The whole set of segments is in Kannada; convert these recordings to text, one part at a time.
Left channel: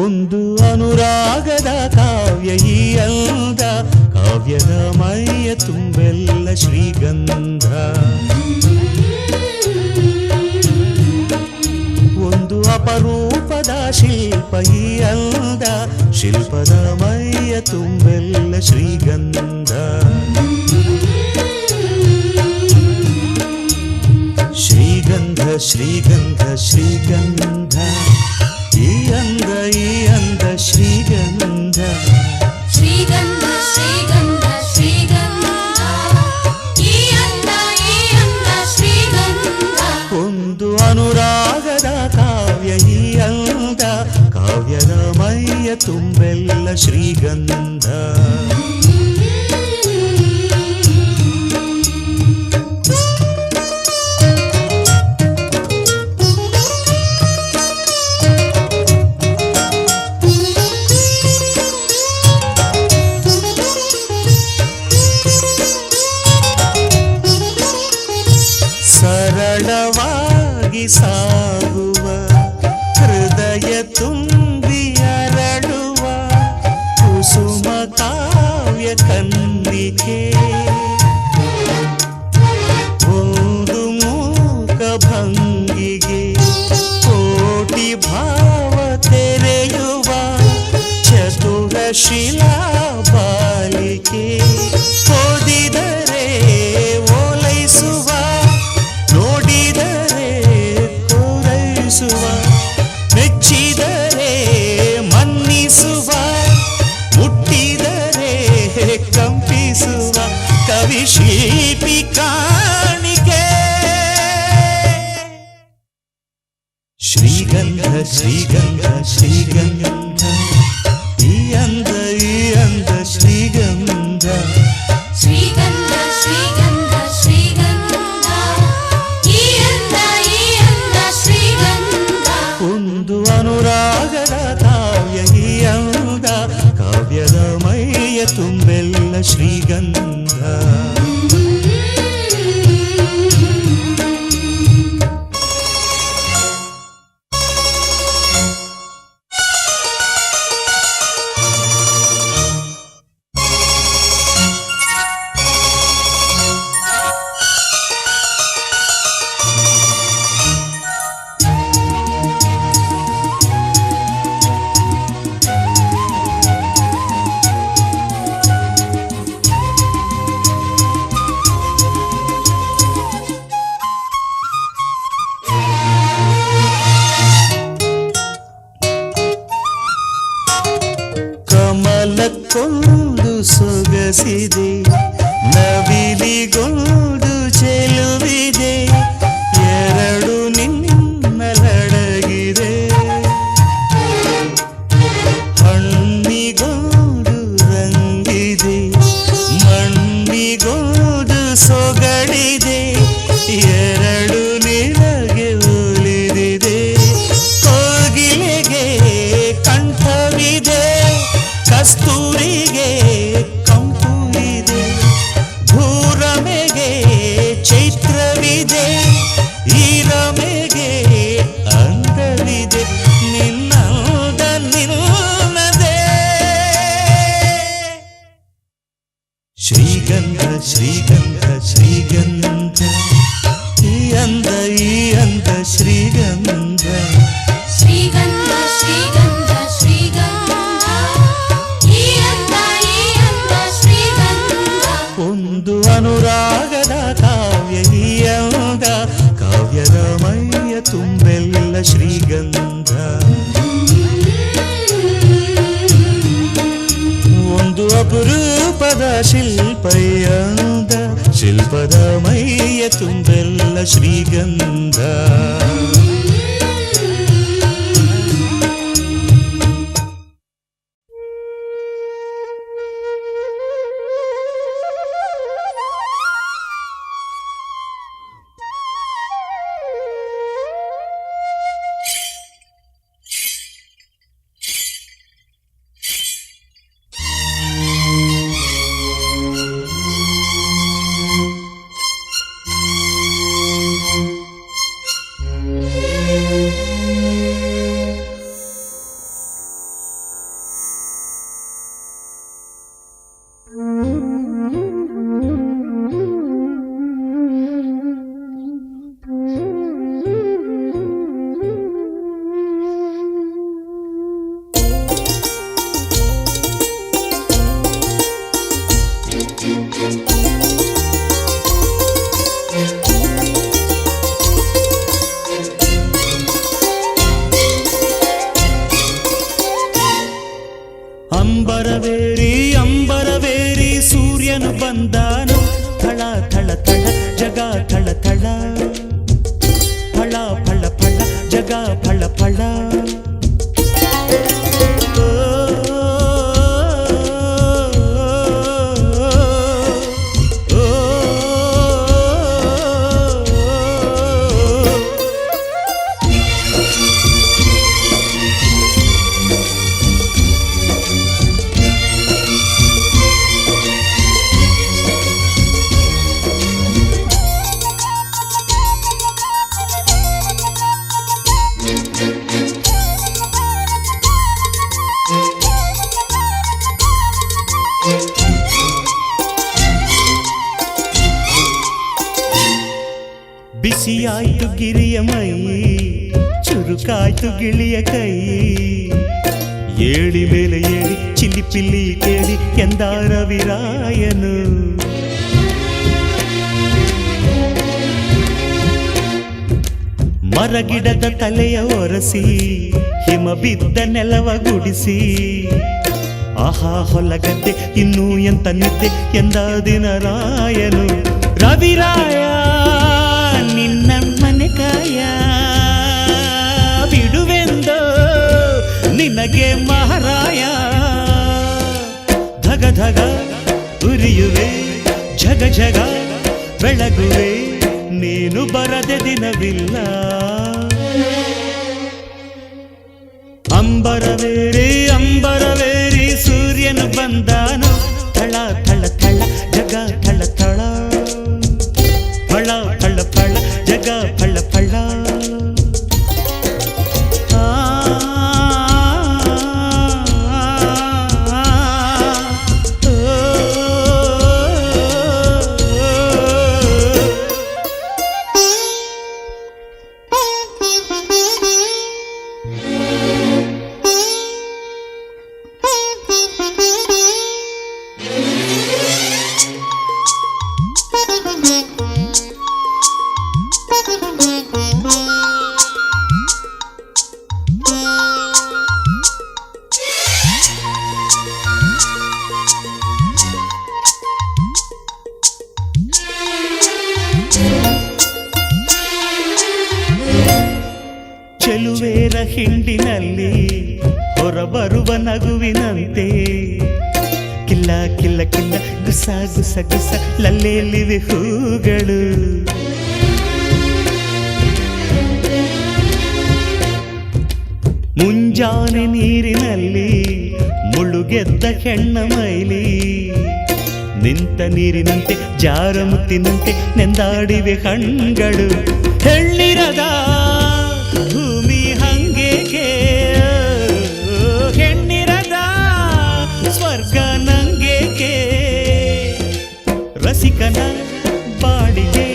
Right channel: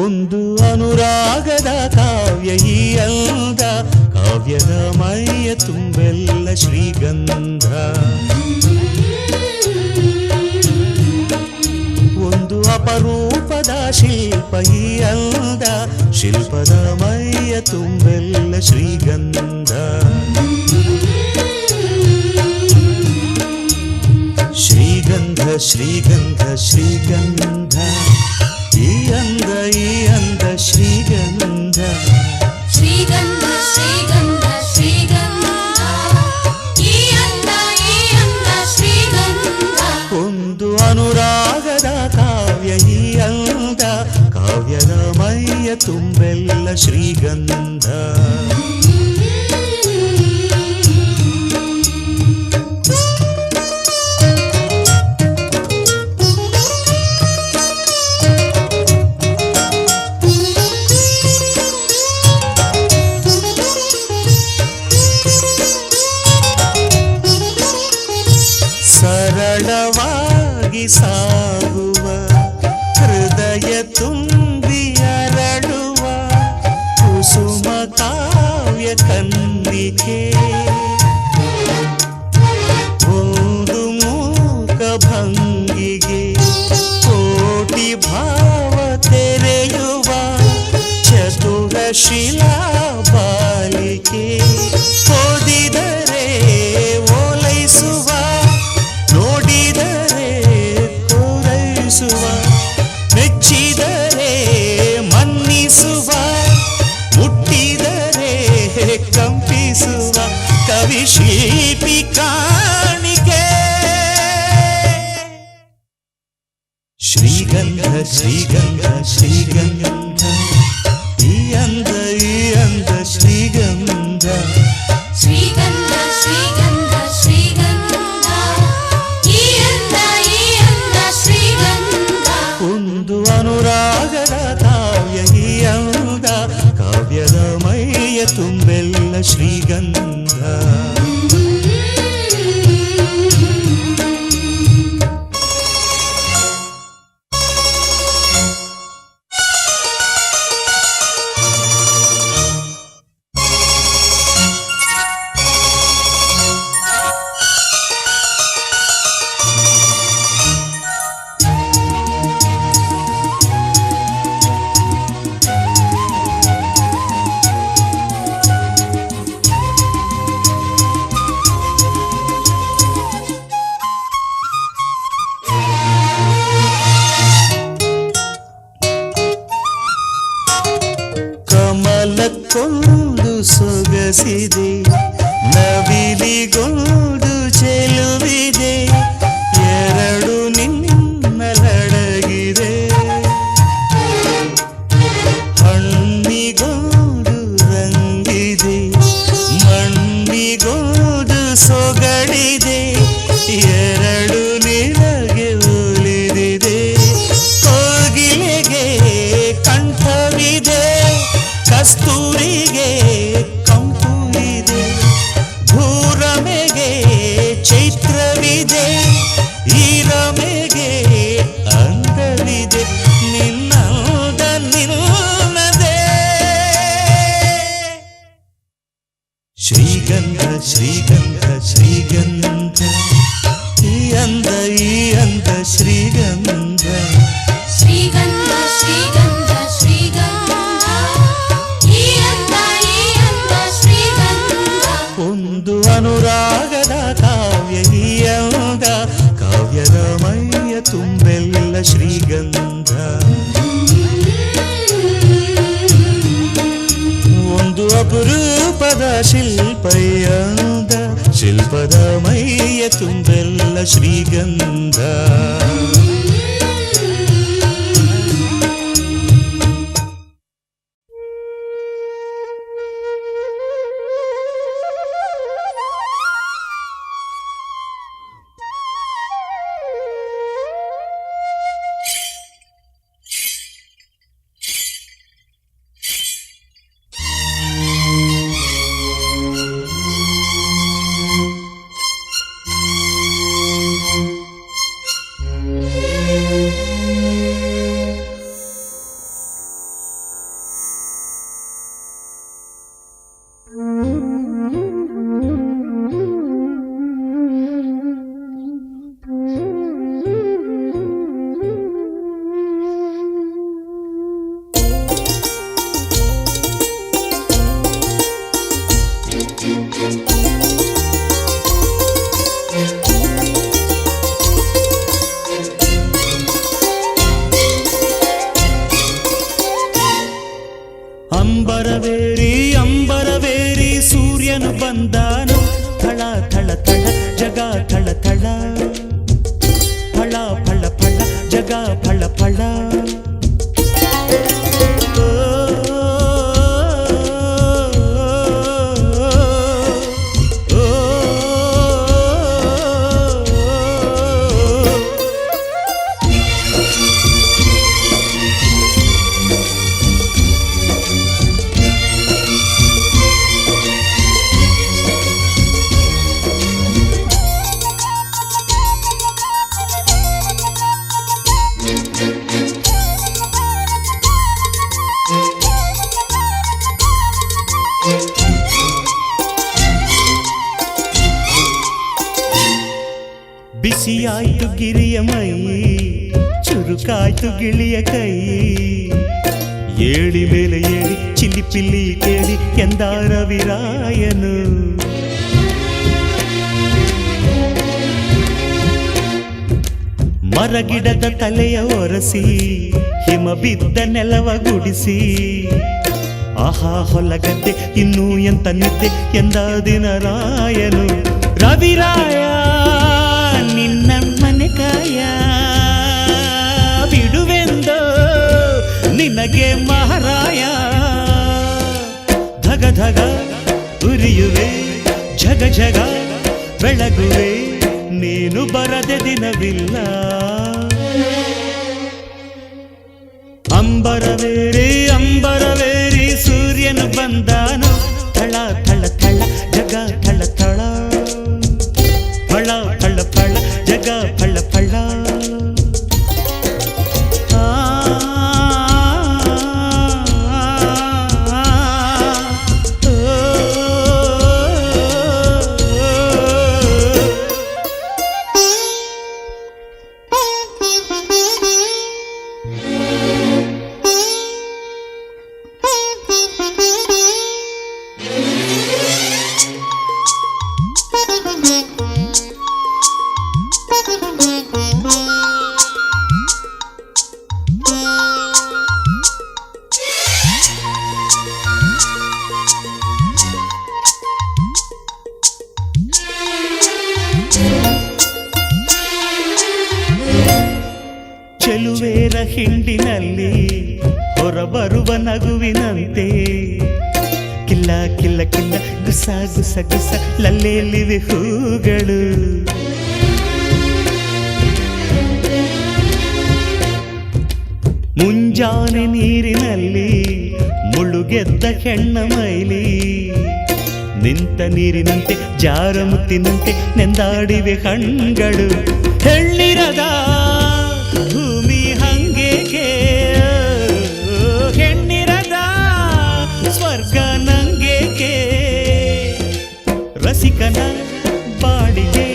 ಒಂದು ಅನುರಾಗದ ಕಾವ್ಯ ಈ ಅಂದ, ಕಾವ್ಯದ ಮೈಯ ತುಂಬೆಲ್ಲ ಶ್ರೀಗಂಧ. ಒಂದು ಅಪರೂಪದ ಶಿಲ್ಪ ಈ ಅಂದ, ಶಿಲ್ಪದ ಮೈಯ ತುಂಬೆಲ್ಲ ಶ್ರೀಗಂಧ. ಶ್ರೀಗಂಧ ಶ್ರೀಗಂಧ ಶ್ರೀಗಂಧ, ಈ ಅಂದ ಶ್ರೀಗಂಧ. ಶ್ರೀಗಂಧ ಶ್ರೀಗಂಧ ಶ್ರೀಗಂಧ, ಈ ಅಂದ ಶ್ರೀಗಂಧ. ಒಂದು ಅನುರಾಗದ ಕಾವ್ಯ ಈ ಅಂದ, ಕಾವ್ಯದ ಮೈಯ ತುಂಬೆಲ್ಲ ಶ್ರೀಗಂಧ. ಸರಳವಾಗಿ ಸಾಗುವ ಹೃದಯ ತುಂಬಿ ಅರಳುವ ಕುಸುಮ ಕಾವ್ಯ ಕನ್ನಿಕೆ. ಒಂದು ಮೂಕ ಭಂಗಿಗೆ ಕೋಟಿ ಭಾವ ತೆರೆಯುವ ಚತುರ ಶಿಲಾ ಬಾಲಿಕೆ. ಓದಿದರೆ ಓಲೈಸುವ, ನೋಡಿದರೆ ಕೋರೈಸುವ, ಮೆಚ್ಚಿದರೆ ಮನ್ನಿಸುವ, ಮುಟ್ಟಿದರೆ ಕಂಪಿಸುವ ಕವಿ ಶಿಲ್ಪಿ ಕಾಣಿಕೆ. ಶ್ರೀಗಂಧ ಶ್ರೀಗಂಧ ಶ್ರೀಗಂಧ, ಈ ಅಂದ ಶ್ರೀಗಂಧ. ಶ್ರೀಗಂಧ ಶ್ರೀಗಂಧ ಶ್ರೀಗಂಧ, ಈ ಅಂದ ಶ್ರೀಗಂಧ. ಒಂದು ಅನುರಾಗದ ಕಾವ್ಯ ಈ ಅಂದ, ಕಾವ್ಯದ ಮೈಯ ತುಂಬೆಲ್ಲ ಶ್ರೀಗಂಧ. ಕಮಲಕ್ಕೊಂದು ಸೊಗಸಿದೆ, ನವಿಲಿಗೊಂದು ಚೆಲುವಿದೆ, ಎರಡು ನಿನ್ನಲಡಗಿದೆ. ಹಣ್ಣಿಗೊಂದು ರಂಗಿದೆ, ಮಣ್ಣಿಗೊಂದು ಸೊಗಡಿದೆ, ಎರಡು ನಿನಗೆ ಒಲಿದಿದೆ. ಕೋಗಿಲೆಗೆ ಕಂಠವಿದೆ, ಕಸ್ತೂರಿಗೆ ಕಂಪು ಇದೆ, ಭೂರಮೆಗೆ ಚೈತ್ರವಿದೆ, ಈ ರಮೆಗೆ ಅಂದವಿದೆ, ನಿನ್ನದ ನಿನ್ನದೇ. ಶ್ರೀಗಂಧ ಶ್ರೀಗಂಧ ಶ್ರೀಗಂಧ, ಈ ಅಂದ ಶ್ರೀಗಂಧ. ಶ್ರೀಗಂಧ ಶ್ರೀಗಂಧ ಶ್ರೀಗಂಧ, ಈ ಅಂದ ಶ್ರೀಗಂಧ. ಒಂದು ಅನುರಾಗದ ಕಾವ್ಯ ಈ ಅಂದ, ಕಾವ್ಯದ ಮೈಯ ತುಂಬೆಲ್ಲ ಶ್ರೀಗಂಧ. ಒಂದು ಅಪರೂಪದ ಶಿಲ್ಪ ಈ ಅಂದ, ಶಿಲ್ಪದ ಮೈಯ ತುಂಬೆಲ್ಲ ಶ್ರೀಗಂಧ. ಅಂಬರವೇರಿ ಅಂಬರವೇರಿ ಸೂರ್ಯನು ಬಂದಾನು ಥಳ ಥಳ ಥಳ ಜಗ ಥಳ ಥಳ ಫಳ ಫಳ ಫಳ ಜಗ ಫಳ ಫಳ ಬಿಸಿಯಾಯ್ತು ಗಿರಿಯ ಮೈ ಚುರುಕಾಯ್ತು ಗಿಳಿಯ ಕೈ ಏಳಿ ಮೇಲೆ ಏಳಿ ಚಿಲಿಪಿಲಿ ಕೇಳಿ ಎಂದ ರವಿರಾಯನು ಮರಗಿಡದ ತಲೆಯ ಒರೆಸಿ ಹಿಮ ಬಿದ್ದ ನೆಲವ ಗುಡಿಸಿ ಆಹಾ ಹೊಲಗದ್ದೆ ಇನ್ನೂ ಎಂತ ನಿದ್ದೆ ಎಂದ ದಿನರಾಯನು ರವಿರಾಯ ನಿನ್ನ ಮನೆ ಕಾಯ ಬಿಡುವೆಂದೋ ನಿನಗೆ ಮಹಾರಾಯ ಧಗ ಧಗ ಉರಿಯುವೆ ಝಗ ಝಗ ಬೆಳಗುವೆ ನೀನು ಬರದೆ ದಿನವಿಲ್ಲ ಅಂಬರವೇರಿ ಅಂಬರವೇರಿ ಸೂರ್ಯನು ಬಂದಾನು ಥಳ ಥಳ ಥಳ ಜಗ ಥಳ ಥಳ ಫಳ ಫಳ ಫಳ ಜಗ ಫಳ ಫಳ ಚೆಲುವೇರ ಹಿಂಡಿನಲ್ಲಿ ಹೊರಬರುವ ನಗುವಿನಂತೆ ಕಿಲ್ಲ ಕಿಲ್ಲ ಕಿಲ್ಲ ಗುಸ ಗುಸ ಗುಸ ಲಲ್ಲೆಯಲ್ಲಿವೆ ಹೂಗಳು ಮುಂಜಾನೆ ನೀರಿನಲ್ಲಿ ಮುಳುಗೆದ್ದ ಹೆಣ್ಣ ಮೈಲಿ ನಿಂತ ನೀರಿನಂತೆ ಜಾರ ಮುತ್ತಿನಂತೆ ನೆಂದಾಡಿವೆ ಕಣ್ಗಳು ಹೆಣ್ಣಿರದ ಭೂಮಿ ಹಂಗೇಕೆ ಹೆಣ್ಣಿರದ ಸ್ವರ್ಗ ನಂಗೇಕೆ ರಸಿಕನ ಬಾಡಿಗೆ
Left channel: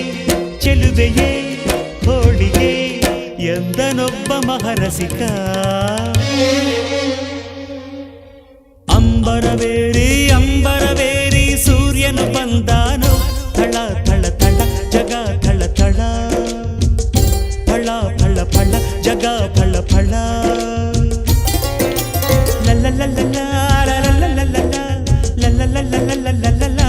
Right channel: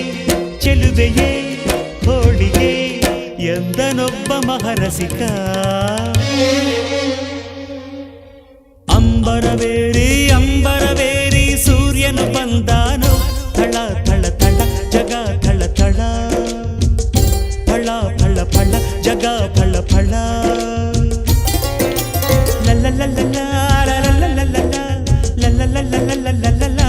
ಚೆಲುವೆಯೇ ಹೋಳಿಗೆ ಎಂದನೊಬ್ಬ ಮಹರಸಿಕ ಅಂಬರವೇರಿ ಅಂಬರವೇರಿ ಸೂರ್ಯನು ಬಂದಾನು ಥಳ ಥಳ ಥಳ ಜಗ ಥಳ ಥಳ ಫಳ ಫಳ ಫಳ ಜಗ ಫಳ ಫಳ ಲಲ್ಲ ಲಲ್ಲ ಲಲ್ಲ ಲಲ್ಲ ಲಲ್ಲ ಲಲ್ಲ ಲಲ್ಲ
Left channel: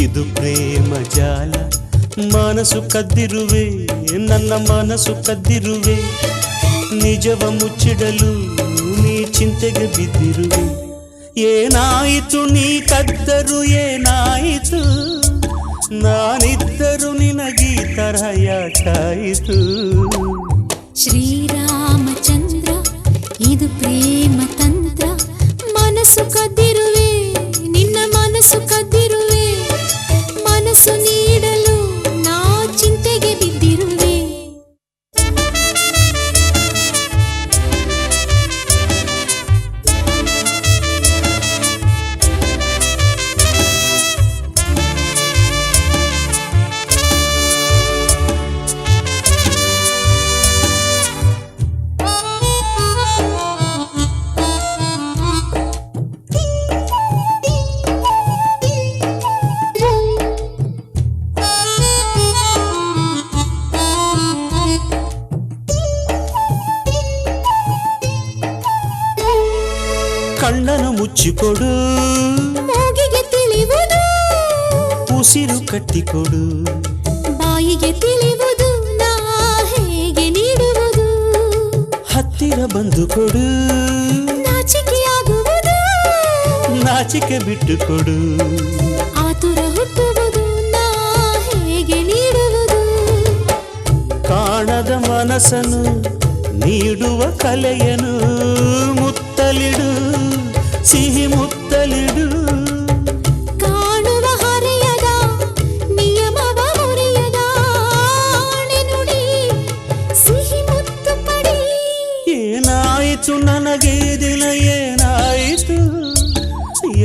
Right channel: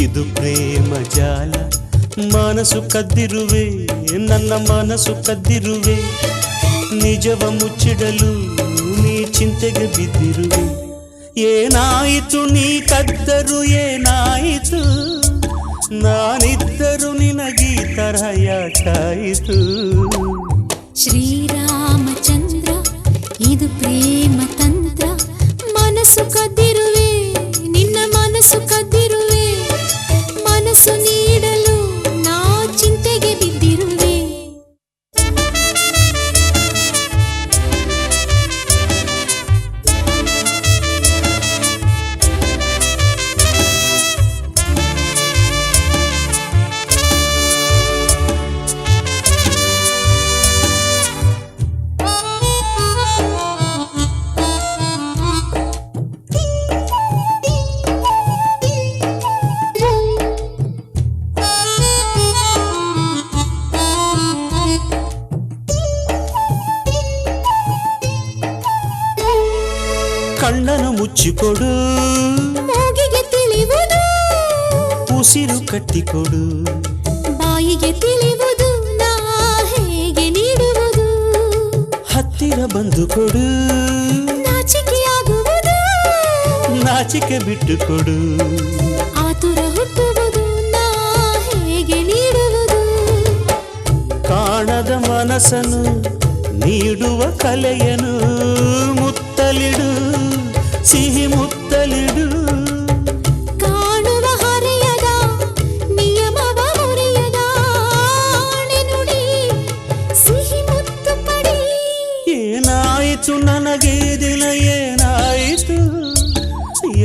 ಇದು ಪ್ರೇಮ ಜಾಲ ಮನಸ್ಸು ಕದ್ದಿರುವೆ ನನ್ನ ಮನಸ್ಸು ಕದ್ದಿರುವೆ ನಿಜವ ಮುಚ್ಚಿಡಲು ನೀ ಚಿಂತೆಗೆ ಬಿದ್ದಿರುವೆ ಏನಾಯಿತು ನೀ ಕದ್ದರು ಏನಾಯಿತು ನಾನಿದ್ದರು ನಿನಗೀ ತರಹ ಯಾಕಾಯಿತು ಶ್ರೀರಾಮಚಂದ್ರ ಇದು ಪ್ರೇಮ ತಂತ್ರ ಮನಸ್ಸು ಕದ್ದಿರುವೆ ನಿನ್ನ ಮನಸ್ಸು ಕದ್ದಿರುವೆ ಮನಸ್ಸು ನೀಡಲು ನಾ ಚಿಂತೆಗೆ ಮುಚ್ಚಿಕೊಡು, ಮೂಗಿಗೆ ತಿಳಿಯುವುದು, ಉಸಿರು ಕಟ್ಟಿಕೊಡು, ಬಾಯಿಗೆ ತಿಳಿಯುವುದು, ನಾ ಹೇಗೆ ನೀಡುವುದು, ಹತ್ತಿರ ಬಂದು ಕೊಡು, ನಾಚಿಕೆಯಾಗುವುದು, ನಾಚಿಕೆ ಬಿಟ್ಟು ಕೊಡು, ಆತುರ ಹುಟ್ಟುವುದು, ನಾ ಹೇಗೆ ನೀಡುವುದು, ಕಾಣದ ಮನಸ್ಸನ್ನು ನೀಡುವ ಕಲೆಯನು ಮುತ್ತಲಿಡು, ಸಿಹಿ ಮುತ್ತಲಿಡು, ಕಾಣುವ ಹರೆಯದ ನಿಯಮವ ಮುರಿಯದ ಆಣೆ ನುಡಿ, ಸಿಹಿ ಮುತ್ತು ಪಡಿ. ಏನಾಯಿತು ನನಗೆ ದಿನ ಏನಾಯಿತು,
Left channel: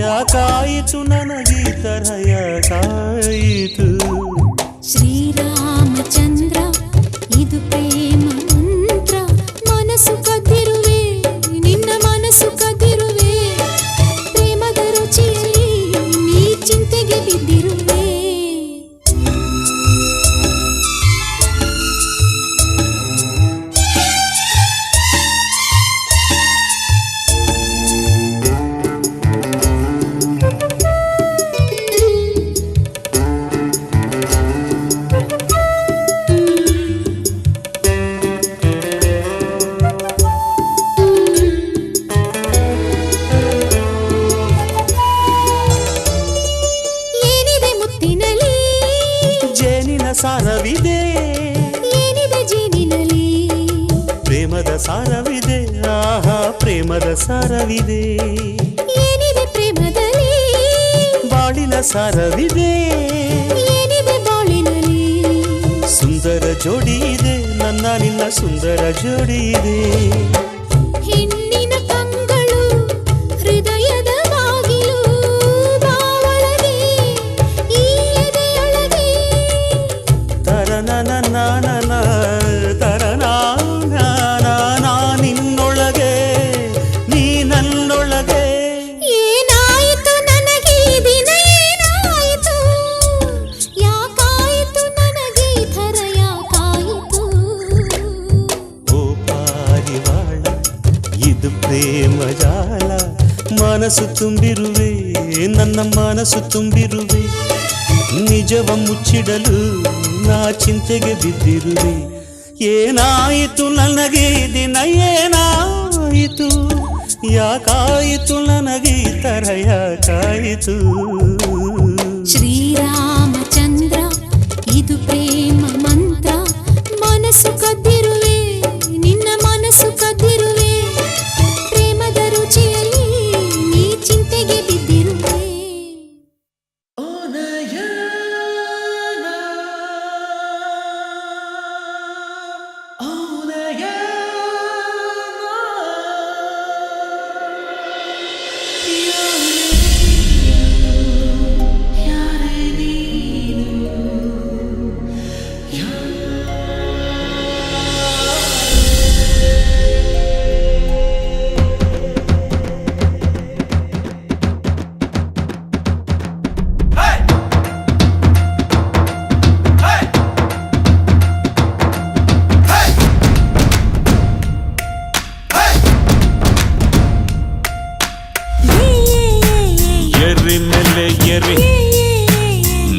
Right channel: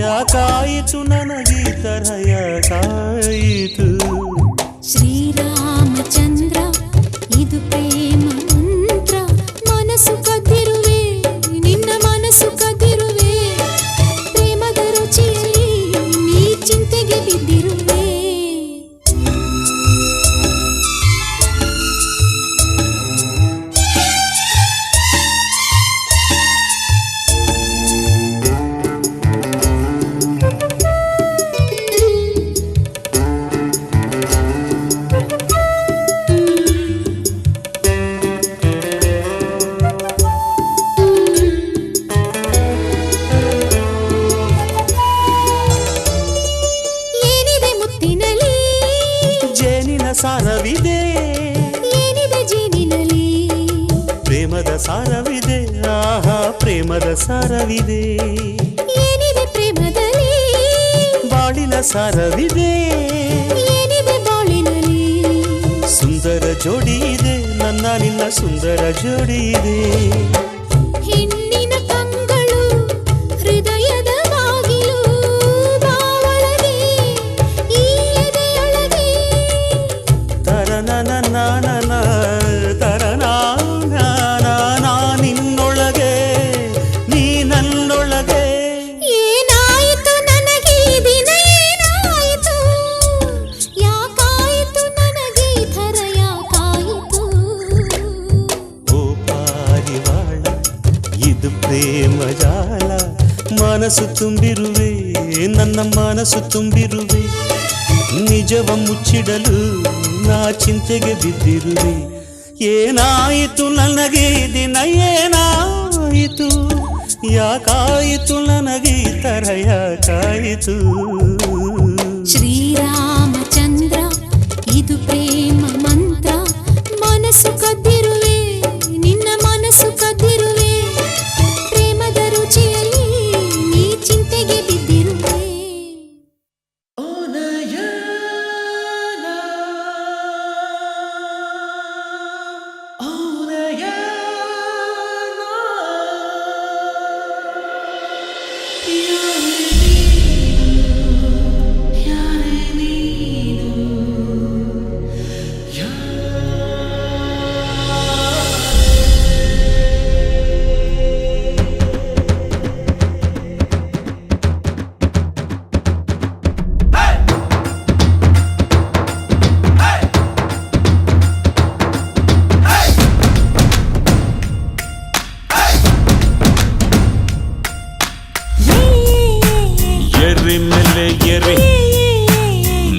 ಯಾಕಾಯಿತು ನನಗೆ ತರ ಯಾಕಾಯಿತು. ಶ್ರೀರಾಮಚಂದ್ರ ಇದು ಪ್ರೇಮ ಮಂತ್ರ, ಮನಸ್ಸು ಕದ್ದಿರುವೆ ನಿನ್ನ ಮನಸ್ಸು ಕದ್ದಿರುವೆ, ಪ್ರೇಮದ ರುಚಿಯಲ್ಲಿ ನೀ ಚಿಂತೆಗೆ ಬಿದ್ದಿರುವೆ. ಏನಿದೆ ಮುತ್ತಿನಲ್ಲಿ, ಜೇನಿನ ಸಾರವಿದೆ, ಏನಿದೆ ಜೇನಿನಲ್ಲಿ, ಪ್ರೇಮದ ಸಾರವಿದೆ, ಆಹಾ ಪ್ರೇಮದ ಸಾರವಿದೆ, ಏನಿದೆ ಪ್ರೇಮದಲ್ಲಿ, ಬಾಳಿನ ಸಾರವಿದೆ, ಏನಿದೆ ಬಾಳಿನಲ್ಲಿ, ಸುಂದರ ಜೋಡಿ ಇದೆ, ನನ್ನ ನಿನ್ನ ಸುಂದರ ಜೋಡಿ ಇದೆ. ಹೆಣ್ಣಿನ ಕಂಗಳು ಹೃದಯದ ಬಾಗಿಲು, ಬಾವಳಗೆ ಈ ಎದೆಯೊಳಗೆ, ತರನನ ನಾನನ ತರನ ನಿನ್ನೊಳಗೆ ನೀ ನನ್ನೊಳಗೆ. ಏನಾಯಿತು ನನಗೆ ಈ ದಿನ ಏನಾಯಿತು, ಯಾಕಾಯಿತು ನನಗೆ ಈ ಥರ ಯಾಕಾಯಿತು. ಓ ಪಾರಿವಾಳ ಇದು ಪ್ರೇಮ ಜಾಲ, ಮನಸ್ಸು ತುಂಬಿರುವೆ ನನ್ನ ಮನಸ್ಸು ತುಂಬಿರುವೆ, ನಿಜವ ಮುಚ್ಚಿಡಲು ನಾ ಚಿಂತೆಗೆ ಬಿದ್ದಿರುವೆ. ಏನಾಯಿತು ನನಗೆ ಈ ದಿನ ಏನಾಯಿತು, ಯಾಕಾಯಿತು ನನಗೆ ಈ ತರ ಯಾಕಾಯಿತು. ಶ್ರೀರಾಮಚಂದ್ರ ಇದು ಪ್ರೇಮ ಮಂತ್ರ, ಮನಸ್ಸು ಕದ್ದಿರುವೆ ನಿನ್ನ ಮನಸ್ಸು ಕದ್ದಿರುವೆ, ಪ್ರೇಮದ ರುಚಿಯಲ್ಲಿ ನೀ ಚಿಂತೆಗೆ ಬಿದ್ದಿರುವೆ. ಎರ್ರಿ ಮೇಲೆ ಎರ್ರಿ,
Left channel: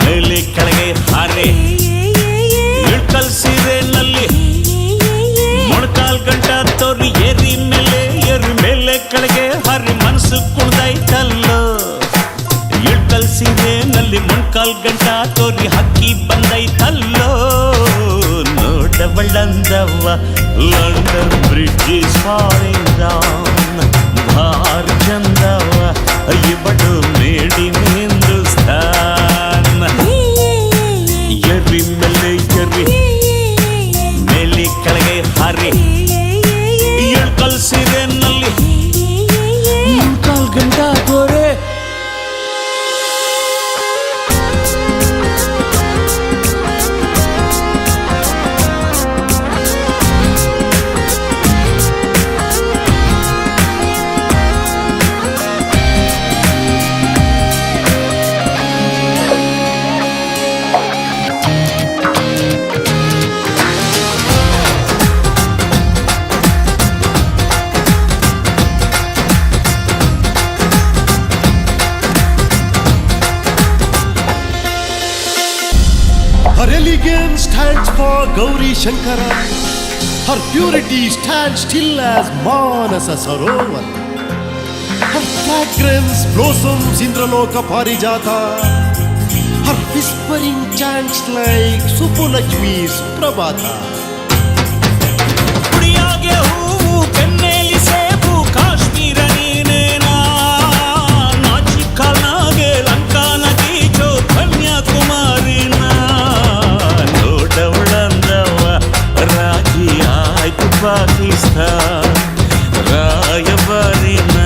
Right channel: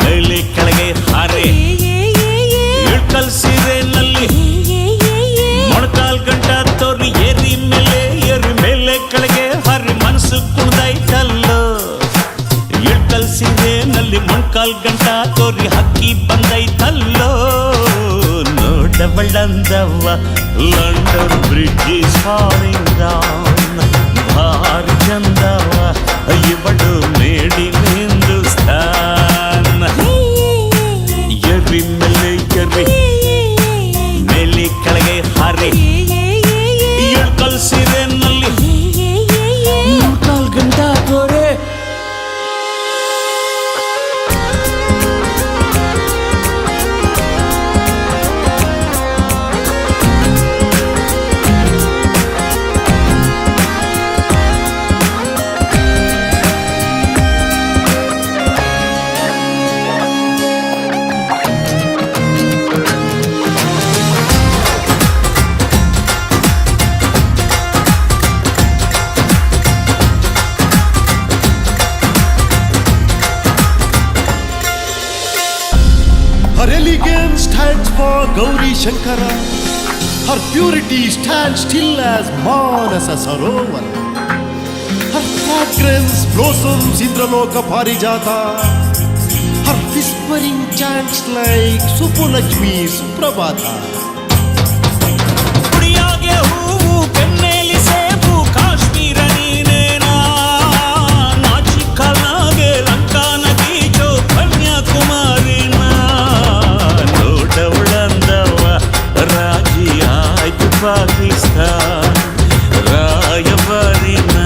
ಮೇಲೆ ಕೆಳಗೆ ಹಾರೆ, ಇಳ್ಕಲ್ ಸೀರೆನಲ್ಲಿ ಮೊಣಕಾಲ್ ಗಂಟ ತೋರಿ, ಎರ್ರಿ ಮೇಲೆ ಎರ್ರಿ, ಮೇಲೆ ಕೆಳಗೆ ಹಾರಿ, ಮನಸ್ಸು ಕುಣ್ದಾಯ್ತಲ್ಲೋ. ಇಳ್ಕಲ್ ಸೀರೆನಲ್ಲಿ ಮೊಣಕಾಲ್ ಗಂಟ ತೋರಿ, ಹಕ್ಕಿ ಬಂದೈತಲ್ಲೋ. ನೋಡಬಳ್ಳಂದವ್ವ London bridge is falling down, ಭಾರಿ ಚಂದವ ಇವಳು ಮೇಡ್ ಇನ್ ಹಿಂದೂಸ್ತಾನ್. ಎರ್ರಿ ಮೇಲೆ ಎರ್ರಿ, ಮೇಲೆ ಕೆಳಗೆ ಹಾರಿ, ಇಳ್ಕಲ್ ಸೀರೆನಲ್ಲಿ ಮೊಣಕಾಲ್ ಗಂಟ ತೋರೆ. Her elegance stands for Gauri Shankara. Her purity stands still as Manasa Sarovar. Her fragrance blossoms Indraloka Parijata. Her whispering chants like Supulakshmi Suprabhata. ಕುಡಿಯಾಗೆ ಹೂವು ಕೆನ್ನೇಲಿ ಸೇಬು ಕಾಶ್ಮೀರ ನೀನೇನಾ ನಾಚಿಕನಾಗೆ ಲಂಕಾ ನಗೀಚೋ ಕನ್ಯಾಕುಮಾರಿನ ನೋಡವಳಂದವ ರಾಜಿ ಆಯ್ತು ಪಾಕಿಸ್ತಾನ್ ರಾಯಬಾರಿನ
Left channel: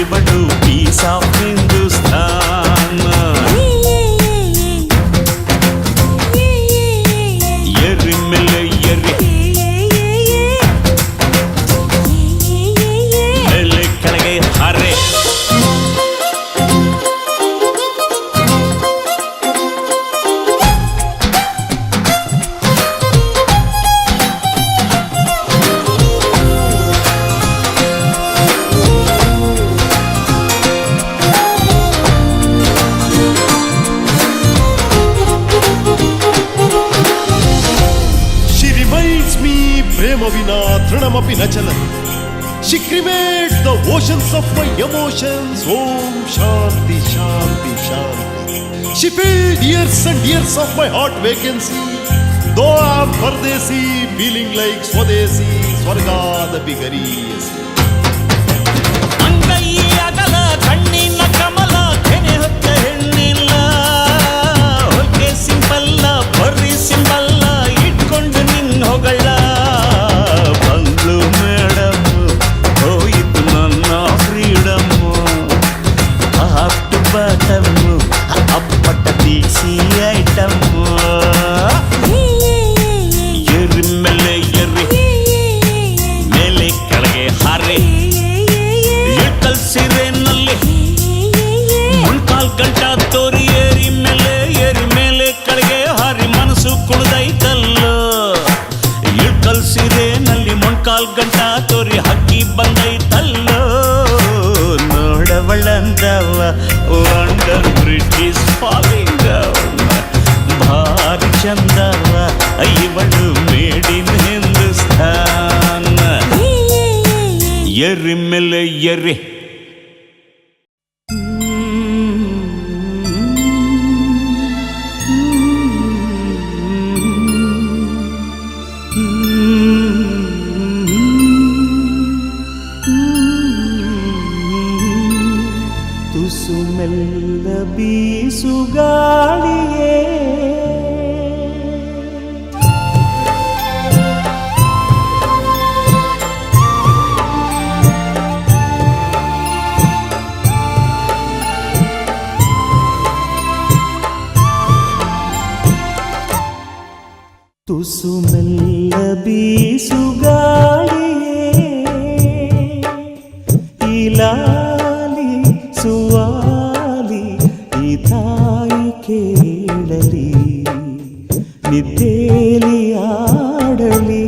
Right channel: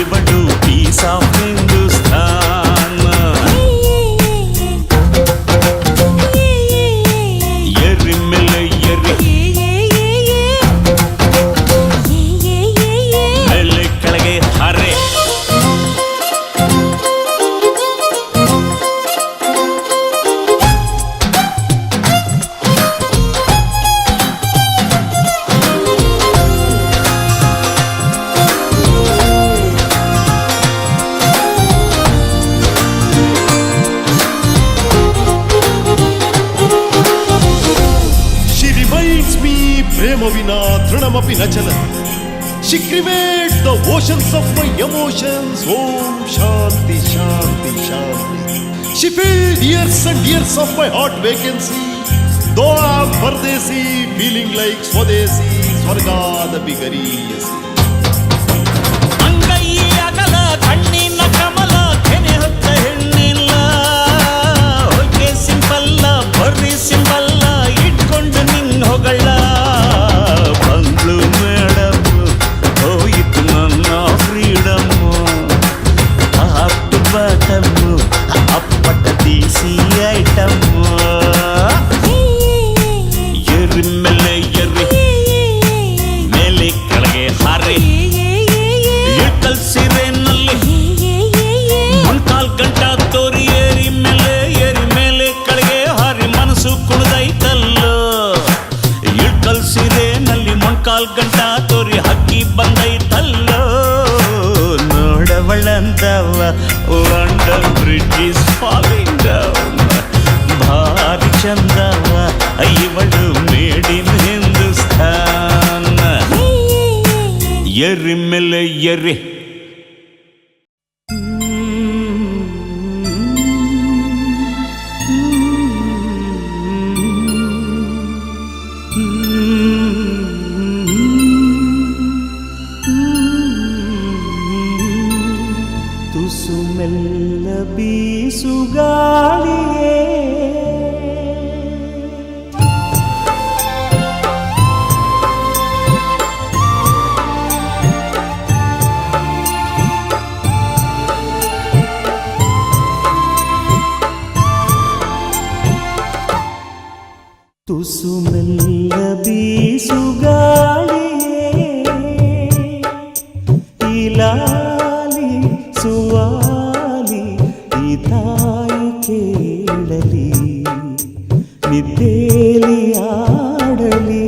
ಇವಳು ಪೀಸ್ ಆಫ್ ಹಿಂದೂಸ್ತಾನ್ ಎರಿ ಮೇಲೆ ಎರಿ ಮೇಲೆ ಕೆಳಗೆ ಹರೆ Prema vina trinamapi na chalan. She cremates the oceans of my emotions. Om Shanti Shanti Shanti. She filled years and years of my heart vacancy. Though I'm Pardesi, feeling like Swadesi, Swargada Bigariyasi. ಅಂಗೈ ಅಗಲ ಕಣ್ಣಿನ ಕಮಲ ಕೆನೆ ಹೊತ್ತ ಹೆಣ್ಣಿಲ್ಲ ಹೊಗೆ ಸಿಂಪಲ್ಲ ಬರ್ರಿ ಸಿಂಬಲ್ಲ ಇಟ್ಕೊಂಡು ನಿನ್ನ ಹೊಗಳ ಬಂಗ್ಳು ಮೇಡಮ್ ಹೋಯಿತು ನನ್ನ ಫ್ರೀಡಮ್ಮು ಟಾಪ್ ಟು ಬಾಟಮ್ಮು ಅಪ್ಪಟ ದೇಸಿ ಐಟಮ್ಮು ಎರಿ ಮೇಲೆ ಎರಿ ಮೇಲೆ ಕೆಳಗೆ ಹಾರಿ ಇಟ್ಟಲ್ ಸೀರೆನಲ್ಲಿ ಮೊಣ್ಕಾಲ್ ಗಂಟ ತೋರಿ ಏರಿ ಮೇಲೆ ಕೆಳಗೆ ಹಾರಿ ಮನಸ್ಸು ಕುಣಿದೈತಲ್ಲೋ ಇಳ್ಕಲ್ ಸೀರೆನಲ್ಲಿ ಮೊಣ್ಕಾಲ್ ಗಂಟ ತೋರಿ ಹಕ್ಕಿ ಬಂದೈತಲ್ಲೋ ನೋಡವಳಂದವ London bridge is falling down ಭಾರಿ ಚಂದವ ಇವಳು ಮೇಡ್ ಇನ್ ಹಿಂದೂಸ್ತಾನ್ ಎರಿ ಮೇಲೆ ಎರಿ ತುಸು ಮೆಲ್ಲ ಬೀಸುಗಾಳಿಯೇ ತುಸು ಮೆಲ್ಲ ಬೀಸುಗಾಳಿಯೇ ಇಲಾಲಿ ಸುವಾಲಿ ಈ ತಾಯಿ ಕೇಳಲಿ ನಿದ್ದೇಲಿ ಆಡಲಿ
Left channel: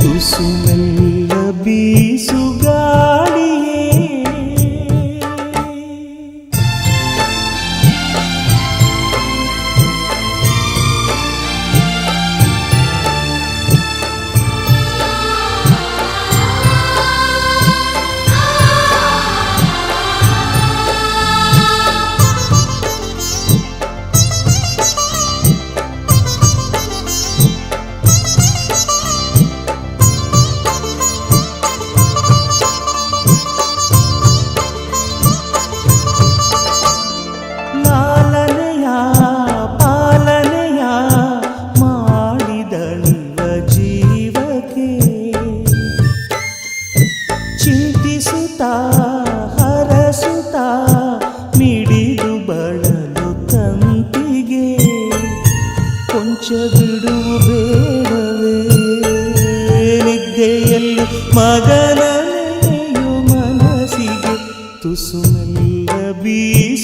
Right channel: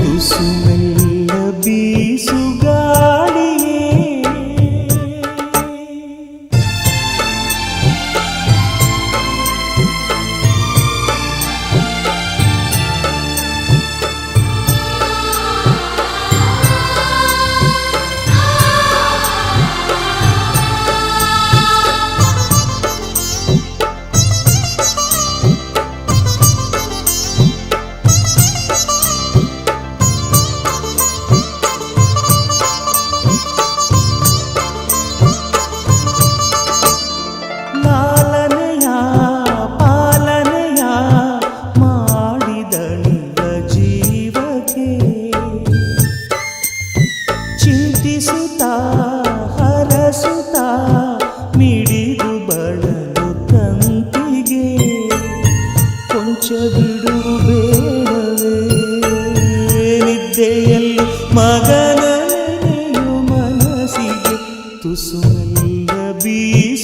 ತುಸು ಮೆಲ್ಲ ಬೀಸುಗಾಳಿಯೇ ಚಿಂತಿಸುತ್ತಾ ಹರಸುತ್ತಾ ಮಿಡಿದು ಬಳಲು ತಂತಿಗೆ ಕೊಂಚ ಬಿಡುವು ಬೇಡವೇ ನಿದ್ದೆಯಲ್ಲಿ ಮಗನ ನೆನೆಯು ಮನಸ್ಸಿಗೆ ತುಸು ಮೆಲ್ಲ ಬೀಸುಗಾಳಿಯೇ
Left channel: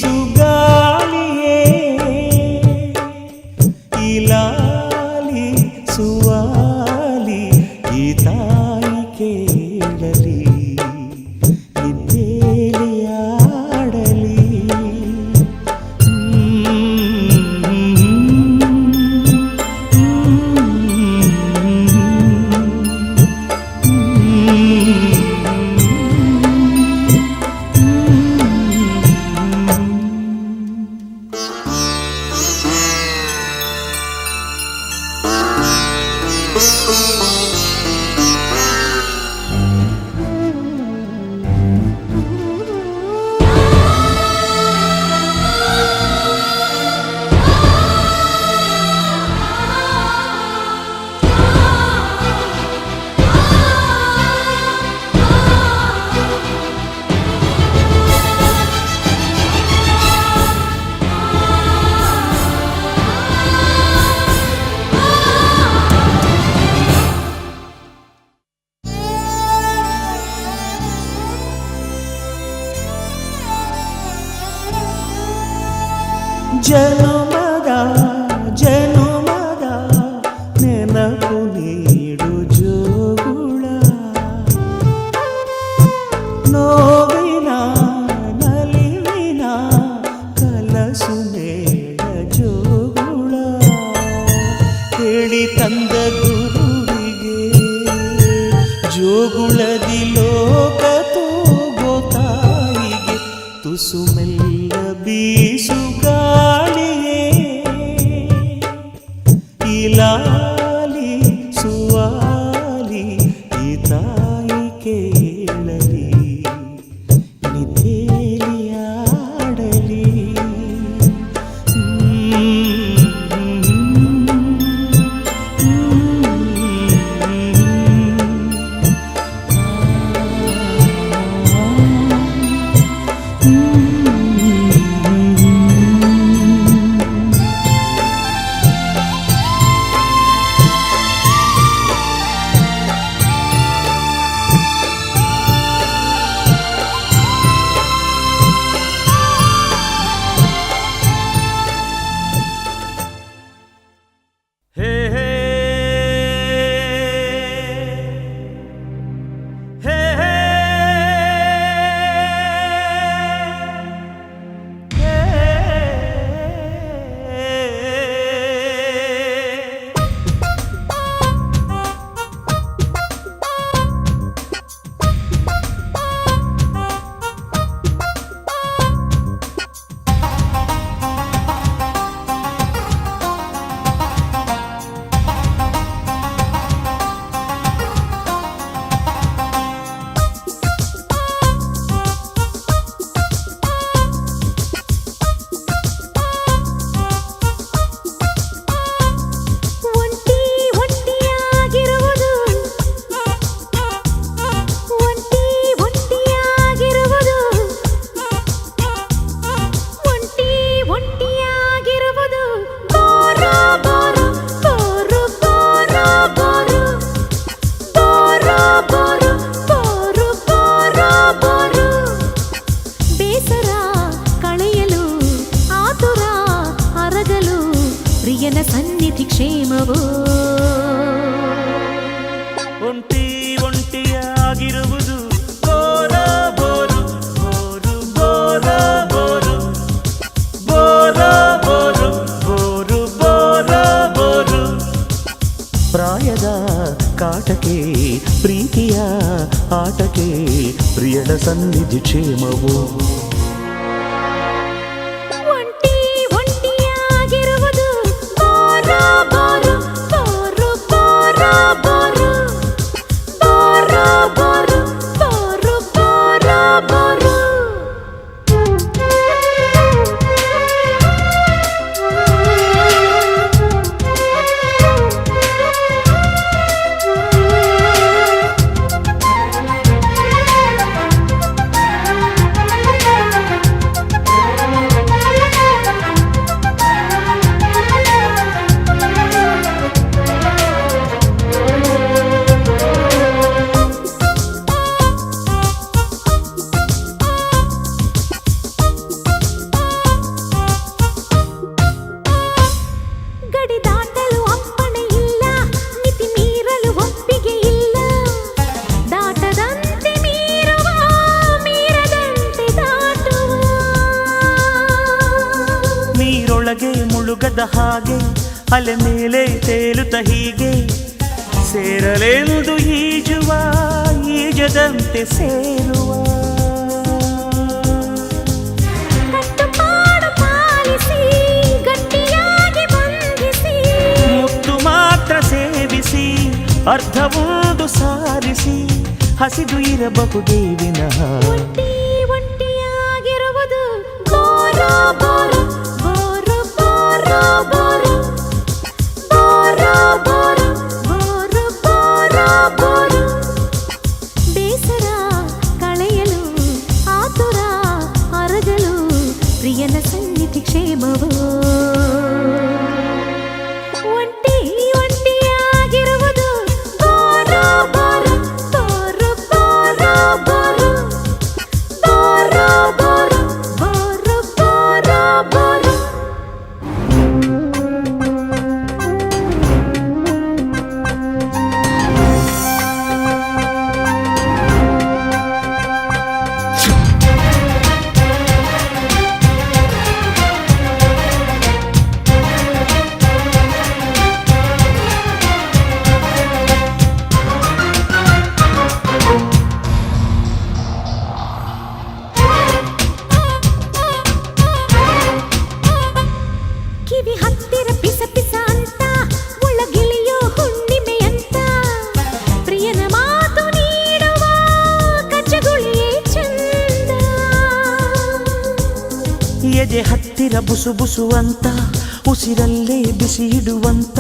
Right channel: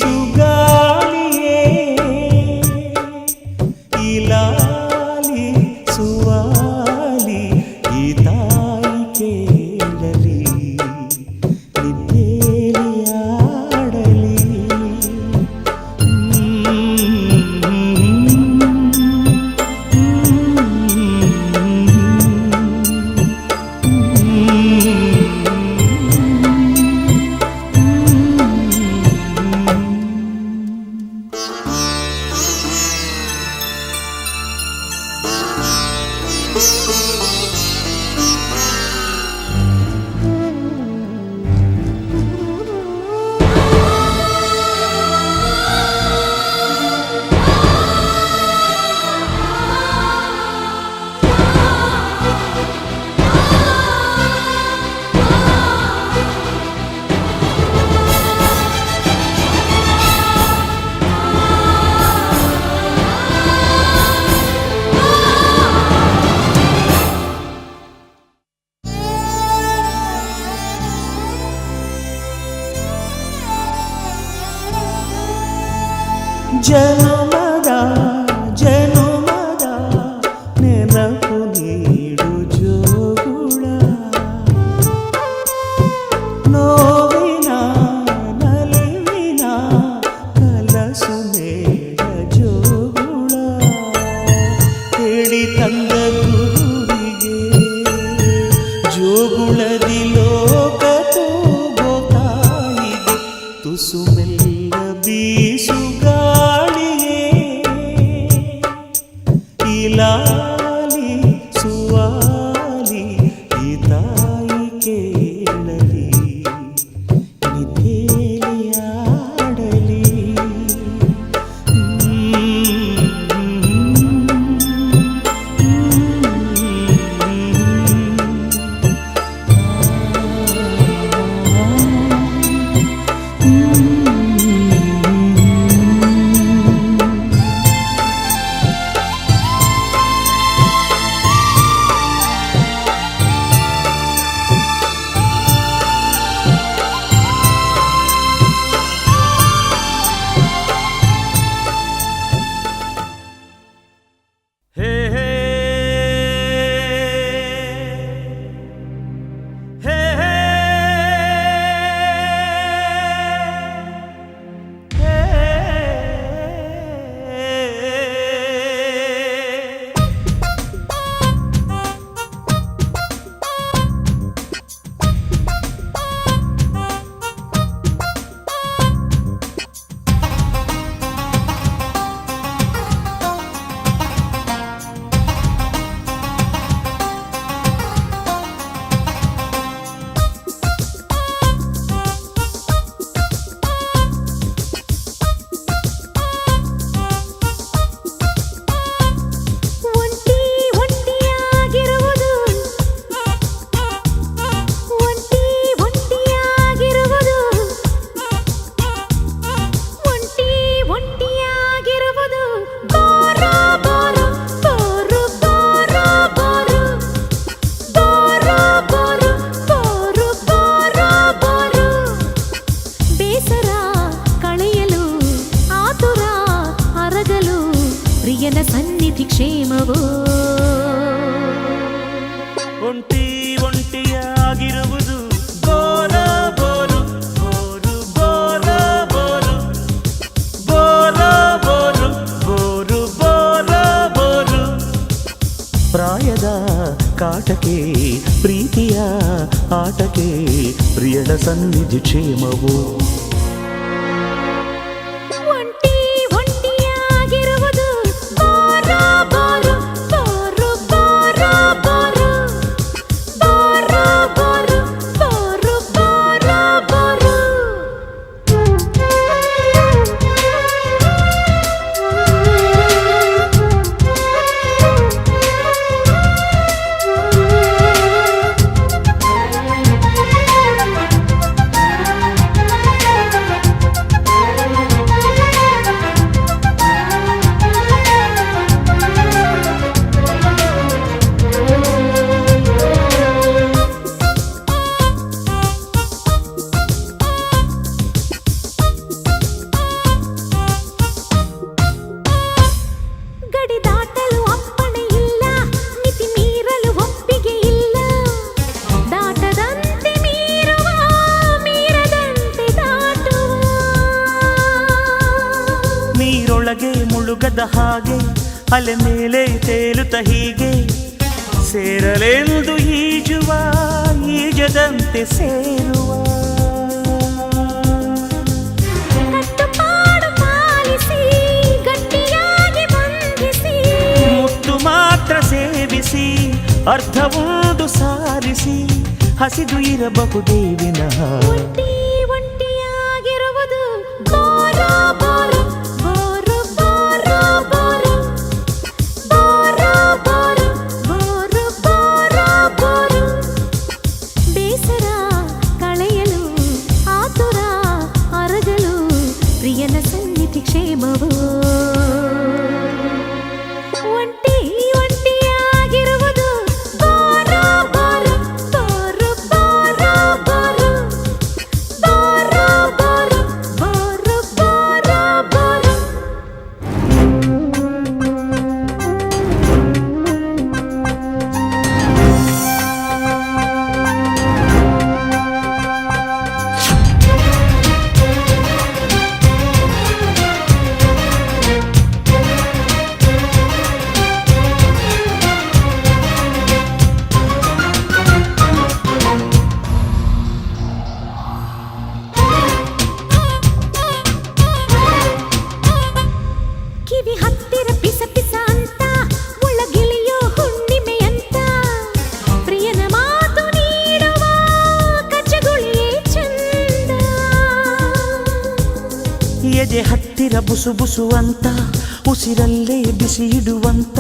ಜನುಮದ ಜನುಮದ ನೆನಪು ನೀಡು ಜೋಗುಳ ನೋವಿನ ನಲಿವಿನ ಕಲಸು ಮೇಳ ಜೋಗುಳ ಹೇಳಿ ತಂದ ಗುರುವಿಗೆ ಜೋಗುಳದಿ ಲೋಕ ತೂಗೋ ತಾಯಿಗೆ ತುಸು ಮೆಲ್ಲ ಬೀಸು ಗಾಳಿಯೇ ಈ ಲಾಲಿ ಸುವಾಲಿ ಈ ತಾಯಿ ಕೇಳಲಿ ನಿದ್ದೆಲಿ ಆಡಲಿ ಸನ್ನಿಧಿ ಕ್ಷೇಮವೋ ಒಂಟಿ ಒಂಟಿಯಾಗಿರುವುದು ಬೋರ ಬೋರು ಬೋರು ಬೋರ ಬೋರು ಬೋರ ಬೋರು ಬೋರು ಬೋರ ಬೋರು ಪ್ರಾಯದ ಕಾಟಕ್ಕೆ ಪ್ರೀತಿಯ ಆಟಕ್ಕೆ ಪ್ರಿಯಳ ಸನ್ನಿಧಿ ಕ್ಷೇಮವೋ ಮುಳುಗದ ಹಾಗೆ ಅಲೆ ಮೇಲೆ ತೇಲುತ್ತ ಹೀಗೆ ಸೇರಲೆಂದು ಈಜುವ ಈಜದಂತೆ ಸೇರುವ ಕಟ್ಟುಪಾಡು ಪಾಲಿಸಿ ಗಟ್ಟಿಯಾಗಿ ಬಂಧಿಸಿ ಮುತ್ತು ಮಾತ್ರ ಸೇವಿಸಿ ಅರ್ಧವೊಂದು ಸಾರಿಸಿ ಹಸಿದು ಇರಬಹುದೇ ವಿನಃ ಒಂಟಿಯಾಗಿರುವುದು ಬೋರ ಬೋರ ಪ್ರಿಯನ ಸನ್ನಿಧಿ ಕ್ಷೇಮವೋ ಒಂಟಿ ಒಂಟಿಯಾಗಿರುವುದು ಬೋರ ಬೋರ ಬೋರು ಬೋರ ಬೋರು ಬುಸು ಬುಸು ಅಂತ ಉಸಿರಲ್ಲೇ ಬಿಸಿ ಇಡುವಂತ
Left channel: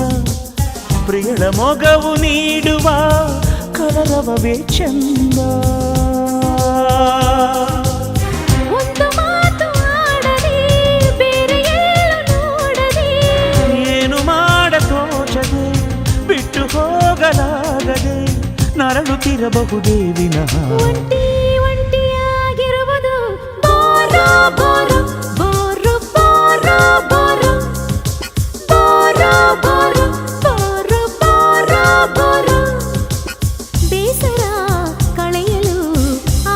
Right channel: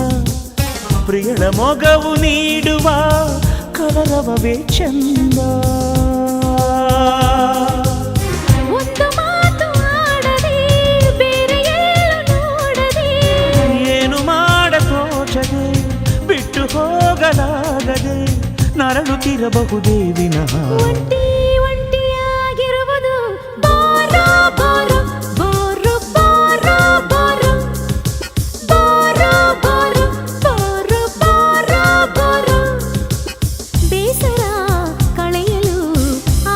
ಪ್ರಿಯಳ ಮೊಗವು ನೀಡುವ ಕಲರವವೇ ಚಂದ. ಒಂದು ಮಾತು ಆಡದೆ ಬೇರೆ ಎಲ್ಲೂ ನೋಡದೆ ಏನು ಮಾಡ ತೋಚದೆ ಬಿಟ್ಟು ಹೋಗಲಾಗದೆ ನರಳುತ್ತಿರಬಹುದೇ ವಿನಃ ಒಂಟಿ ಒಂಟಿಯಾಗಿರುವುದು ಬೋರೋ ಬೋರೋ ಬೋರು ಬೋರೋ ಬೋರೋ ಬೋರೋ ಬೋರೋ ಬೋರು ಬೋರೋ ಬೋರೋ. ಬೇಸರ ಕಳೆಯಲು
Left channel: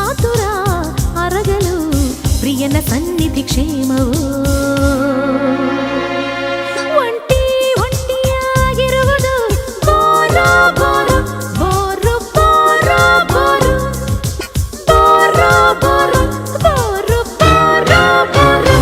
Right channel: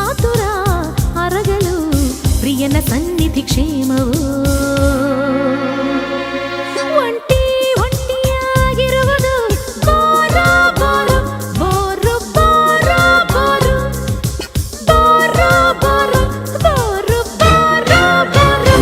ಆತುರ ಅರಗಲು ಪ್ರಿಯನ ಸನ್ನಿಧಿ ಕ್ಷೇಮವು. ಒಂಟಿ ಒಂಟಿಯಾಗಿರುವುದು ಬೋರೋ ಬೋರೋ ಬೋರು ಬೋರೋ ಬೋರೋ ಬೋರೋ ಬೋರೋ ಬೋರು ಬೋರೋ ಬೋರೋ.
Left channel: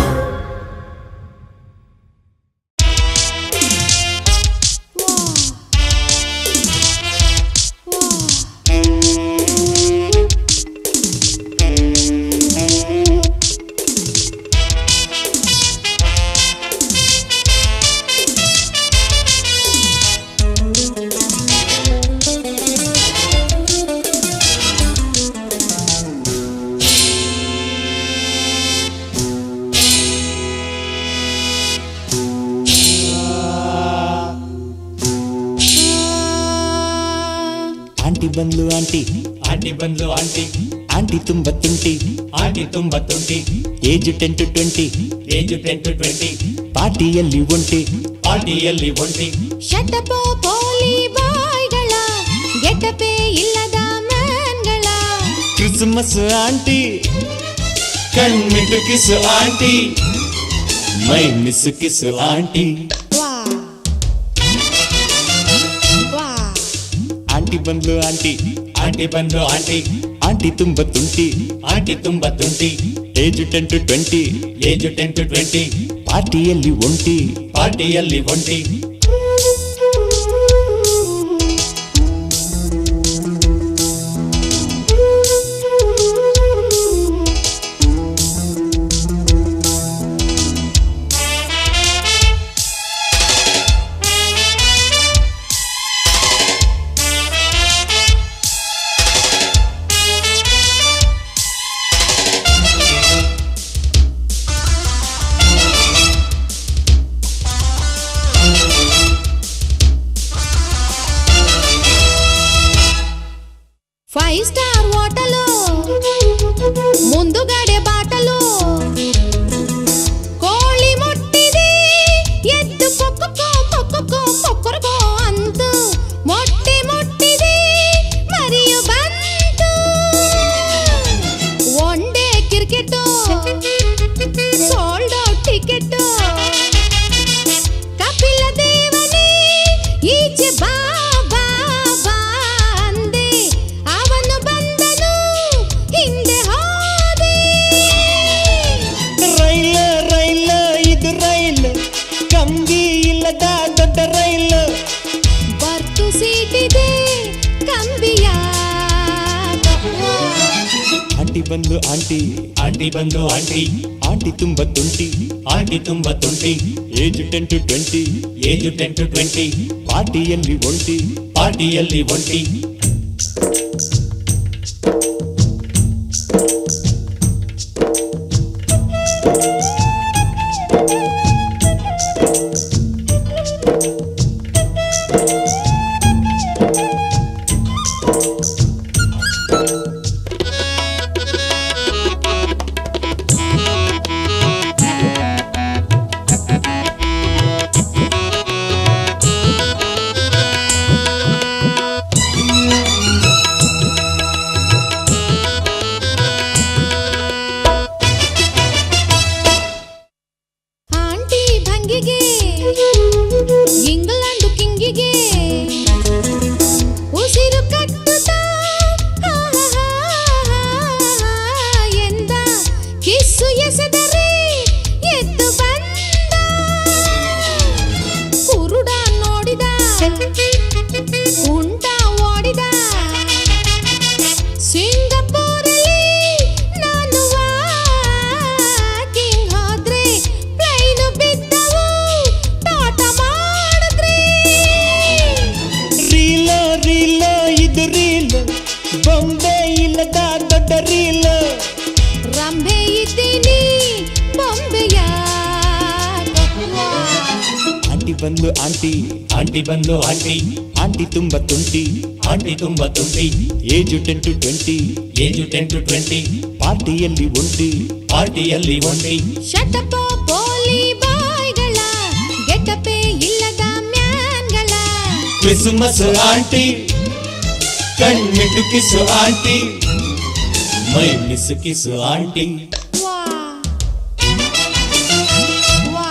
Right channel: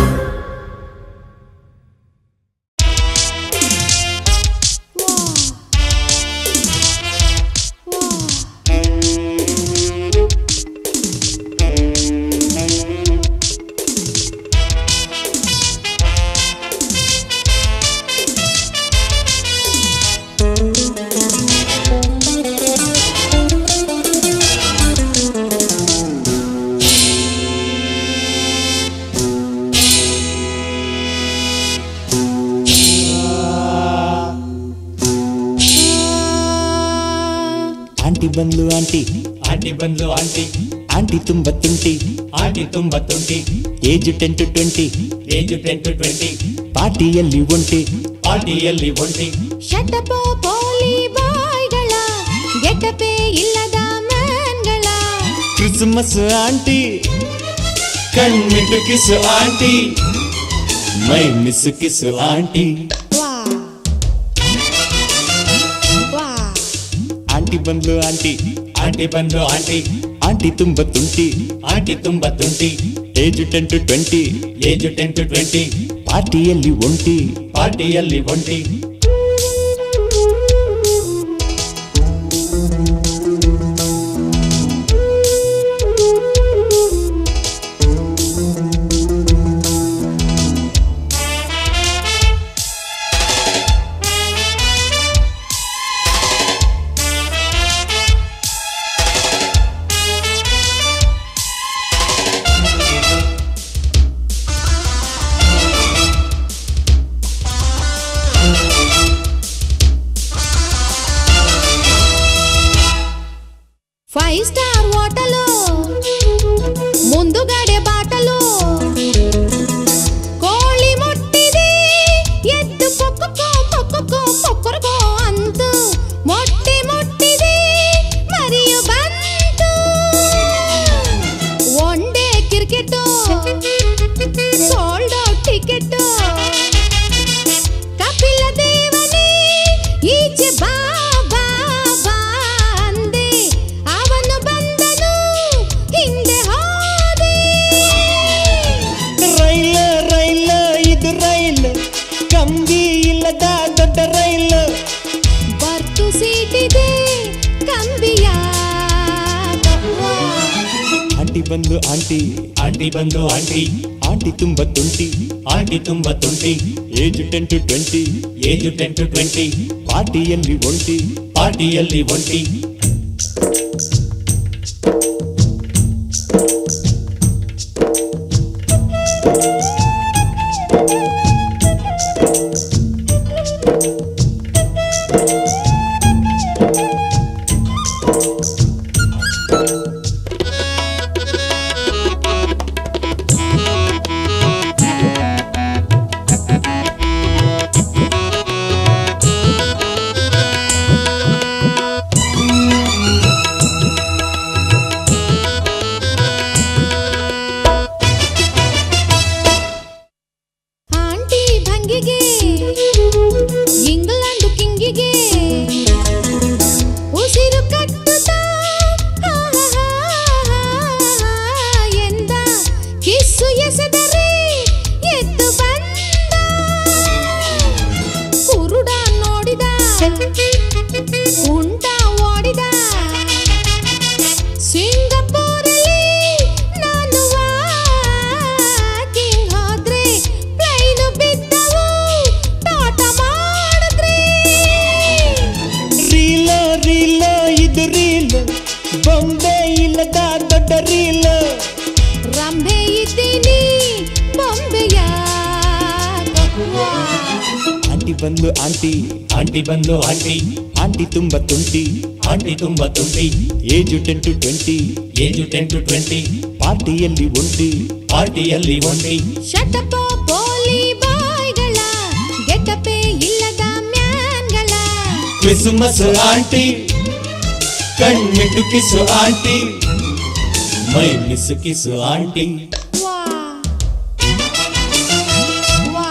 ಆಂಟಿ ಬಂದ್ಲು ಆಂಟಿ ಆಂಟಿ ಬಂದ್ಲು ಆಂಟಿ ಆಂಟಿ ತುಂಬ ತುಂಟಿ ಆಂಟಿ ತುಂಬಾ ತುಂಟಿ ಏಜ್ 10 to 20 ಏಜು 10 to 20 ಪಾರ್ಟಿಯಲ್ಲಿ ಒಂಟಿ ಪಾರ್ಟಿಯಲ್ಲಿ ಒಂಟಿ ಶಟಪೋ ಪೋಲಿ ಬಾಯ್ಗಳ ಗೆಟಪೇ ಇಲ್ಲದ ಮ್ಯಾನ್ಗಳ ಕ್ರಿಸ್ಮಸ್ ಆಂಟಿ ಕಣ್ಮಿಟ್ಟು ಕಿಸು ಆಂಟಿ ಮೈ ಮಿಸ್ ಕಿಸ್ ಆಂಟಿ. ಆಂಟಿ ಬಂದ್ಲು ಆಂಟಿ ಆಂಟಿ ಬಂದ್ಲು ಆಂಟಿ ಆಂಟಿ ತುಂಬ ತುಂಟಿ ಆಂಟಿ ತುಂಬಾ ತುಂಟಿ ಏಜ್ 10 to 20 ಏಜು 10 to 20 ಪಾರ್ಟಿಯಲ್ಲಿ ಒಂಟಿ ಪಾರ್ಟಿಯಲ್ಲಿ ಒಂಟಿ. ಫೈವ್ ಸ್ಟಾರ್ ಹೋಟಲು ಮುಂದುಗಡೆ ಬಾಟಲು ಕೋಳಿ ಮೊಟ್ಟಿದೆ ಎದ್ದು ಪೊಕ್ಕೋ ಪೊಕ್ಕೋ ಪೊಕ್ಕರ್ಗೋ ಅಂತು ಮೊಟ್ಟೆ ಮೊಟ್ಟಿದೆ ಮರಿಯು ಬಂತು one day cricket sold out ticket Kapila ದೇವನೇ ಈಚೆ ಬಾ ಬಾ ಬಾ ಅಂದೆ ಅವನು ಬಂದನು ಹಿಂದೆ ಹೋದೆ. ರೈಲ ರೈಲ ಇದು ರೈಲ್ ಕಂಬಿ ಇಲ್ಲದ ದೊಡ್ಡ ರೈಲ್ ಬರ್ತು ಸೀಟಿದೆ ಕಂಬಿಯ ಆಂಟಿ ಬಂದ್ಲು ಆಂಟಿ ಆಂಟಿ ಬಂದ್ಲು ಆಂಟಿ ಆಂಟಿ ತುಂಬ ತುಂಟಿ ಆಂಟಿ ತುಂಬಾ ತುಂಟಿ ಏಜ್ 10 to 20 ಏಜು 10 to 20 ಪಾರ್ಟಿಯಲ್ಲಿ ಒಂಟಿ ಪಾರ್ಟಿಯಲ್ಲಿ ಒಂಟಿ. ಆಂಟಿ ಭಂಗಿಗೆ ಇಂಗ್ಲೆಂಡ್ ಕಿಂಗಿಗೆ ಉಸಿರು ಕಟ್ಟುತ್ತಾ ಎಂದ ಕಿಸ್ಸು ಎಸೆದರೆ ಎದ್ದು ಬಂದ ಕುರುಡ ನೋಡಿದ ಉಂಟ ಓಡಿದ ಸಿಂಗಪೂರಲ್ಲಿ ನಾನು ವಾಕಿಂಗ್ ಹೋದ್ರೆ ಪ್ಲೈನು ಬಂದು ಆಂಟಿ, ಆಂಟಿ ಬಂದು ಆಂಟಿ, ಆಂಟಿ ತುಂಬ ತುಂಟಿ, ಆಂಟಿ ತುಂಬ ತುಂಟಿ, ಏಜು 10 to 20, ಏಜು 10 to 20, ಪಾರ್ಟಿಯಲ್ಲಿ ಒಂಟಿ, ಪಾರ್ಟಿಯಲ್ಲಿ ಒಂಟಿ, ಶಟಪ ಪೋಲಿ ಬಾಯ್ಗಳ ಗೆಟಪೆ ಇಲ್ಲದ ಮ್ಯಾನ್ಗಳ ಕ್ರಿಸ್ಮಸ್ ಆಂಟಿ, ಕಣ್ಮಿಟ್ಟು ಕಿಸು ಆಂಟಿ, ಮೈ ಮಿಸು ಕಿಸು ಆಂಟಿ. ವಾ ವಾ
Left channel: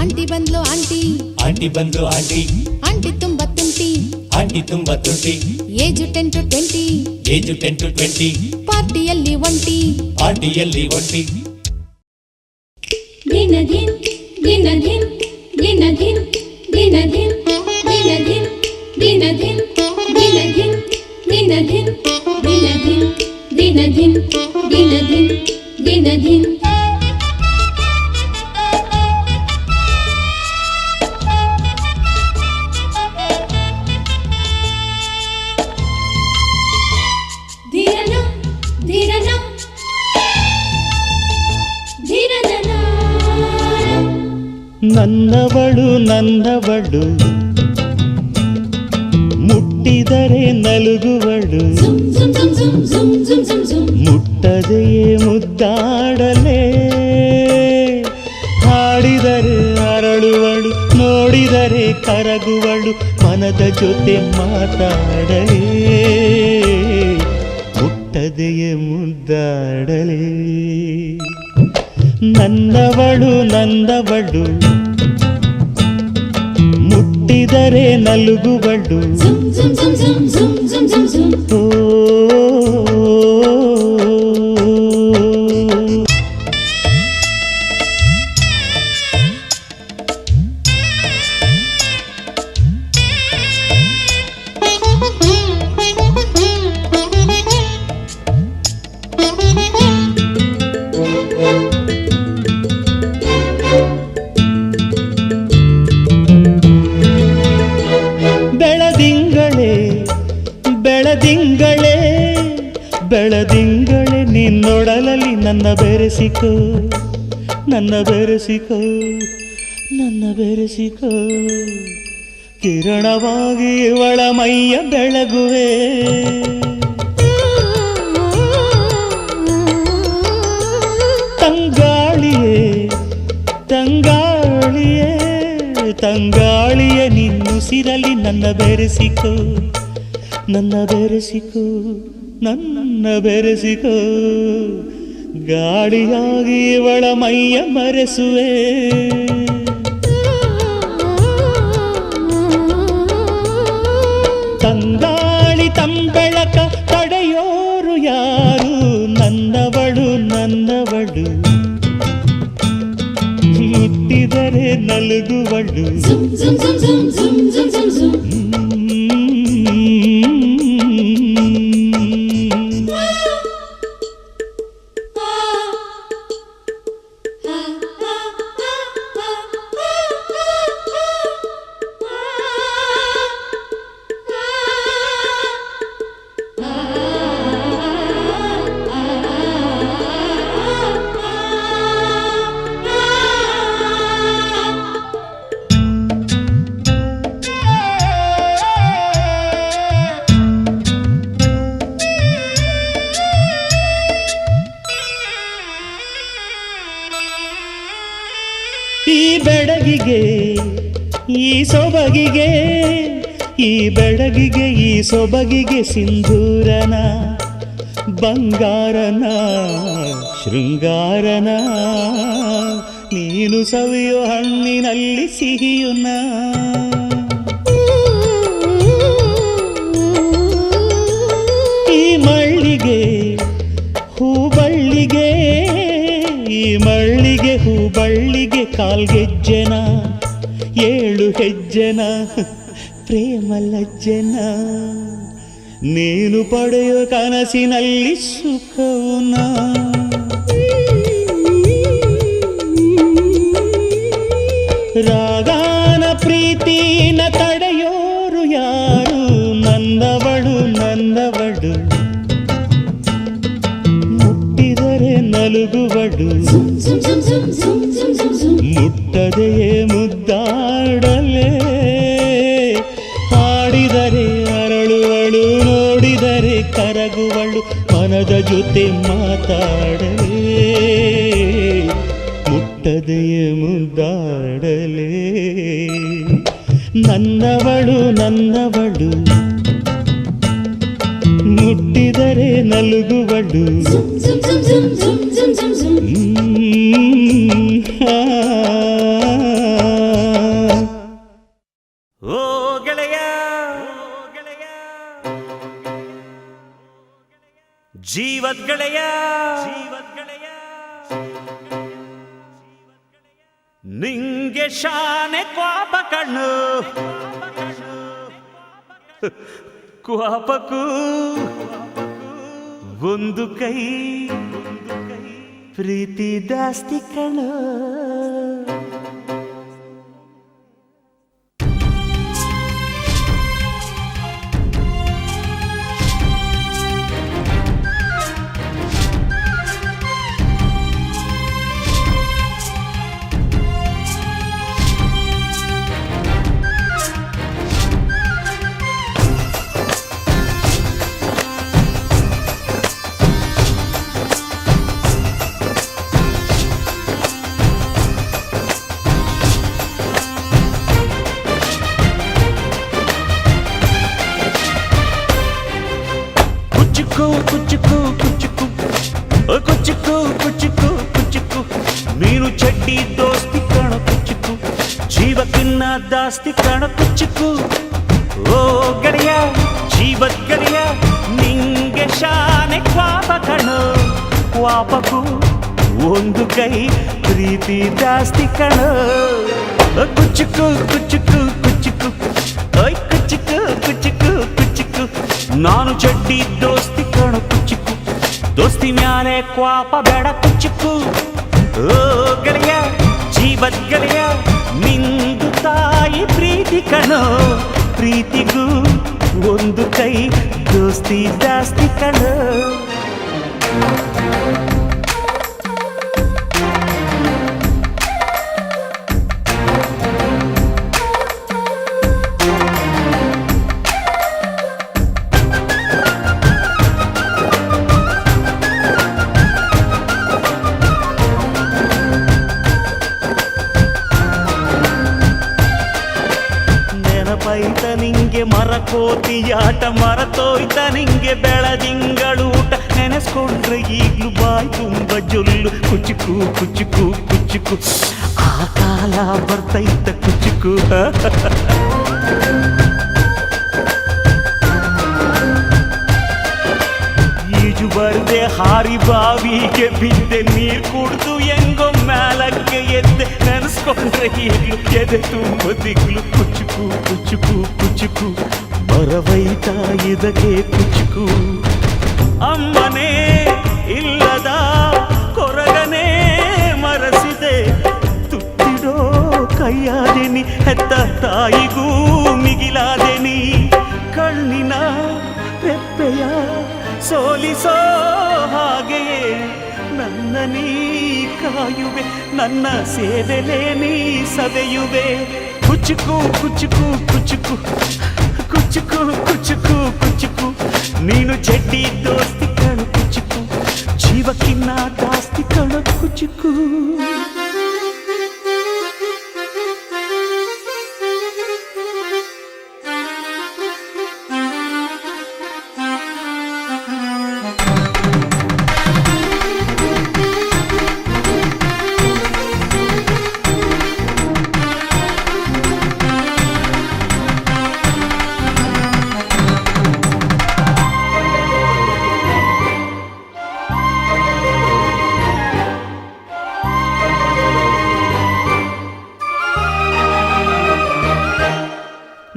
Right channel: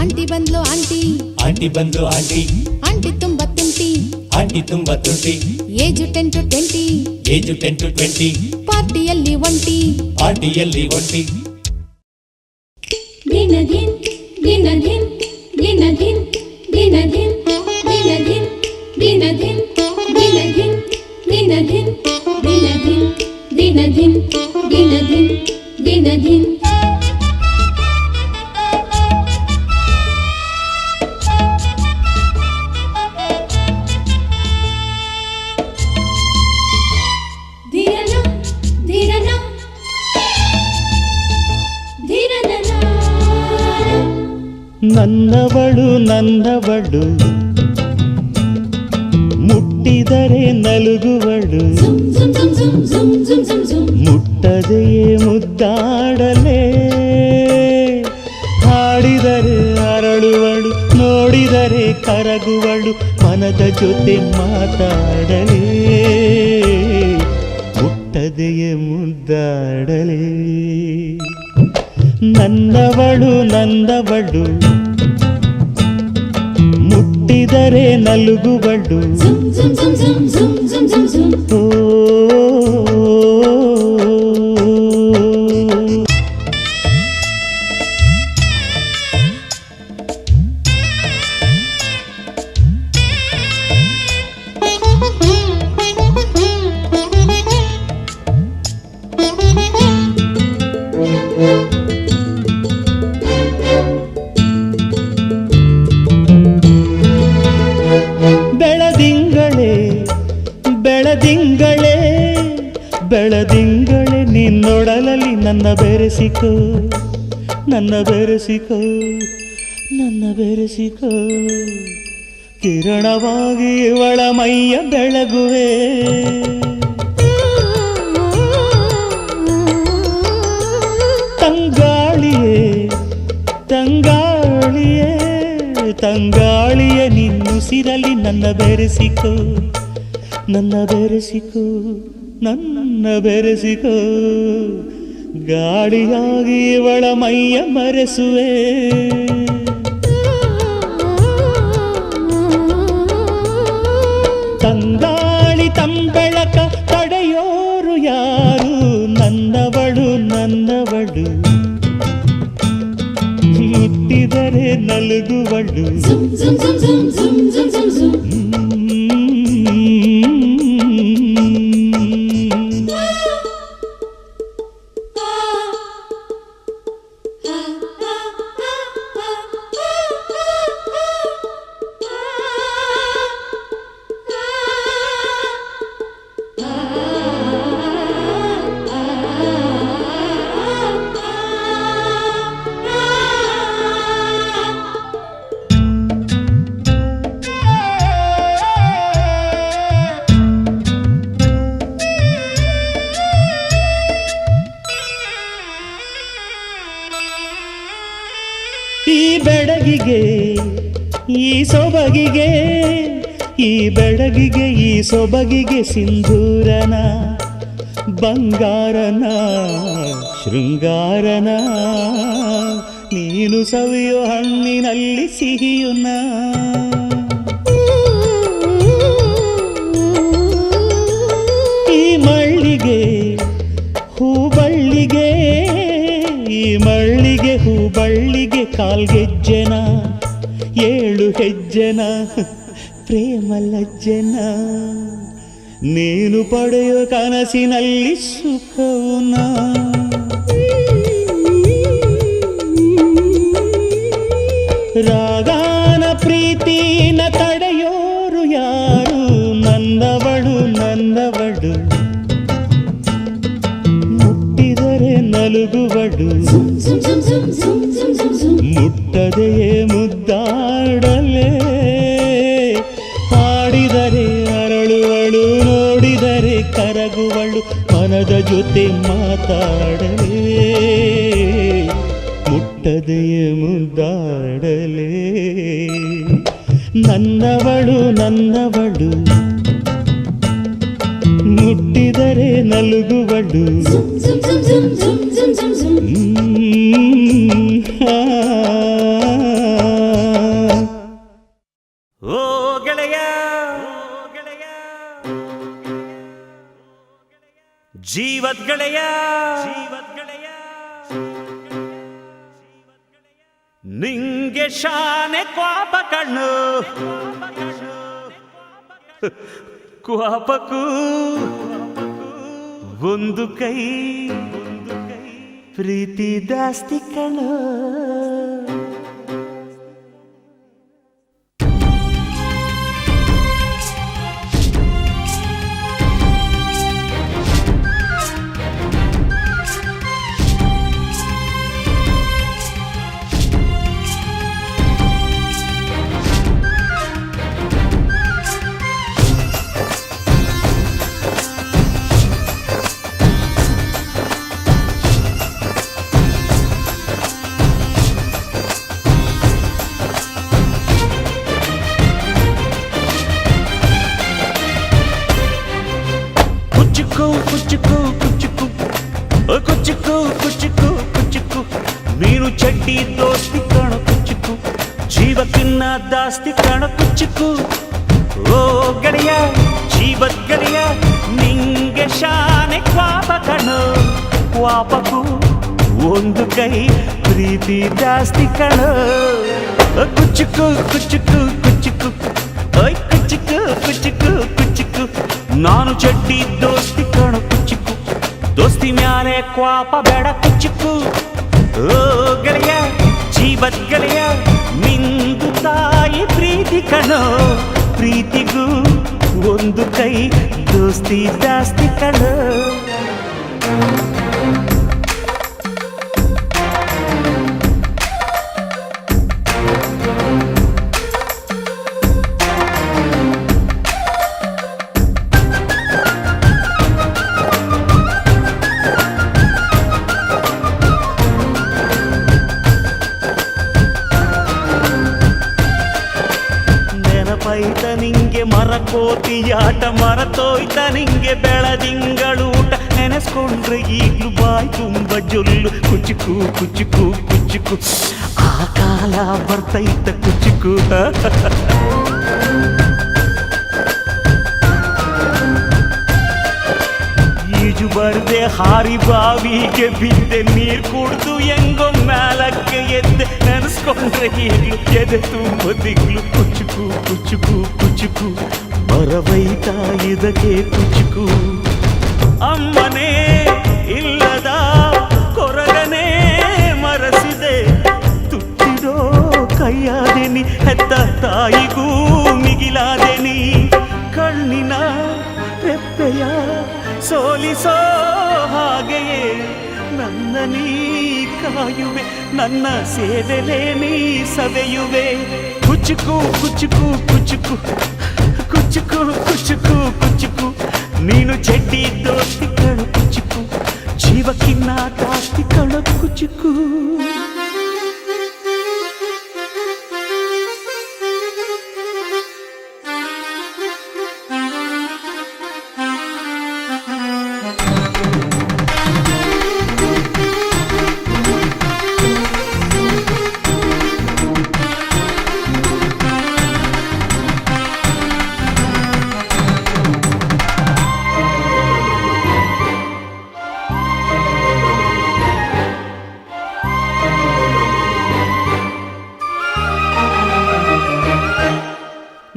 ಆಂಟಿ ಬಂದ್ಲು ಆಂಟಿ, ಆಂಟಿ ಬಂದು ಆಂಟಿ, ಆಂಟಿ ತುಂಬ ತುಂಟಿ, ಆಂಟಿ ತುಂಬ ತುಂಟಿ, ಏಜು 10 to 20, ಏಜು 10 to 20, ಪಾರ್ಟಿಯಲ್ಲಿ ಒಂಟಿ. ಪಾರ್ಟಿಯಲ್ಲಿ ಒಂಟಿ. ದಿನದಿನ್ ದಿನದಿನ್ ದಿನದಿನ್ ದಿನದಿನ್ ದಿನದಿನ್ ದಿನದಿನ್ ದಿನದಿನ್ ದಿನದಿನ್ ದಿನದಿನ್ ದಿನದಿನ್ ದಿನದಿನ್ ದಿನದಿನ್ ಧೀರನ ಧೀರನ ಧೀರನ ನನ್ನವಳು ನನ್ನವಳು, ಮುಟ್ಟಿದರೆ ನಲುಗುವಳು, ಮುಟ್ಟದೆಯೇ ಮುದ್ದಾಡಲೇ, ಹಾಡಿದರೆ ಅರಳುವಳು, ನೋಡಿದರೆ ಕರಗುವಳು, ಮನದ ಜೊತೆ ಮಾತಾಡಲೇ, ಮುಟ್ಟದೆಯೇ ಮುದ್ದಾಡಲೇ. ನನ್ನವಳು ನನ್ನವಳು, ಮುಟ್ಟಿದರೆ ನಲುಗುವಳು, ಓ ಬೆಳದಿಂಗಳೇ ಬೆಳದಿಂಗಳೇ ಬೆಳದಿಂಗಳೇ, ನಿನ್ನೊಡಲಲ್ಲಿ ನನ್ನ ಬೆರೆಸಿಕೋ, ನನ್ನ ಬೆರೆಸಿಕೋ, ನನ್ನ ಬೆರೆಸಿಕೋ, ಕಿರಣವಾಗಿ ಇವಳ ಮೈಯ ಬೆಳಗುವೆ. ತಂಗಾಳಿಯೇ ತಂಗಾಳಿಯೇ ತಂಗಾಳಿಯೇ, ನಿನ್ನುಸಿರಲಿ ನನ್ನ ಬೆರೆಸಿಕೋ, ನನ್ನ ಬೆರೆಸಿಕೋ, ನನ್ನ ಬೆರೆಸಿಕೋ, ಗಾಳಿಯಾಗಿ ಇವಳ ಮೈಯ ಮರೆಸುವೆ. ತಂಗಾಳಿ ತಂಬೆಳಕ ತಡೆಯೋರು ಯಾರು, ನನ್ನವಳು ನನ್ನವಳು, ಮುಟ್ಟಿದರೆ ನಲುಗುವಳು, ಈ ಬೆಡಗಿಗೆ ಈ ಸೊಬಗಿಗೆ, ಈ ಬೆಡಗಿಗೆ ಈ ಸೊಬಗಿಗೆ ಸಿಂಧೂರನ, ಬಂಗಾರನ, ಶೃಂಗಾರನ, ನೀನು ಸವಿಯೋ ಹಣ್ಣಿನಲ್ಲಿ ಸಿಹಿಯುನ. ಈ ಮಳ್ಳಿಗೆ ಹೂಬಳ್ಳಿಗೆ, ಈ ಮಳ್ಳಿಗೆ ಹೂಬಳ್ಳಿಗೆ ಕಾಲ್ಗೆಜ್ಜೆನ, 7 ಹೆಜ್ಜೆನ, ಪ್ರೇಮ ಲಜ್ಜೆನ, ನೀನು ಪಡೆಯೋ ಕನಸಿನಲ್ಲಿ ಸುಖವುನ. ರಾಗಾನ ಪ್ರೀತಿನ ತಡೆಯೋರು ಯಾರು, ನನ್ನವಳು ನನ್ನವಳು, ಮುಟ್ಟಿದರೆ ನಲುಗುವಳು, ಮುಟ್ಟದೆಯೇ ಮುದ್ದಾಡ ಮನದ ಜೊತೆ ಮಾತಾಡಲೇ ಮುಟ್ಟದೆಯ ಮುದ್ದಾಡಲೇ ನನ್ನವಳು ನನ್ನವಳು ಮುಟ್ಟಿದರೆ ನಲುಗುವಳು zum zum zum zum zum zum zum zum ಓ ಗೆಳೆಯ ಜೀವದ್ ಗೆಳೆಯ ನಿಂಗೆ ಶಾನೆ ಕ್ವಾಪ ಕಣ್ಣು ಕ್ವಾಪಕ್ಕೂ ಒಂದು ಕೈ ಪ್ರೀತಿ ದಾಸ್ತಿ ಕಣ್ಣು ಕುಚ್ಚುಕು ಕುಚ್ಚುಕು ಕುಚ್ಚುಕು ಕುಚ್ಚುಕು ಕುಚ್ಚುಕು ನೀನು ಚಡ್ಡಿ ದೋಸ್ತಿ ಕಾಣ ಕುಚ್ಚುಕು ಜೀವಕ್ಕಿನ್ನ ದಾಸ್ತಿ ಕಾಣ ಕುಚ್ಚುಕು ಓ ಗೆಳೆಯ ಜೀವದ ಗೆಳೆಯ ನಿಂಗೆ ಶಾನೆ ಕ್ವಾಪ ಕಣೋ ಕ್ವಾಪಕ್ಕೂ ಒಂದು ಕೈ ಪ್ರೀತಿ ದಾಸ್ತಿ ಕಣೋ ಕುಚ್ಚುಕು ಕುಚ್ಚುಕು ಕುಚ್ಚುಕು ಓಯ್ ಕುಚ್ಚುಕು ಕುಚ್ಚುಕು ಕುಚ್ಚುಕು ನಾನು ಚಡ್ಡಿ ದೋಸ್ತಿ ಕಾಣ ಕುಚ್ಚುಕು ದೋಸ್ತಿ ಮ್ಯಾಲೆ ಕ್ವಾಪ ಬೇಡ ಕುಚ್ಚುಕು ಓ ಗೆಳೆಯ ಜೀವದ ಗೆಳೆಯ ನಿಂದು ತಾಯಿ ಪ್ರೀತಿ ಕಣೋ ಪ್ರೀತಿಗೂ ಒಂದು ಕೈ ದೋಸ್ತಿ ಜಾಸ್ತಿ ಕಣೋ ನೆನಪೈತ ನಿಂಗೆ ಮರಕೋತಿಯಾಟ ಮರತೋಯ್ತ ನಿಂಗೆ ಬೆಳದಿಂಗಳೂಟ ನೆನೆಸ್ಕೊಂಡ್ರೆ ಈಗ್ಲೂ ಬಾಯ್ ತುಂಬ ಜೊಲ್ಲು ಕುಚ್ಚುಕು ಕುಚ್ಚುಕು ಕುಚ್ಚುಕು ಆ ಕಾಲ ಬರ್ತೈತ ಕುಚ್ಚುಕು ಈಜು ಬರ್ದೆ ಹಾರಿ ಬಾವಿಗೆ ಬಿದ್ದೆ ನೀರ್ ಕುಡ್ದು ಹೆಂಗೋ ಮ್ಯಾಲಕ್ಕೆ ಎದ್ದೆ ನೆನೆಸ್ಕೊಂಡ್ರೆ ಈಗ್ಲು ಎದೆ ತುಂಬ ದಿಗ್ಲು ಕುಚ್ಚುಕು ಕುಚ್ಚುಕು ಕುಚ್ಚುಕು ಬರವೈತ ಇದಕ್ಕೆ ಕುಚ್ಚುಕು ಅಮ್ಮನೇ ಇಲ್ಲದ ಕೊರಗನೇ ಮರಸಿದೆ ತುಟ್ಟಿಡೋ ಕೈಯಾದೆನಿ ಹೆತ್ತ ತಾಯಿಗೂ ಮಿಗಿಲಾದೆನಿ ಕಣ್ಣಿನ ರೆಪ್ಪೆಯ ಸೋಲಿಸೋ ಹಾಗೆಯೇ ನನ್ನ ನೀ ಕಾಯುವೆ ನನ್ನ ಸೇವೆಲೇ ನೀ ಸವೆಯುವೆ ಕುಚ್ಚುಕು ಕುಚ್ಚುಕು ಕುಚ್ಚುಕು ಕುಚ್ಚುಕು ಕುಚ್ಚುಕು ಕುಚ್ಚುಕು ನೀನು ಜಡ್ಡಿ ದೋಸ್ತಿ ಕಣು ಕುಚ್ಚುಕು ಜೀವಕ್ಕಿನ್ನ ದಾಸ್ತಿ ಕಣು ಕುಚ್ಚುಕು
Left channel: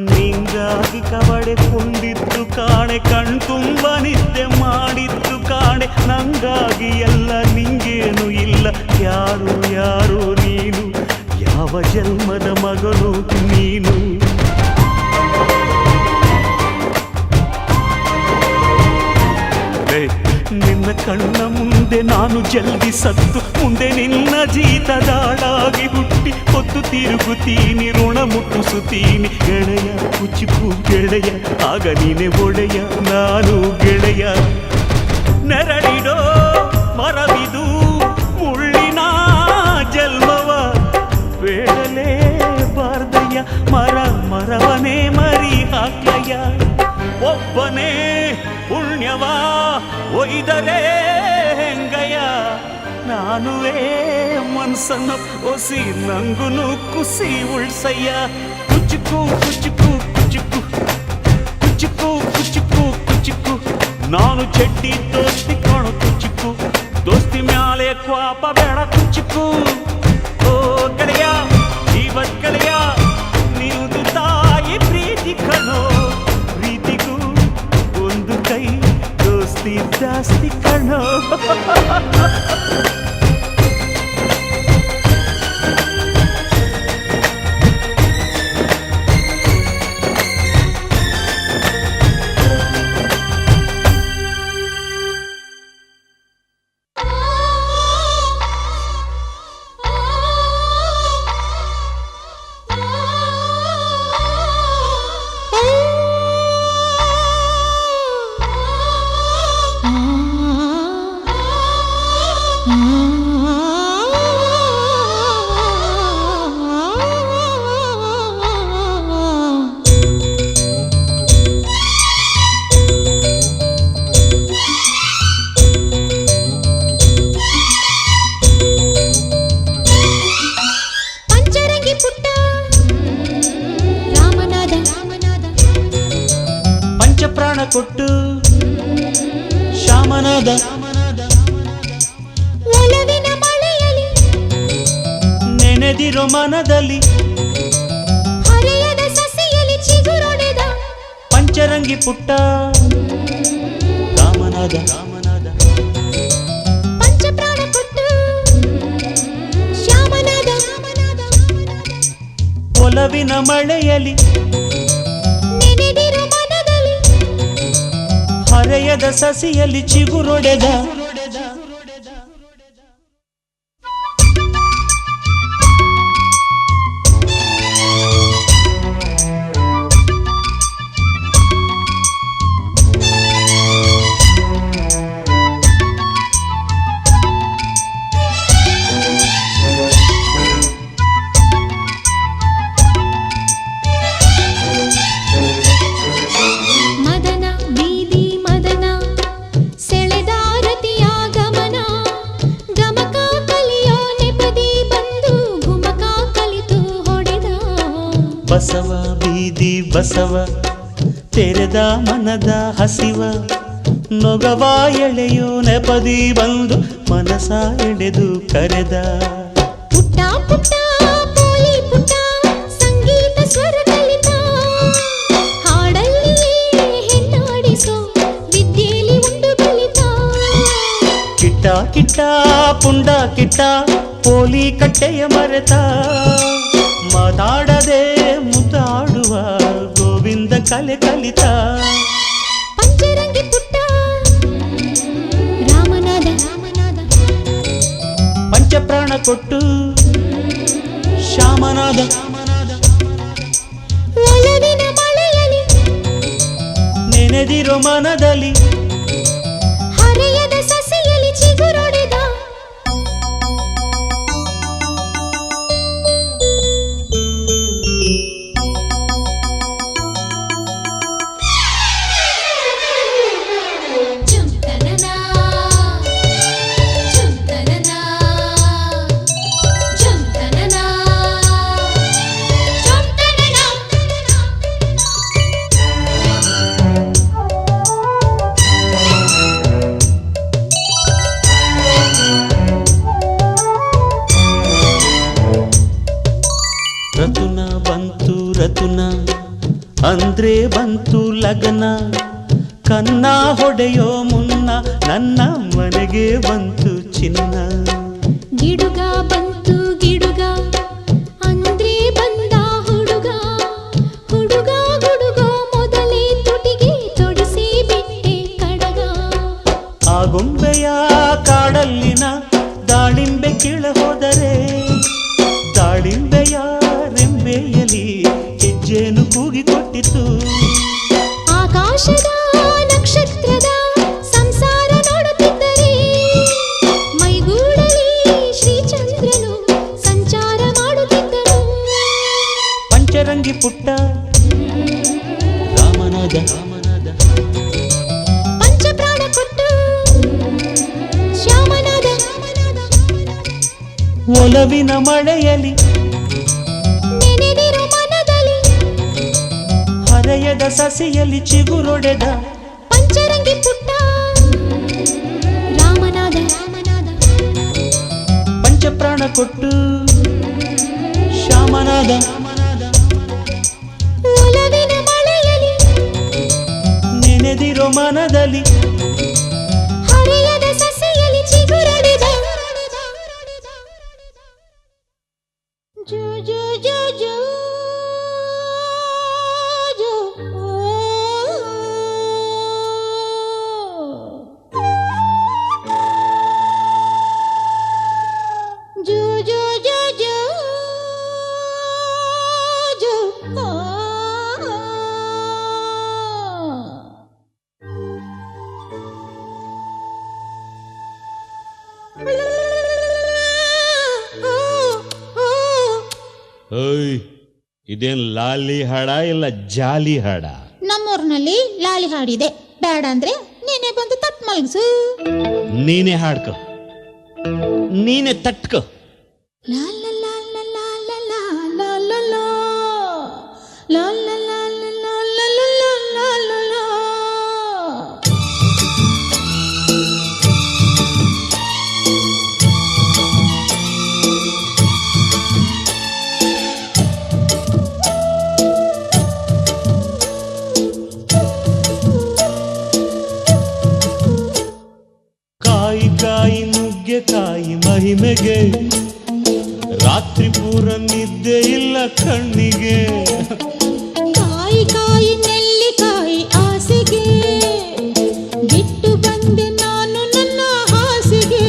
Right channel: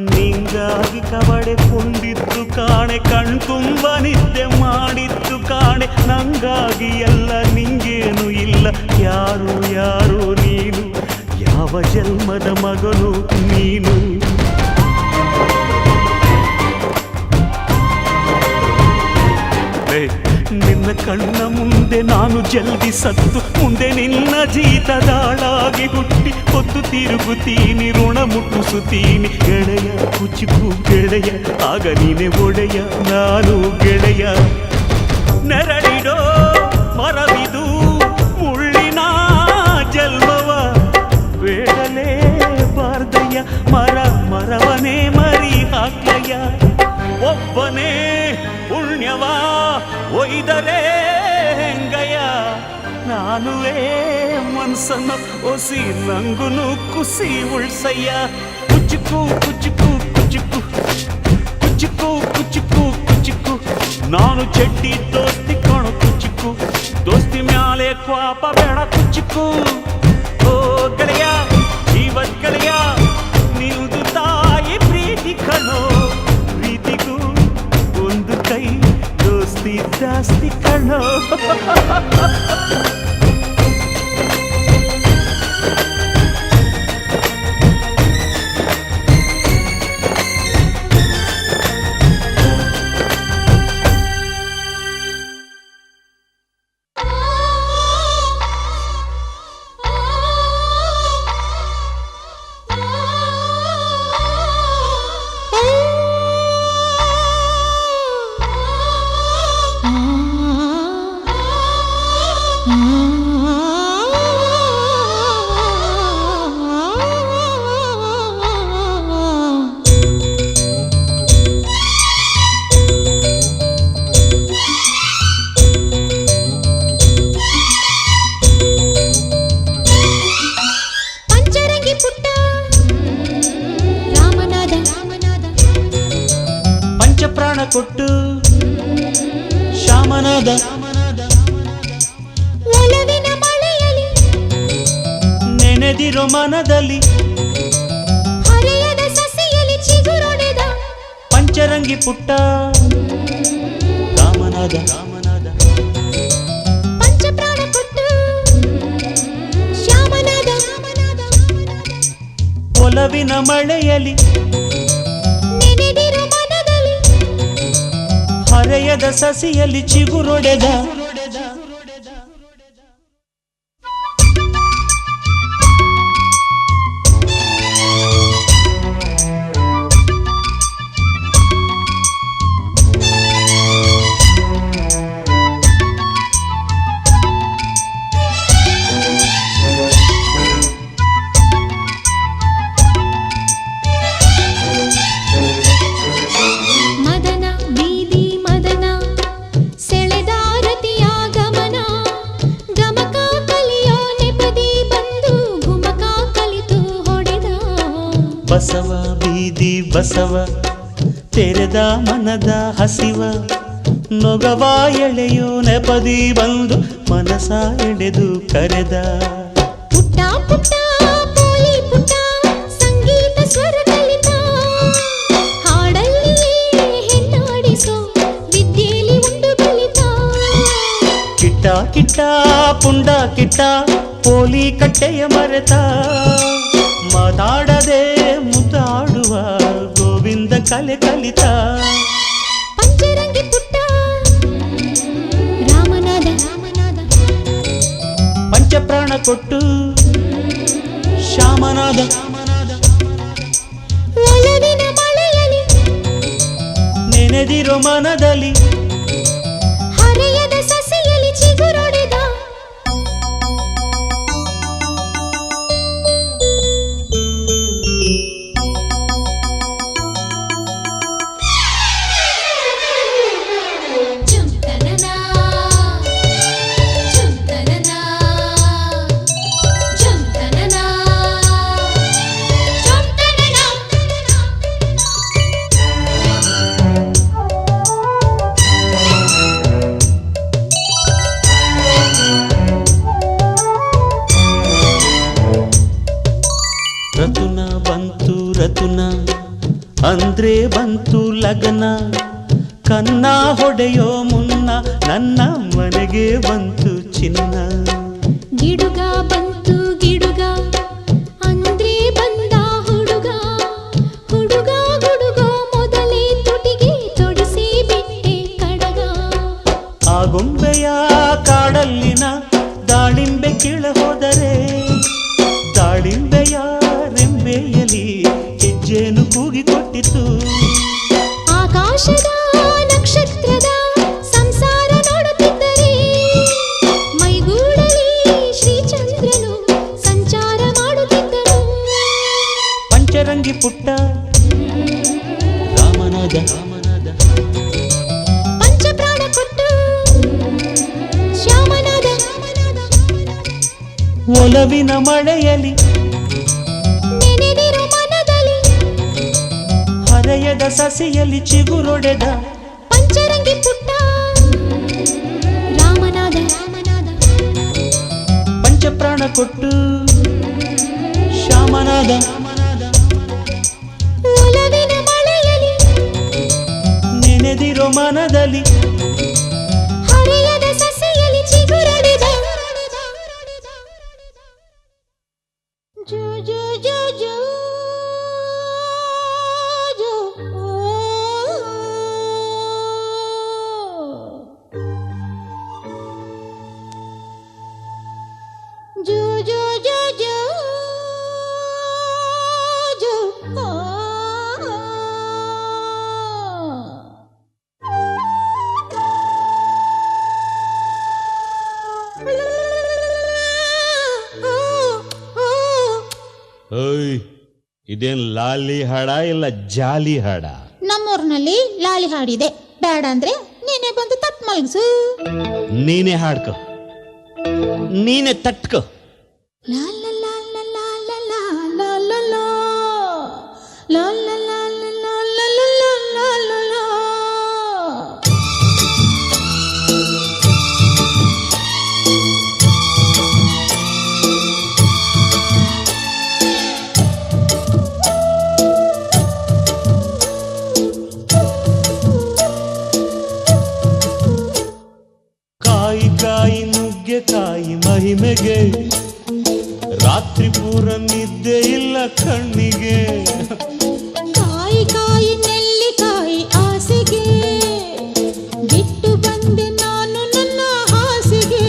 ನಿಂಗಾಗಿ ಕವಡೆ ಕೊಂಡಿದ್ದು ಕಾಣೆ ಕಣ್ತುಂಬ ನಿದ್ದೆ ಮಾಡಿದ್ದು ಕಾಣೆ ನಂಗಾಗಿ ಎಲ್ಲ ನಿಂಗೇನು ಇಲ್ಲ ಯಾರು ಯಾರು ನೀನು ಯಾವ ಜನ್ಮದ ಮಗನು ನೀನು ನಿನ್ನ ಕಣ್ಣ ಮುಂದೆ ನಾನು ಜಲ್ದಿ ಸತ್ತು ಮುಂದೆ ನಿನ್ನ ಜೀತದಾಳಾಗಿ ಹುಟ್ಟಿ ಹೊತ್ತು ತಿರುಗುತ್ತೀನಿ ಋಣ ಮುಟ್ಟಿಸುತ್ತೀನಿ ಗೆಳೆಯ ಕುಚ್ಚುಕು ಗೆಳೆಯ ಆಗ ನೀನೆ ಒಡೆಯ ನಾನು ಗೆಳೆಯ ನೆರಳಿಡೋ ಮರವಿದು ಮುಳ್ಳಿನ ಜನ್ಮವ ಬೇಡಲೇ ಬಾರ್ದಯ್ಯ ಮರವನೇ ಮರಿ ಹಾಕ್ಲಯ್ಯ ಒಬ್ಬನೇ ಪುಣ್ಯವ ಒಯ್ದರೆ ಹೆಂಗಯ್ಯ ನಾನುವೇ ಮನ್ಸನ್ನು ಒಸಿ ನಂಗುನು ಕುಸಿ ಉಳ್ಸಯ್ಯ ಕುಚುಕು ಕುಚುಕು ಕುಚುಕು ಕುಚುಕು ಕುಚುಕು ಕುಚುಕು ನಾನು ಚಡ್ಡಿ ದೋಸ್ತಿ ಕಾಣು ಕುಚುಕು ದೋಸ್ತಿ ಮ್ಯಾಲೆ ಕ್ವಾಪ ಬೇಡ ಕುಚುಕು ಓ ಗೆಳೆಯ ಜೀವದ್ ಗೆಳೆಯ ನೀವುದು ತಾಯಿ ಪ್ರೀತಿ ಕಣೋ ಪ್ರೀತಿಗೂ ಒಂದು ಕೈ ದೋಸ್ತಿ ಜಾಸ್ತಿ ಕಣೋ ಪಂಚಪ್ರಾಣ ಕೊಟ್ಟು ಶ್ಯಾಮನಾದ ಒಲವಿನ ಮಳೆಯಲ್ಲಿ ನೆನೆದಿರೋ ಮನದಲ್ಲಿ ಹರೆಯದ ಸಸಿಯಲ್ಲಿ ಚಿಗುರೊಡೆದ ಪಂಚರಂಗಿ ಪುಟ್ಟ ರಾಮನಾದ ಪಂಚಪ್ರಾಣ ಕೊಟ್ಟು ಶ್ಯಾಮನಾದ ಒಲವಿನ ಮಳೆಯಲ್ಲಿ ನೆನೆದಿರೋ ಮನದಲ್ಲಿ ಹರೆಯದ ಸಸಿಯಲ್ಲಿ ಚಿಗುರೊಡೆದ ಮದನ ಬೀದಿ ಮದನ ಸೆಳೆದಾರತಿಯ ಗಮನ ಗಮಕ ಕಲಿಯೋ ನೆಪದಿ ಬಂದು ಗುಮಕ ಕಲಿತು ಹೊಡೆದ ಬಸವ ಬೀದಿ ಬಸವ ತೆರೆದ ಮನದ ಹಸಿವ ನೊಗವ ಎಳೆಯೋ ನೆಪದಿ ಬಂದು ಮನಸ ಎಳೆದು ಕರೆದ ಪುಟ್ಟ ಪುಟ್ಟ ಪೋಲಿ ಪುಟ್ಟ ಸಂಗೀತ ಸ್ವರ ಕಲಿತ ಹಾಡಲ್ಲಿಯೇ ಹೆಣ್ಣಾಡಿಸೋ ವಿದ್ಯೆಯಲ್ಲಿ ಉಂಡು ಕಲಿತ ಕಿಟ್ಟ ಕಿಟ್ಟ ಪುಂಡ ಕಿಟ್ಟ ಪೋಲಿ ಕಟ್ಟೆಯ ಮರೆತ ಮಾತಾಡದೆ ಮುದ್ದಾಡುವ ಗೋವಿಂದ ಕಲೆ ಕಲಿತ ಪಂಚರಂಗಿ ಪುಟ್ಟ ರಾಮನಾದ ಪಂಚಪ್ರಾಣ ಕೊಟ್ಟು ಶ್ಯಾಮನಾದ ಒಲವಿನ ಮಳೆಯಲ್ಲಿ ನೆನೆದಿರೋ ಮನದಲ್ಲಿ ಹರೆಯದ ಸಸಿಯಲ್ಲಿ ಚಿಗುರೊಡೆದ ಜುಂತನನ ಜುಂತನನ ಜುಂತನನ ರತುನ ಬಂತು ರತುನ ಅಂದ್ರೆ ಬಂತು ಲಗನ ಕನ್ನ ಹೊಡೆಯೋ ಮುನ್ನ ನನ್ನ ಮನೆಗೆ ಬಂತು ಚಿನ್ನ ಗಿಡುಗ ಬಂತು ಗಿಡುಗ ಅಂದ್ರೆ ಬಂದ ಹುಡುಗ ಹುಡುಗ ಹುಡುಗ ಮೊದಲೇ ತುಟಿಗೆ ತೊಡಿಸಿ ಬಿಟ್ಟೆ ಕಡಗ ಆ ಗೊಂಬೆಯ ಕಾಡಲ್ಲಿನ ದಾಳಿಂಬೆ ಕೀಳ ಹೋದರೆ ದಾಳಿಂಬೆಯ ರೆಂಬೆಯಲಿ ಹೆಜ್ಜೆನು ಕೂಗಿಕೊಟ್ಟಿತು ಆಕಾಶದ ನಕ್ಷತ್ರದ ಸಂಸಾರ ನೋಡುತ್ತ ಪಂಚರಂಗಿ ಪುಟ್ಟ ರಾಮನಾದ ರಾಮನಾದ ಪಂಚಪ್ರಾಣ ಕೊಟ್ಟು ಶ್ಯಾಮನಾದ ಒಲವಿನ ಮಳೆಯಲಿ ನೆನೆದಿರೋ ಮನದಲ್ಲಿ ಹರೆಯದ ಸಸಿಯಲ್ಲಿ ಚಿಗುರೊಡೆದ ಪಂಚರಂಗಿ ಪುಟ್ಟ ರಾಮನಾದ ಪಂಚಪ್ರಾಣ ಕೊಟ್ಟು ಶ್ಯಾಮನಾದ ಒಲವಿನ ಮಳೆಯಲಿ ನೆನೆದಿರೋ ಮನದಲ್ಲಿ ಹರೆಯದ ಸಸಿಯಲ್ಲಿ ಚಿಗುರೊಡೆದ ಇದೇನ್ ಲಾಲಿ ಹಾಡ ಇಲ್ಲ ಜಾಲಿ ಹಾಡ? ನಮ್ಮೂರ್ನಲ್ಲಿ ಲಾಲಿ ಹಾಡಿದೆ, ಬೇಡ ಅಂದ್ರೆ ನೀನೇ ಬಂದು ತಟ್ ಮಲ್ಗಿಸು. ನೀನೇ ಹಾಡ್ಕೊ, ನೀನೇ ತಟ್ಕೊ. ಕಾಯಿ ನುಗ್ಗೆಕಾಯಿ ಮಹಿಮೆಗೆ ರಾತ್ರಿ ಪೂರ ನಿದ್ದೆ ಇಲ್ಲ ಕಣ್ಣಿಗೆ. ಕಾಯಿ ಕಾಯಿ ನೆಲ್ಲಿಕಾಯಿ ಆಸೆಗೆ ಬಿಟ್ಟು ಬಂದೆ ನಾನು ನನ್ನ ಹಾಸಿಗೆ.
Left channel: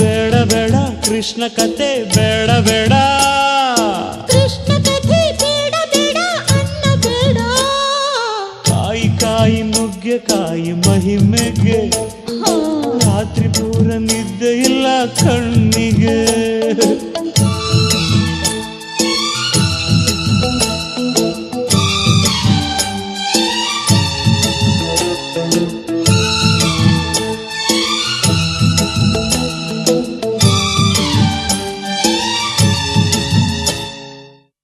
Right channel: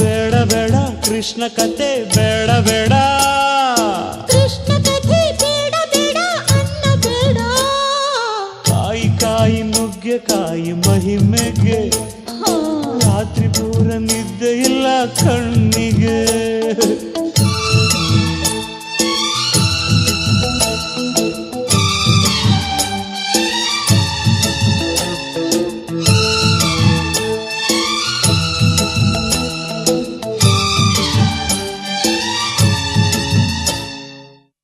ಬೇಡ ಬೇಡ ಕೃಷ್ಣ ಕತೆ ಬೇಡ ಬೇಡ, ಕೃಷ್ಣ ಕಥೆ ಬೇಡ ಬೇಡ ಅನ್ನ ಬೇಡ. ಕಾಯಿ ನುಗ್ಗೆಕಾಯಿ ಮಹಿಮೆಗೆ ರಾತ್ರಿ ಪೂರ ನಿದ್ದೆ ಇಲ್ಲ ಕಣ್ಣಿಗೆ.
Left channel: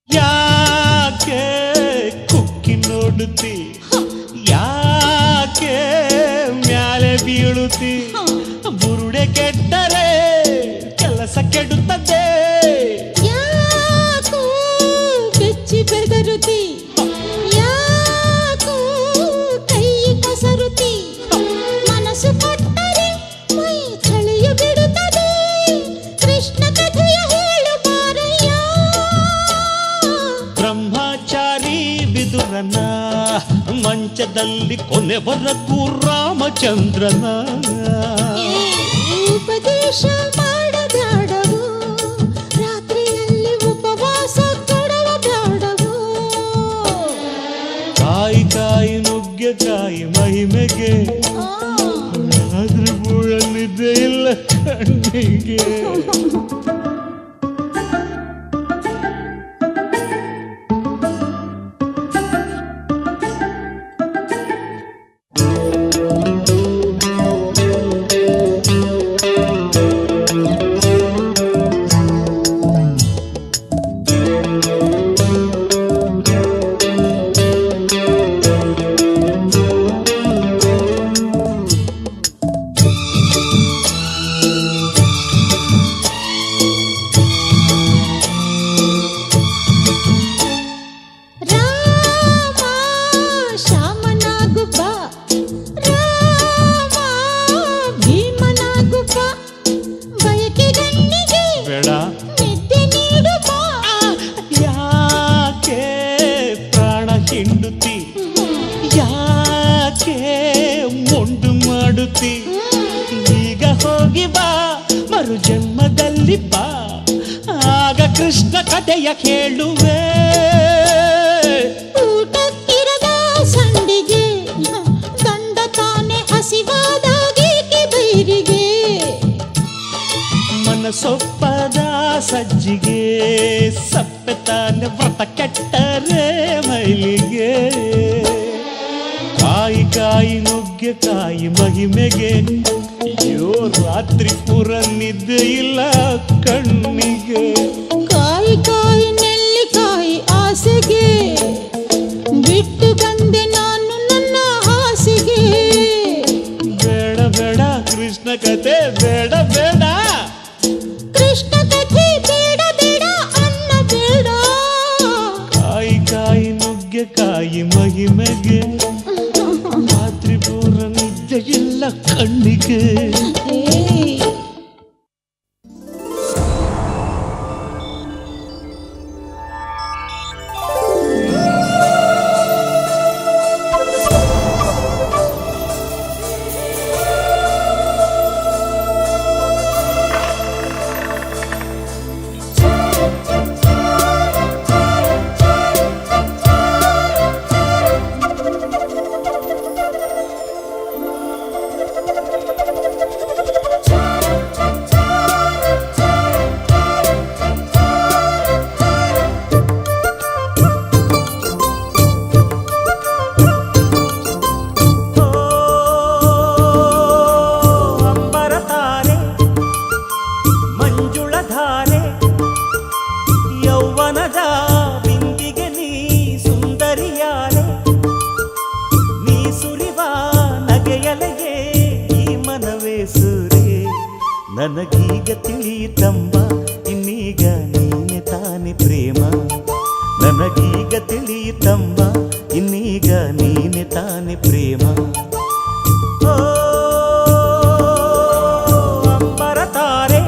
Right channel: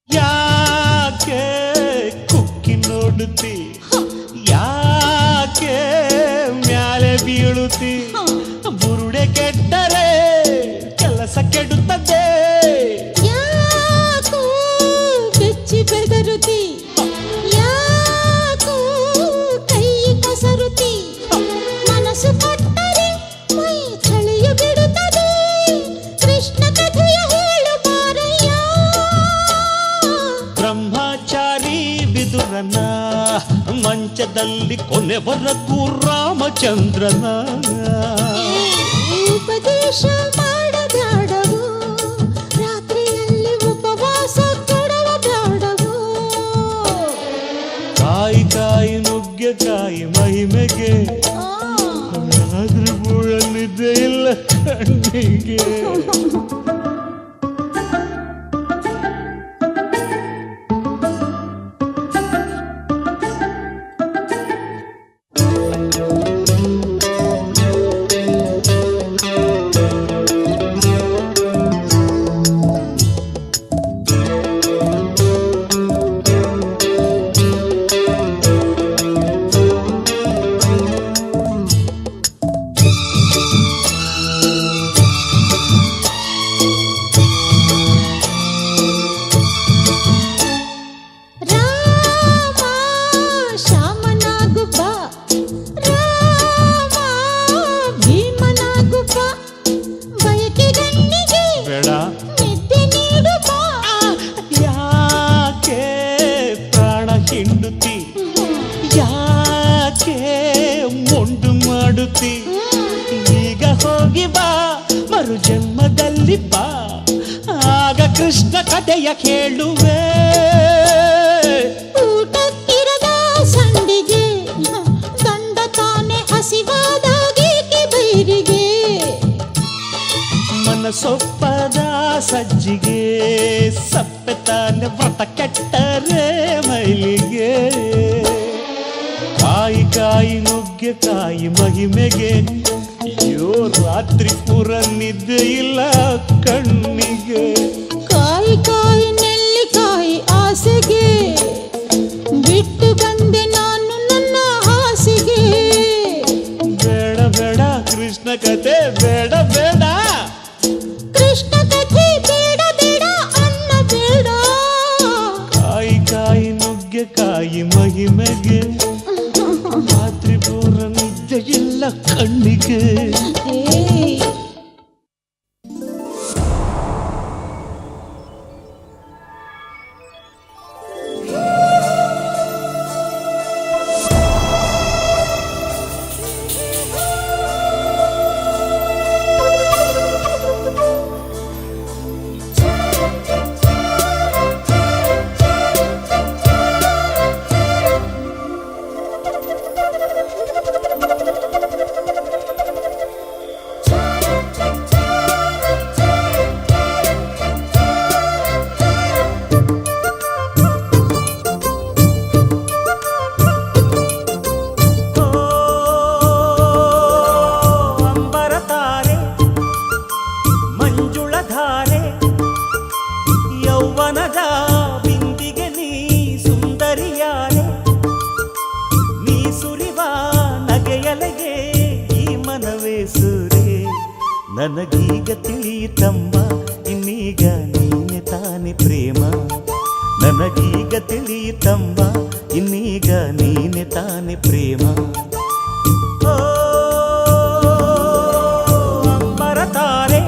ಯಾಕೆ ಕುಕ್ಕಿ ನೋಡುತ್ತಿ, ಯಾಕೆ ಮ್ಯಾಲೆ ಬೀಳುತ್ತಿ, ಬುರುಡೆ ಕೆಟ್ಟರೆ ಕೆಲಸ ಕೆಡುತ್ತದೆ. ಯಾಕೋ ಬೆಚ್ಚಿ ಬೆದರುತಿ, ಯಾಕೋ ಕೈ ಕಸರುತಿ, ಮನಸ್ಸು ಕೊಟ್ಟರೆ ಮೈ ಚಳಿಯ ಬಿಡುತ್ತದೆ. ಕೃಷ್ಣ ಕಥೆಯ ಹೇಳು ಬಾರಯ್ಯ. ಬ್ರಹ್ಮಚಾರಿ ಬಿದುರನ ಮಂಚದಲ್ಲಿ ಕೊನೆವರೆಗೂ ರಾಮಚಂದ್ರನ. ಉಪದೇಶ ಮಾಡಬ್ಯಾಡವು, ರಾತ್ರಿಯಲ್ಲಿ ಉಪವಾಸ ಕೊಡವ ಬ್ಯಾಡವು. ಕಾಯಿ ನುಗ್ಗೆಕಾಯಿ ಮಹಿಮೆಗೆ ಅದ್ರ ಬೂಳಲ್ಲಿದ್ದೇ ಇಲ್ಲ ಕಣ್ಣಿಗೆ. ರಾಮ ಶ್ಯಾಮನಾಗು ಬಾ, ರಾಮ ಭೀಮನಾಗು ಬಾ, ಬಯಕೆ ಗಣ್ಣಿಗೆ ಬೇಡ ನಿದ್ದೆ ನೀಡು ಬಾ. ಯಾ ಬಿಟ್ಟು ಬಂದೆ ನಾನು ನನ್ನ ಹಾಸಿಗೆ. ಬೇಡ ಬೇಡ ಕೃಷ್ಣ ಕತೆ ಬೇಡ ಬೇಡ. ಕೃಷ್ಣ ಕಥೆ ಬೇಡ ಬೇಡ ಅನ್ನ ಬೇಡ. ಕಾಯಿ ಕಾಯಿ ನುಗ್ಗೆಕಾಯಿ ಮಹಿಮೆಗೆ ರಾತ್ರಿ ಪೂರ ನಿದ್ದೆ ಇಲ್ಲ ಕಣ್ಣಿಗೆ. ಅಂಬರತಾರೆ ಮಂಜುಳಧಾರೆ ಯೌವನದ ಬಿಂದಿಗೆ ನೀ ಸುಂದರಿಯಾರೆ. ನೀ ಸುರಿವ ನಗೆಯಲೆಗೆ ಈ ಮನವೇ ಸೂರೆ. ನನಗೀಗ ತಿಳಿಯಿತಮ್ಮ ಇನ್ನೀಗ ನೀನೆ ತಾನೆ ಪ್ರೇಮ. ನನಗೀಗ ತಿಳಿಯಿತಮ್ಮ ಇನ್ನೀಗ ನೀನೆ ತಾನೆ ಪ್ರೇಮ. ಓ ಅಂಬರತಾರೆ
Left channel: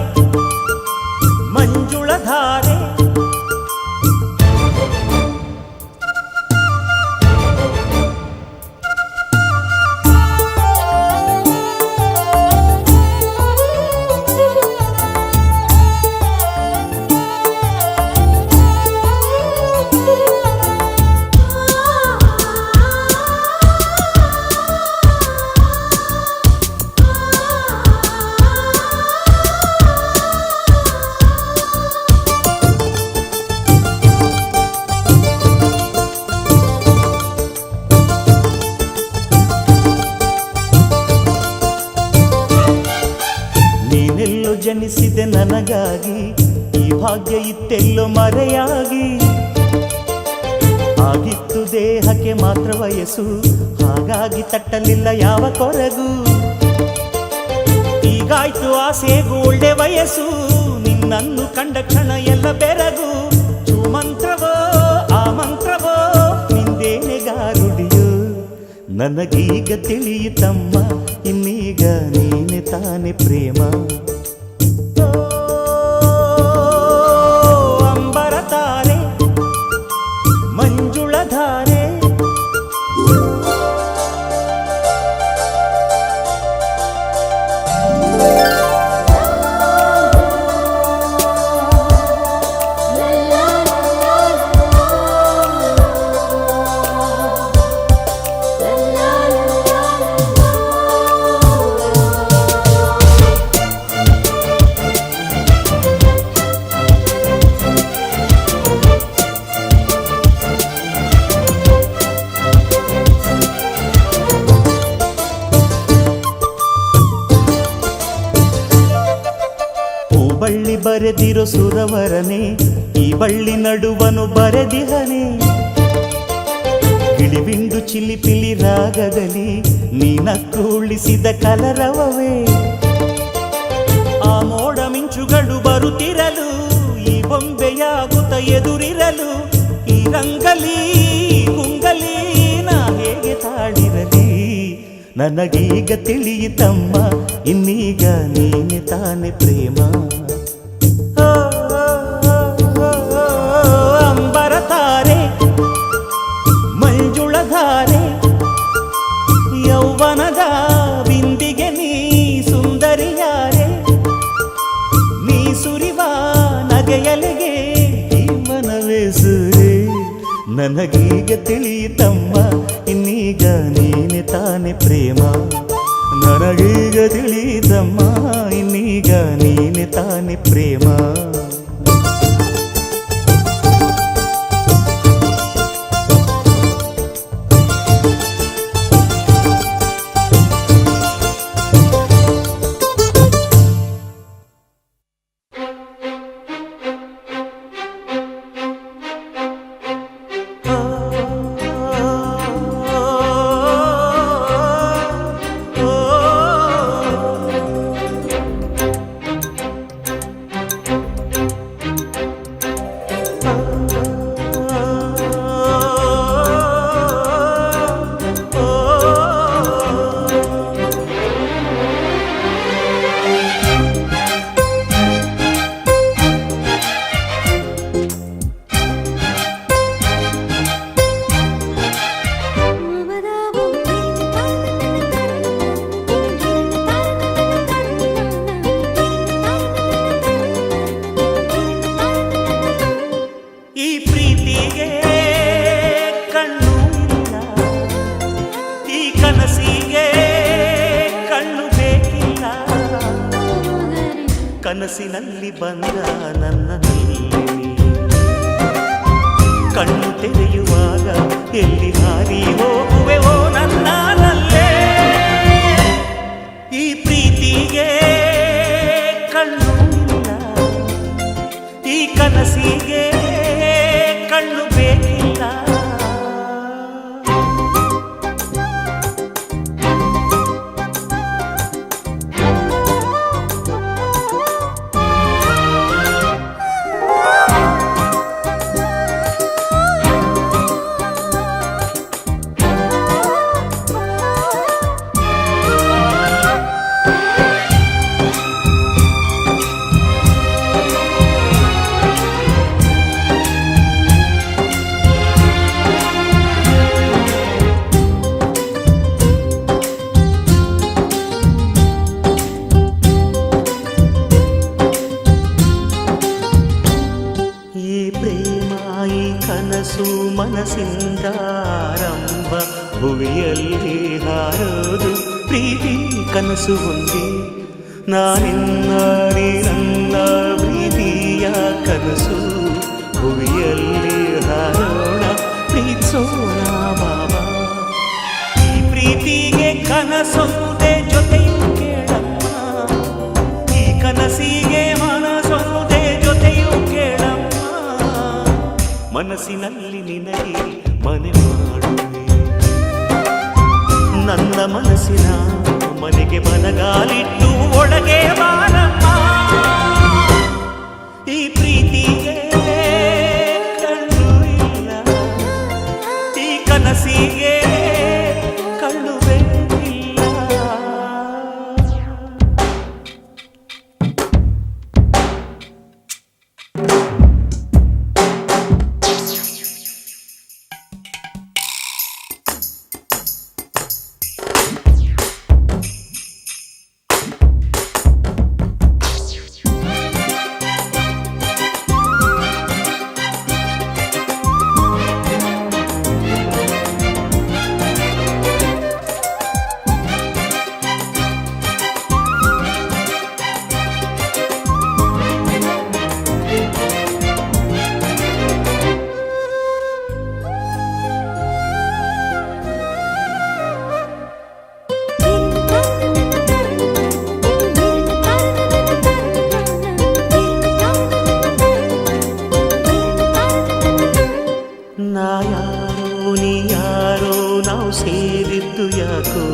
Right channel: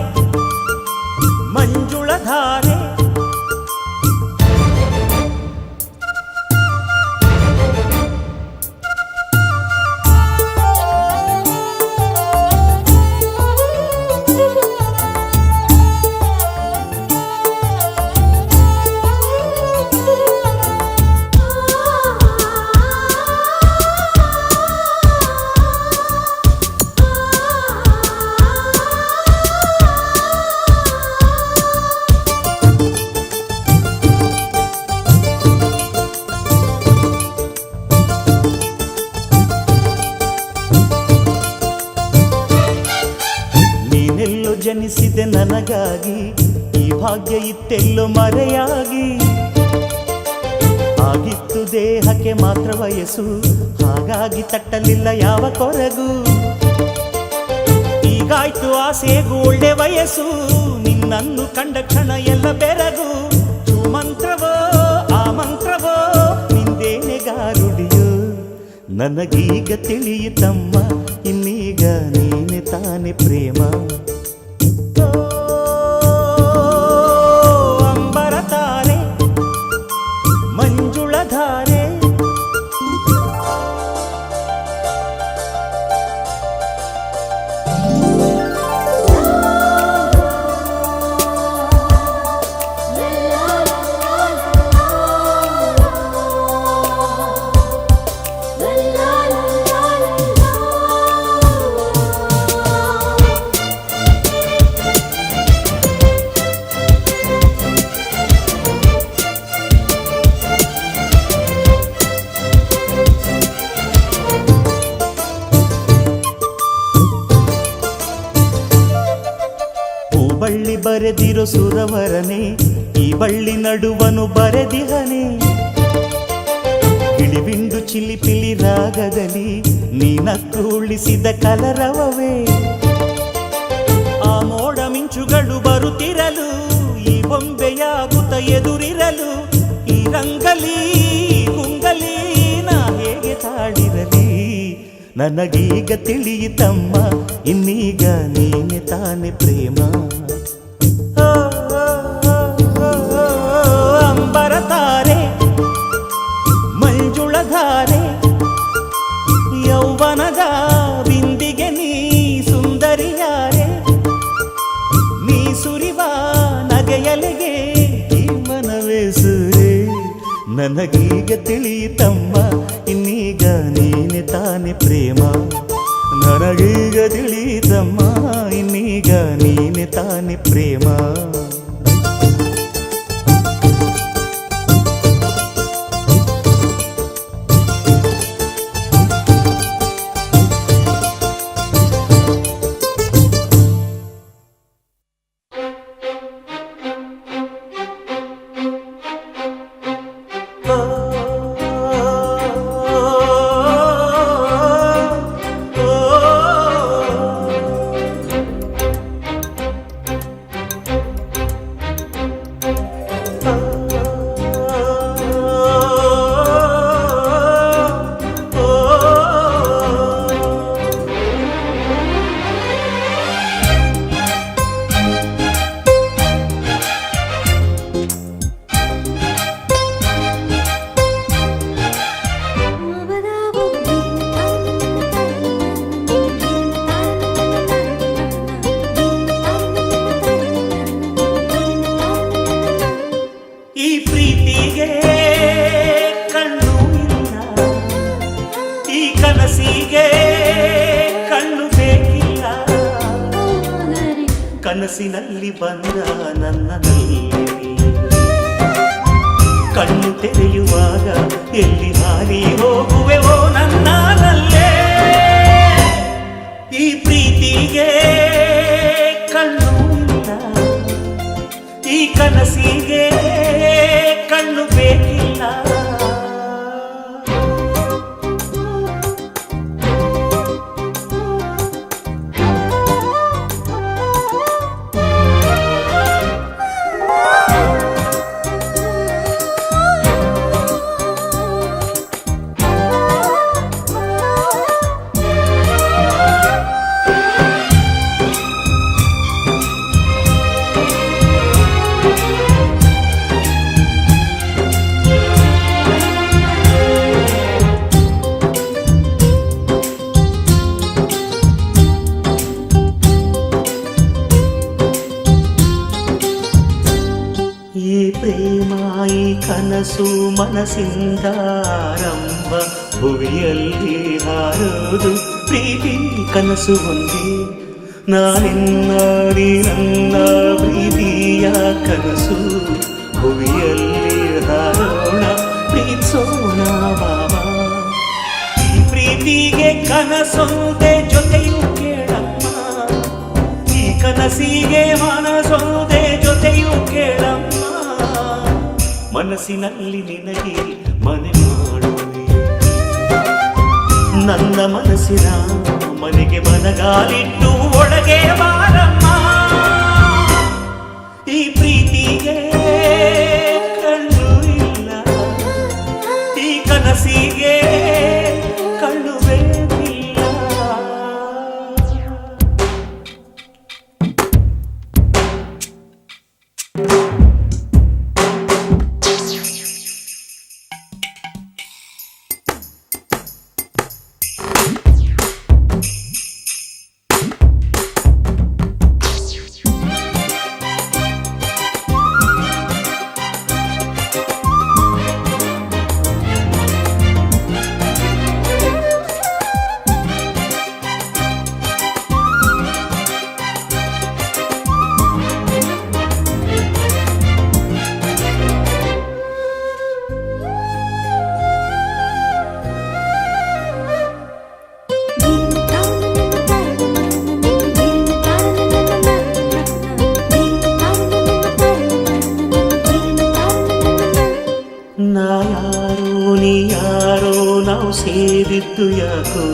ಮಂಜುಳಧಾರೆ ನೀನೆಲ್ಲೋ ಜನಿಸಿದೆ ನನಗಾಗಿ, ಈ ಭಾಗ್ಯ ಇತ್ತೆಲ್ಲೋ ಮರೆಯಾಗಿ. ಆಗಿತ್ತು ದೇಹಕ್ಕೆ ಮಾತ್ರ ವಯಸ್ಸು, ಹಾಗಾಗಿ ತಟ್ಟಲಿಲ್ಲ ಯಾವ ಕೊರಗು. ಈಗಾಯ್ತು ಆಸೆಗೂ ಒಳ್ಳೆ ವಯಸ್ಸು, ನಿನ್ನನ್ನು ಕಂಡ ಕ್ಷಣ ಎಲ್ಲ ಬೆರಗು. ಮಂತ್ರವೋ ಆ ಮಂತ್ರವೋ ನಿಂದೇನೆ ಗಾರುಡಿಯೋ. ನನಗೀಗ ತಿಳಿಯಿತಮ್ಮ ಇನ್ನೀಗ ನೀನೆ ತಾನೆ ಪ್ರೇಮ. ಓ ಅಂಬರತಾರೆ ಮಂಜುಳಧಾರೆ ಬಳ್ಳಿ ಬರೆದಿರೋ ಸುರವರನೆ, ಈ ಬಳ್ಳಿ ನಡುವನು ಬರೆದಿಹನೆ. ಗಿಳಿಬಿಂಡು ಚಿಲಿಪಿಲಿ ರಾಗದಲ್ಲಿ ನೀನಕ್ಕು ಉಳಿಸಿದ ಕಲರವವೇ. ಆ ಮೋಡ ಮಿಂಚುಗಳು ಬರುತ್ತಿರಲು, ಈ ಬೊಂಬೆಯಾಗುತ್ತ ಎದುರಿರಲು. ಈ ರಂಗಲಿ ಗುಂಗಲಿ ನಾ ಹೇಗೆ ತಾಳಿರಲಿ. ನನಗೀಗ ತಿಳಿಯಿತಮ್ಮ ಇನ್ನೀಗ ನೀನೆ ತಾನೆ ಪ್ರೇಮ. ಅಂಬರತಾರೆ ಮಂಜುಳಧಾರೆ ಯೌವನದ ಬಿಂದಿಗೆ ನೀ ಸುಂದರಿಯಾರೆ. ನೀ ಸುರಿವ ನಗೆಯಲೆಗೆ ಈ ಮನವೇ ಸೂರೆ. ನನಗೀಗ ತಿಳಿಯಿತಮ್ಮ ಇನ್ನೀಗ ನೀನೆ ತಾನೆ ಪ್ರೇಮ. ನನಗೀಗ ತಿಳಿಯಿತಮ್ಮ ಇನ್ನೀಗ ನೀನೆ ತಾನೆ ಪ್ರೇಮ. ಓ ಈ ಪ್ರೀತಿಗೆ ಕಣ್ಣು ಇಲ್ಲ, ಈ ಕನಸಿಗೆ ಕಣ್ಣು ಬೇಕಿಲ್ಲ. ಕನಸಿನಲ್ಲಿ ಬಂದ ನನ್ನಲ್ಲಿ ಕಣ್ಣು ತೆರೆಯುವಾಗ ಎಲ್ಲಿ ಹಾರಿ ಹೋಗುವೆವೋ ನನ್ನಲ್ಲೇ. ಈ ಪ್ರೀತಿಗೆ ಕಣ್ಣು ಇಲ್ಲ, ಈ ಕನಸಿಗೆ ಕಣ್ಣು ಬೇಕಿಲ್ಲ. ಈ ಪ್ರೇಮ ಈ ಕನಸು ಮನಸ್ಸಿಂದ ಆರಂಭ, ಭುವಿಯಲ್ಲಿ ಹಾರೋದು ಪ್ರೀತಿ ಕನಸು ಒಂದೇ. ನಾನಿನ್ನ ನೀ ನನ್ನ ಪ್ರೀತಿಯ ಕನಸು, ಭುವಿಯಲ್ಲಿ ಹಾರೋಣ ಪ್ರೀತಿಸೋಣ ಬಾಬಾ. ಈ ಪ್ರೀತಿಗೆ ಕನಸೊಂದೇ ಜೊತೆಯು ಕೇಳಮ್ಮ, ಈ ಕನಸಿಗೆ ಮನಸೊಂದೇ ಜೊತೆಯು ಕೇಳಮ್ಮ. ಮನಸ್ಸಿನಲ್ಲಿ ನಿನಗೆ ಮನೆ ಮಾಡುವೆ, ನನ್ನ ಮನಸ್ಸಿನ ಮನೆಗೆ ಬಲಗಾಲಿಟ್ಟು ಒಳಗೆ ಬಾರಮ್ಮ. ಈ ಪ್ರೀತಿಗೆ ಕಣ್ಣು ಇಲ್ಲ, ಈ ಕನಸಿಗೆ ಕಣ್ಣು ಬೇಕಿಲ್ಲ. ನಾ ಯಾರೋ ನೀ ಯಾರೋ ನಾವು ಸೇರಿದ್ದು ಯಾಕೋ,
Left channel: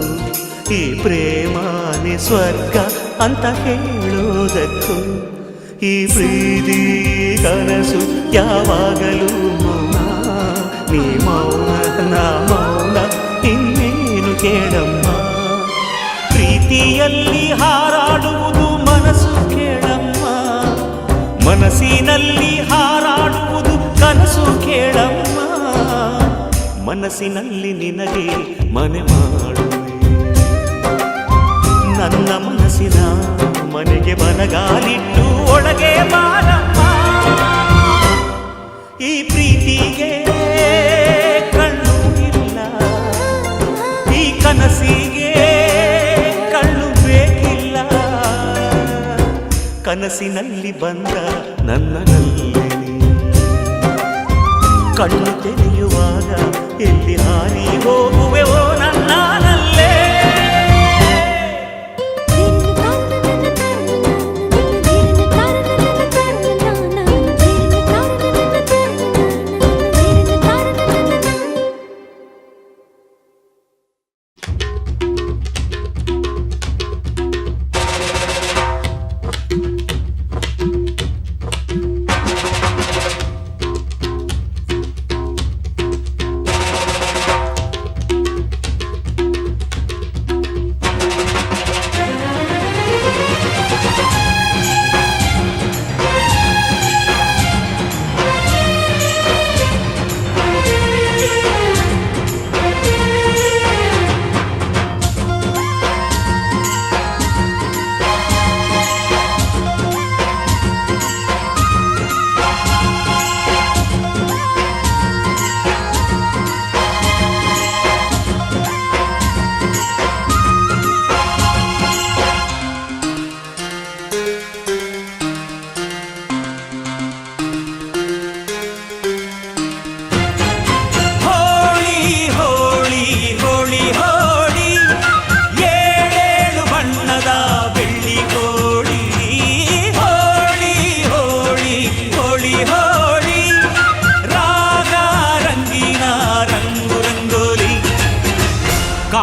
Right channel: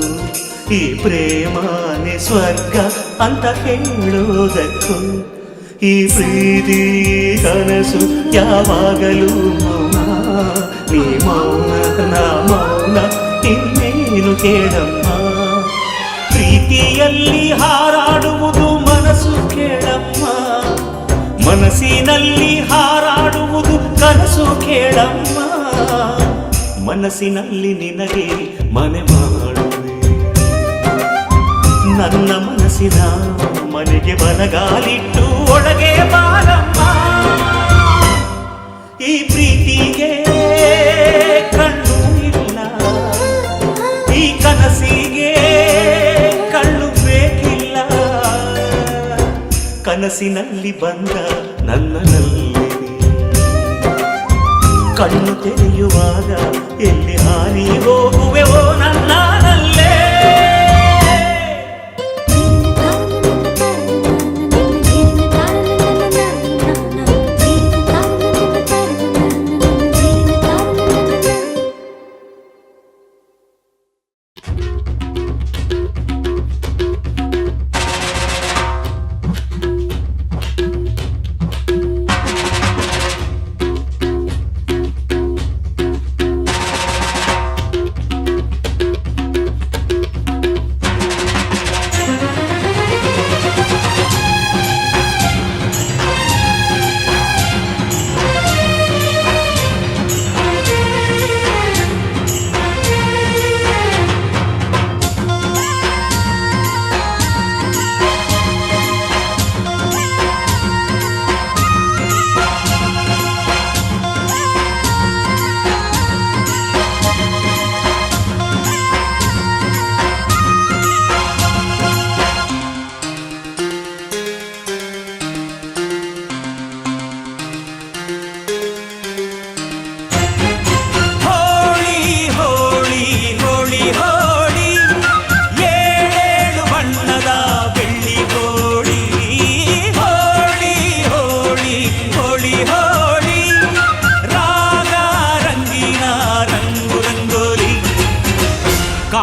ಈ ಪ್ರೇಮನೇ ಸ್ವರ್ಗ ಅಂತ ಹೇಳೋದಕ್ಕೂ. ಈ ಪ್ರೀತಿ ಕನಸು ಯಾವಾಗಲೂ ಮೌನ, ನೀ ಮೌನ ನಾ ಮೌನ, ಇನ್ನೇನು ಕೇಳಮ್ಮ. ಪ್ರೀತಿಯಲ್ಲಿ ಹಾರಾಡುವುದು ಮನಸ್ಸು ಕೇಳಮ್ಮ, ಮನಸ್ಸಿನಲ್ಲಿ ಹಾರಾಡುವುದು ಕನಸು ಕೇಳಮ್ಮ. ಮನಸ್ಸಿನಲ್ಲಿ ನಿನಗೆ ಮನೆ ಮಾಡುವೆ, ನನ್ನ ಮನಸ್ಸಿನ ಮನೆಗೆ ಬಲಗಾಲಿಟ್ಟು ಒಳಗೆ ಬಾರಮ್ಮ. ಈ ಪ್ರೀತಿಗೆ ಕಣ್ಣು ಇಲ್ಲ, ಈ ಕನಸಿಗೆ ಕಣ್ಣು ಬೇಕಿಲ್ಲ. ಕನಸಿನಲ್ಲಿ ಬಂದ ನನ್ನಲ್ಲಿ ಕಣ್ಣು ತೆರೆಯುವಾಗ ಎಲ್ಲಿ ಹಾರಿ ಹೋಗುವೆವೋ ನನ್ನಲ್ಲೇ.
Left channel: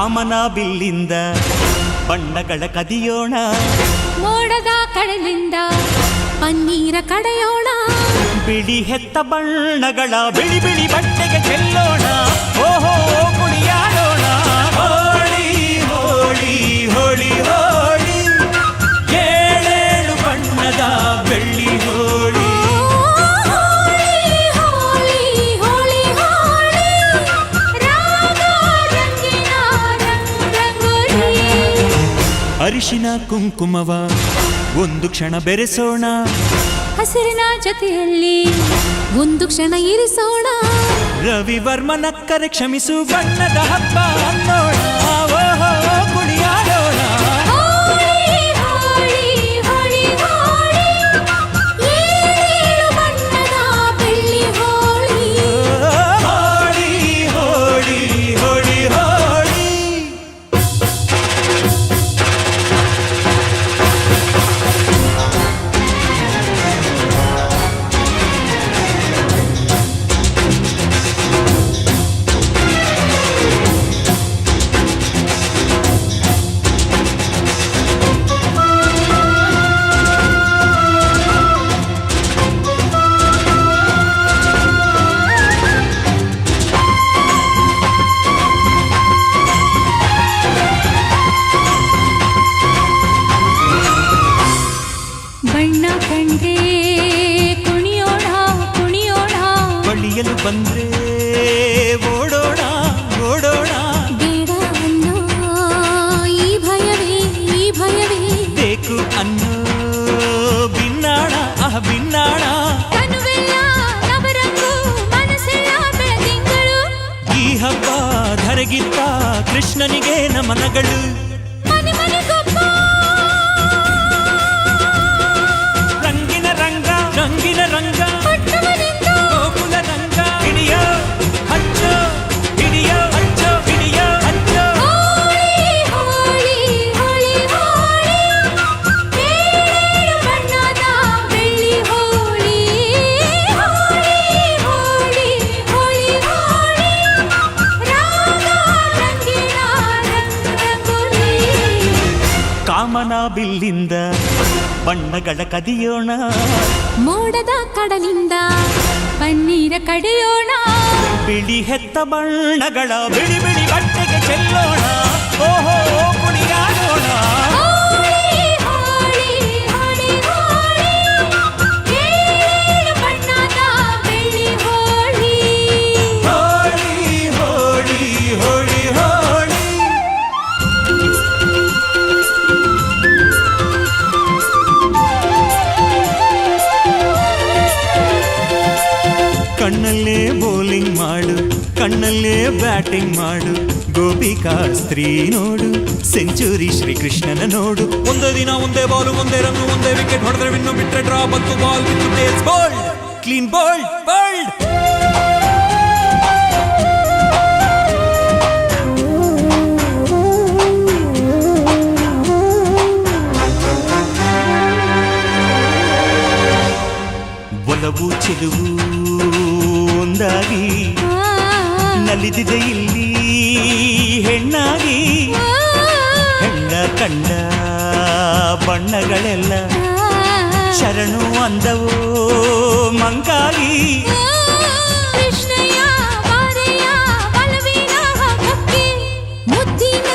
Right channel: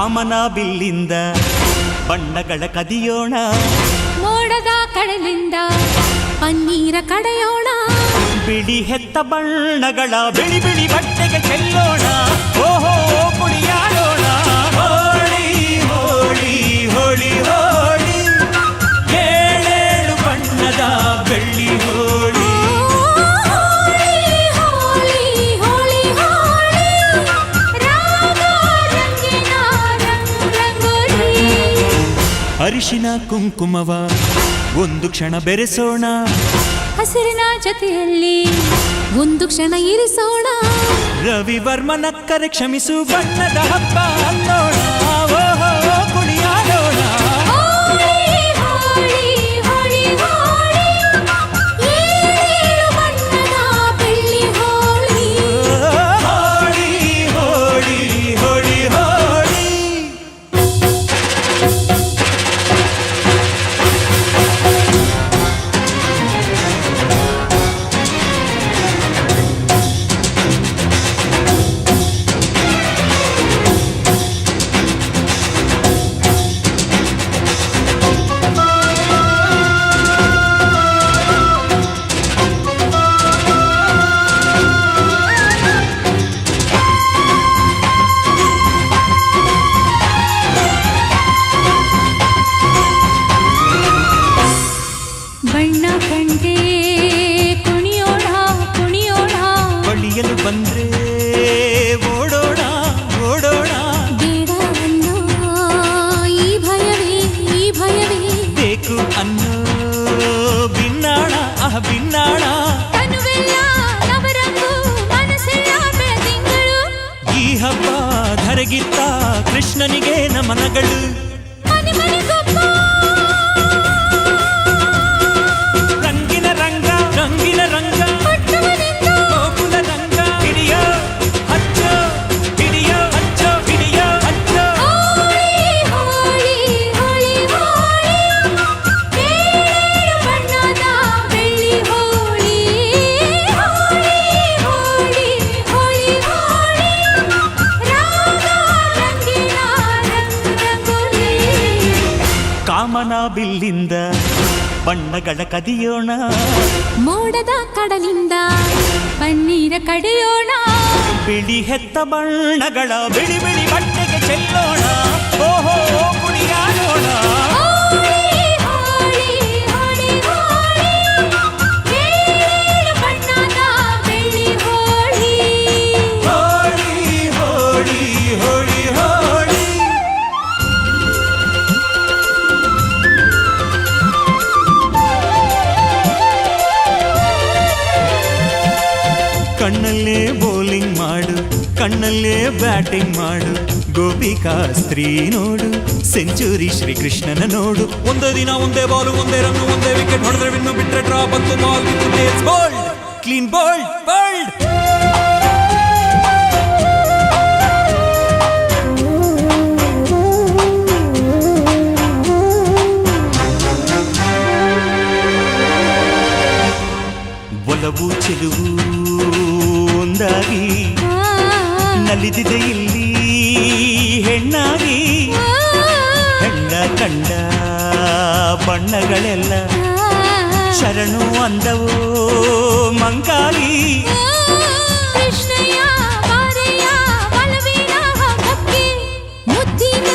ಕಾಮನ ಬಿಲ್ಲಿಂದ ಬಣ್ಣಗಳ ಕದಿಯೋಣ, ಮೋಡದ ಕಡಲಿಂದ ಪನ್ನೀರ ಕಡೆಯೋಣ, ಬಿಳಿ ಹೆತ್ತ ಬಣ್ಣಗಳ ಬಿಳಿ ಬಿಳಿ ಬಟ್ಟೆಗೆ ಚೆಲ್ಲೋಣ, ಓಹೋ ಕುಣಿಯಾಡೋಣ. ಹೋಳಿ ಹೋಳಿ ಹೋಳಿ ಹೋಳಿ, ಏಳೇಳು ಬಣ್ಣದ ಬೆಳ್ಳಿ ಹೋಳಿ. ಹೋಳಿ ಹೋಳಿ ಹೋಳಿ ಹೋಳಿ, ರಾಗ ರಂಗಿನ ರಂಗೋಲಿ. ಅರಿಶಿನ ಕುಂಕುಮವ ಒಂದು ಕ್ಷಣ ಬೆರೆಸೋಣ, ಹಸಿರಿನ ಜೊತೆಯಲ್ಲಿ ಒಂದು ಕ್ಷಣ ಇರಿಸೋಣ, ರವಿವರ್ಮನಕ್ಕರೆ ಕ್ಷಮಿಸು ಬಣ್ಣದ ಹಬ್ಬ ಅನ್ನೋಣ, ಓಹೋ ಕುಣಿಯಾಡೋಣ. ಹೋಳಿ ಹೋಳಿ ಹೋಳಿ ಹೋಳಿ, ಏಳೇಳು ಬಣ್ಣದ ಬೆಳ್ಳಿ ಹೋಳಿ. ಹೋಳಿ ಹೋಳಿ ಹೋಳಿ ಹೋಳಿ. ಬಣ್ಣ ಕಂಡ್ರೆ ಕುಣಿಯೋಣ ಕುಣಿಯೋಣ, ಬಳಿಯಲು ಬಂದ್ರೆ ಓಡೋಣ ಓಡೋಣ, ಬೇಡ ಅನ್ನೋ ಈ ಭಯವೇ ಈ ಭಯವೇ, ಬೇಕು ಅನ್ನೋ ಬಿನ್ನಾಣ ಬಿನ್ನಾಣ. ತನುವೆಲ್ಲ ನವರಂಗು ಮನಸ್ಸೆಲ್ಲ ಬೆಳದಿಂಗಳು, ಈ ಹಬ್ಬ ಧರೆಗಿತ್ತ ಕೃಷ್ಣನಿಗೆ ನಮನಗಳು, ಮನೆ ಮನೆಗೊಬ್ಬ ರಂಗಿನ ರಂಗ ರಂಗಿನ ರಂಗ, ಪಟ್ಟವನಿಂದ ಗೋಕುಲ ರಂಗ. ಹಿಡಿಯೋ ಹಚ್ಚೋ ಹಿಡಿಯೋ ಹಚ್ಚೋ ಹಿಡಿಯೋ ಹಚ್ಚೋ. ಹೋಳಿ ಹೋಳಿ ಹೋಳಿ ಹೋಳಿ, ಏಳೇಳು ಬಣ್ಣದ ಬೆಳ್ಳಿ ಹೋಳಿ. ಹೋಳಿ ಹೋಳಿ ಹೋಳಿ ಹೋಳಿ, ರಾಗ ರಂಗಿನ ರಂಗೋಲಿ. ಕಾಮನ ಬಿಲ್ಲಿಂದ ಬಣ್ಣಗಳ ಕದಿಯೋಣ, ಮೋಡದ ಕಡಲಿಂದ ಪನ್ನೀರ ಕಡೆಯೋಣ, ಬಿಳಿ ಹೆತ್ತ ಬಣ್ಣಗಳ ಬಿಳಿ ಬಿಳಿ ಬಟ್ಟೆಗೆ ಚೆಲ್ಲೋಣ, ಓಹೋ ಕುಣಿಯಾಡೋಣ. ಹೋಳಿ ಹೋಳಿ ಹೋಳಿ ಹೋಳಿ, ಏಳೇಳು ಬಣ್ಣದ ಬೆಳ್ಳಿ ಹೋಳಿ. ಹೋಳಿ ಹೋಳಿ ಹೋಳಿ ಹೋಳಿ. ಕಣ್ಣಲ್ಲೇ ಬೌಲಿಂಗ್ ಮಾಡು, ಕಣ್ಣಲ್ಲೇ ಬ್ಯಾಟಿಂಗ್ ಮಾಡು, ಗೋಪಿಕಾ ಸ್ತ್ರೀ ನೋಡು, ಸೆಂಚುರಿ ಶ್ರೀಕೃಷ್ಣನ ನೋಡು. ಒಂದೇ ದಿನ ಒಂದೇ ಬಾಲು ಒಂದೇ ರನ್ನು ಒಂದೇ ವಿಕೆಟ್ ಹೊಡೆದ್ರೆ ವಿನ್ನು, ಬಿಟ್ರೆ ಡ್ರಾ ಬಂತು ಬಾಲ್ ಬಿತ್ತು tails bold clean bold bold. ಒಲವು ಚೆಲುವು ಒಂದಾಗಿ ನಲಿದಿದೆ ಇಲ್ಲಿ ಹೆಣ್ಣಾಗಿ, ಹೆಣ್ಣ ಕಂಡ ಬಣ್ಣಗಳೆಲ್ಲ ಶರಣು ಅಂದವೋ ಮಂಕಾಗಿ. ಕೃಷ್ಣಯ್ಯ ಬಾರಯ್ಯ ಬಲವಿನ ಹಬ್ಬಕ್ಕೆ, ಮುದ್ದಿನ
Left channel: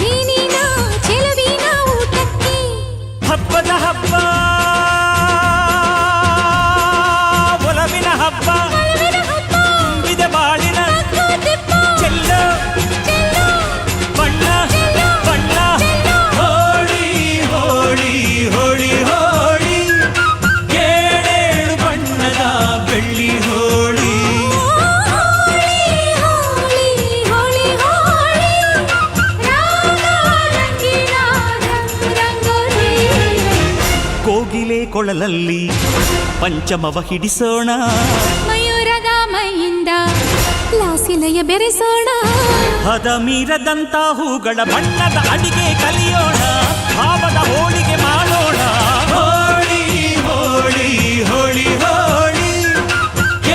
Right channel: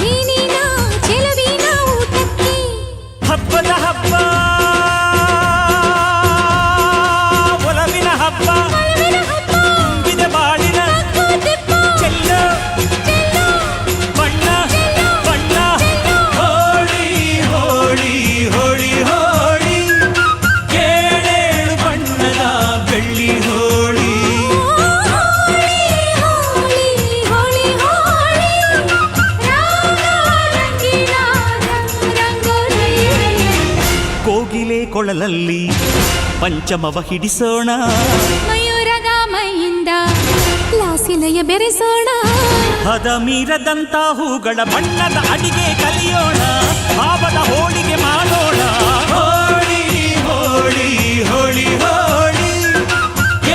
ಜೀನಿನ ಚೆಲುವಿನ ಊಟಕ್ಕೆ, ಹಬ್ಬದ ಹಬ್ಬ ಒಲವಿನ ಹಬ್ಬ, ಬಲವಿನ ಹಬ್ಬ ತುಂಬಿದ ಬಾಳಿನ ಹಗ್ಗ ತಿಪ್ಪ, ಚೆಲ್ಲೋ ಚೆಲ್ಲೋ ಬಣ್ಣ ಚೆಲ್ಲೋ ಬಣ್ಣ. ಚೆಲ್ಲೋ. ಹೋಳಿ ಹೋಳಿ ಹೋಳಿ ಹೋಳಿ, ಏಳೇಳು ಬಣ್ಣದ ಬೆಳ್ಳಿ ಹೋಳಿ. ಹೋಳಿ ಹೋಳಿ ಹೋಳಿ ಹೋಳಿ, ರಾಗ ರಂಗಿನ ರಂಗೋಲಿ. ಕೋಗಿಲೆ ಕೊಳಲಲ್ಲಿ ಪಂಚಮವ ಹಿಡಿಸೋಣ, ಮಯೂರದ ಮೈಯಿಂದ ಲಾಸಿಲಯ ಬೆರೆಸೋಣ, ಹದ ಮೀರದಂತ ಹೂಗಳ ಬಣ್ಣದ ಅಡಿಗೆ ಕಲಿಯೋಣ, ಭಾವದ ಹೋಳಿಗೆ ಮಾಡೋಣ. ಹೋಳಿ ಹೋಳಿ ಹೋಳಿ ಹೋಳಿ,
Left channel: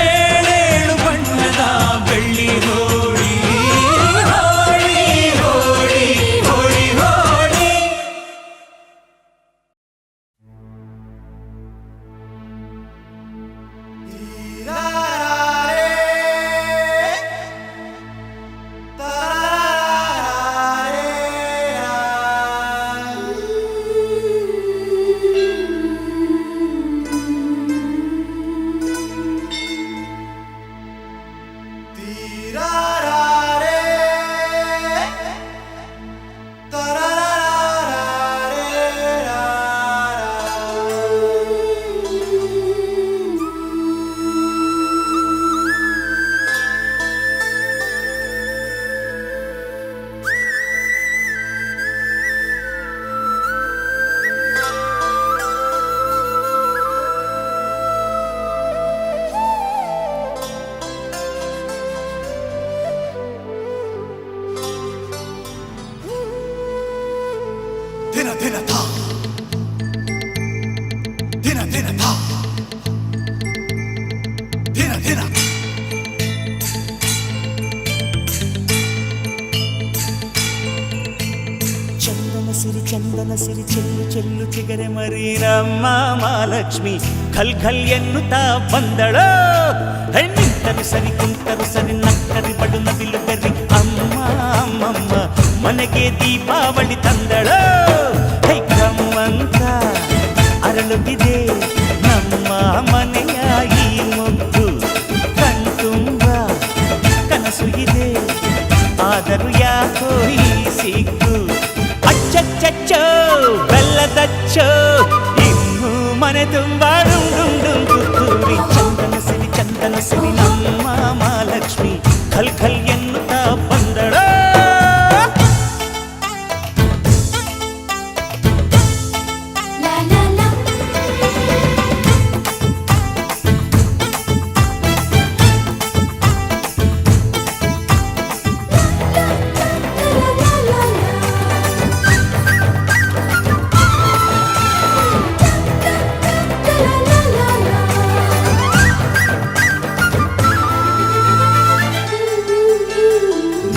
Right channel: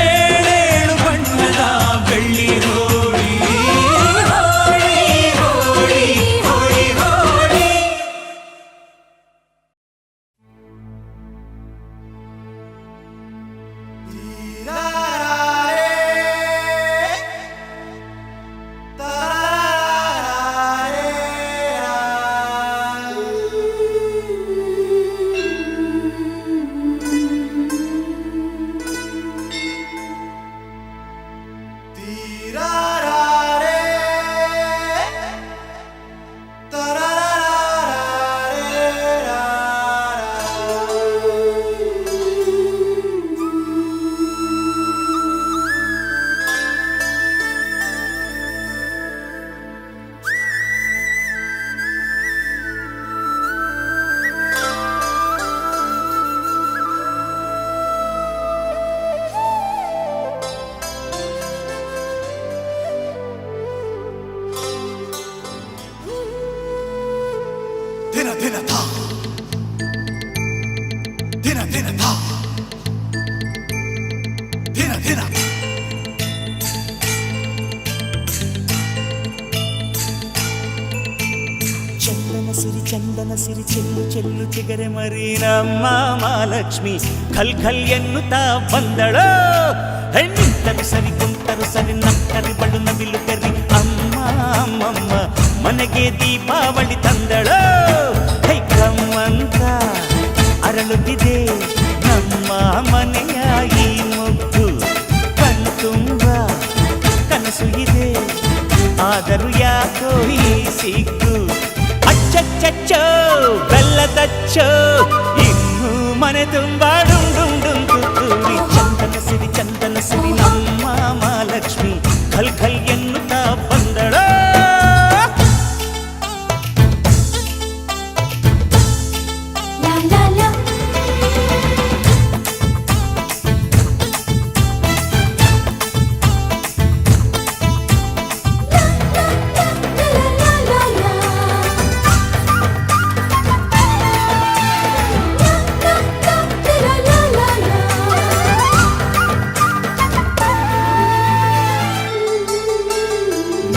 ಏಳೇಳು ಬಣ್ಣದ ಬೆಳ್ಳಿ ಹೋಳಿ. ಹೋಳಿ ಹೋಳಿ ದಿನ ದಿನ ಧಾ ದಿನ ದಿನ ಧಾ ದಿನ ದಿನ ಚಂದನ ಸಿರಿ ಚೆಲ್ಲು ಚೆಲ್ಲು ಚಿಗರೆ ಮರಿ ನಮ್ಮ ಮಹಾಲಕ್ಷ್ಮಿ ಖಲ್ ಖಲ್ ಎನ್ನುತ್ತಾ ಬಂದಳೋ. ನಿಂತರು ಸರಿ ಕುಂತರು ಸರಿ ನಕ್ಕರಿ ಬಡು ನವಿಲು ಗರಿ ಅಮ್ಮ ಅಮ್ಮಮ್ಮ ಮನೆಗೆ ದೀಪಾವಳಿ ತಂದಳೋ. ಹೈ ಕಮ್ಮಂತ ಅರಳುತ್ತಿದೆ ನಮ್ಮ ಮನೆಯ ಈ ಮುಗ್ಗು, ಕಣ್ತುಂಬ ಕನಸು ಇದೆ ಆದರೂ ಯಾಕೋ ಈ ಸಿಗ್ಗು. ಅಚ್ಚಚ್ಚಚ್ಚೋ ಬೆಲ್ಲದಚ್ಚೋ ಇನ್ನು ಮನೆ ತುಂಬ ಡುಂ ಡುಂ ಡುಂ ತುತ್ತೂರಿ. ಚಂದನ ಸಿರಿ ನಮ್ಮ ಮಹಾಲಕ್ಷ್ಮಿ ಖಲ್ ಖಲ್ ಎನ್ನುತ್ತಾ ಬಂದಳೋ. ಲಾ ಲಾ ಲಾ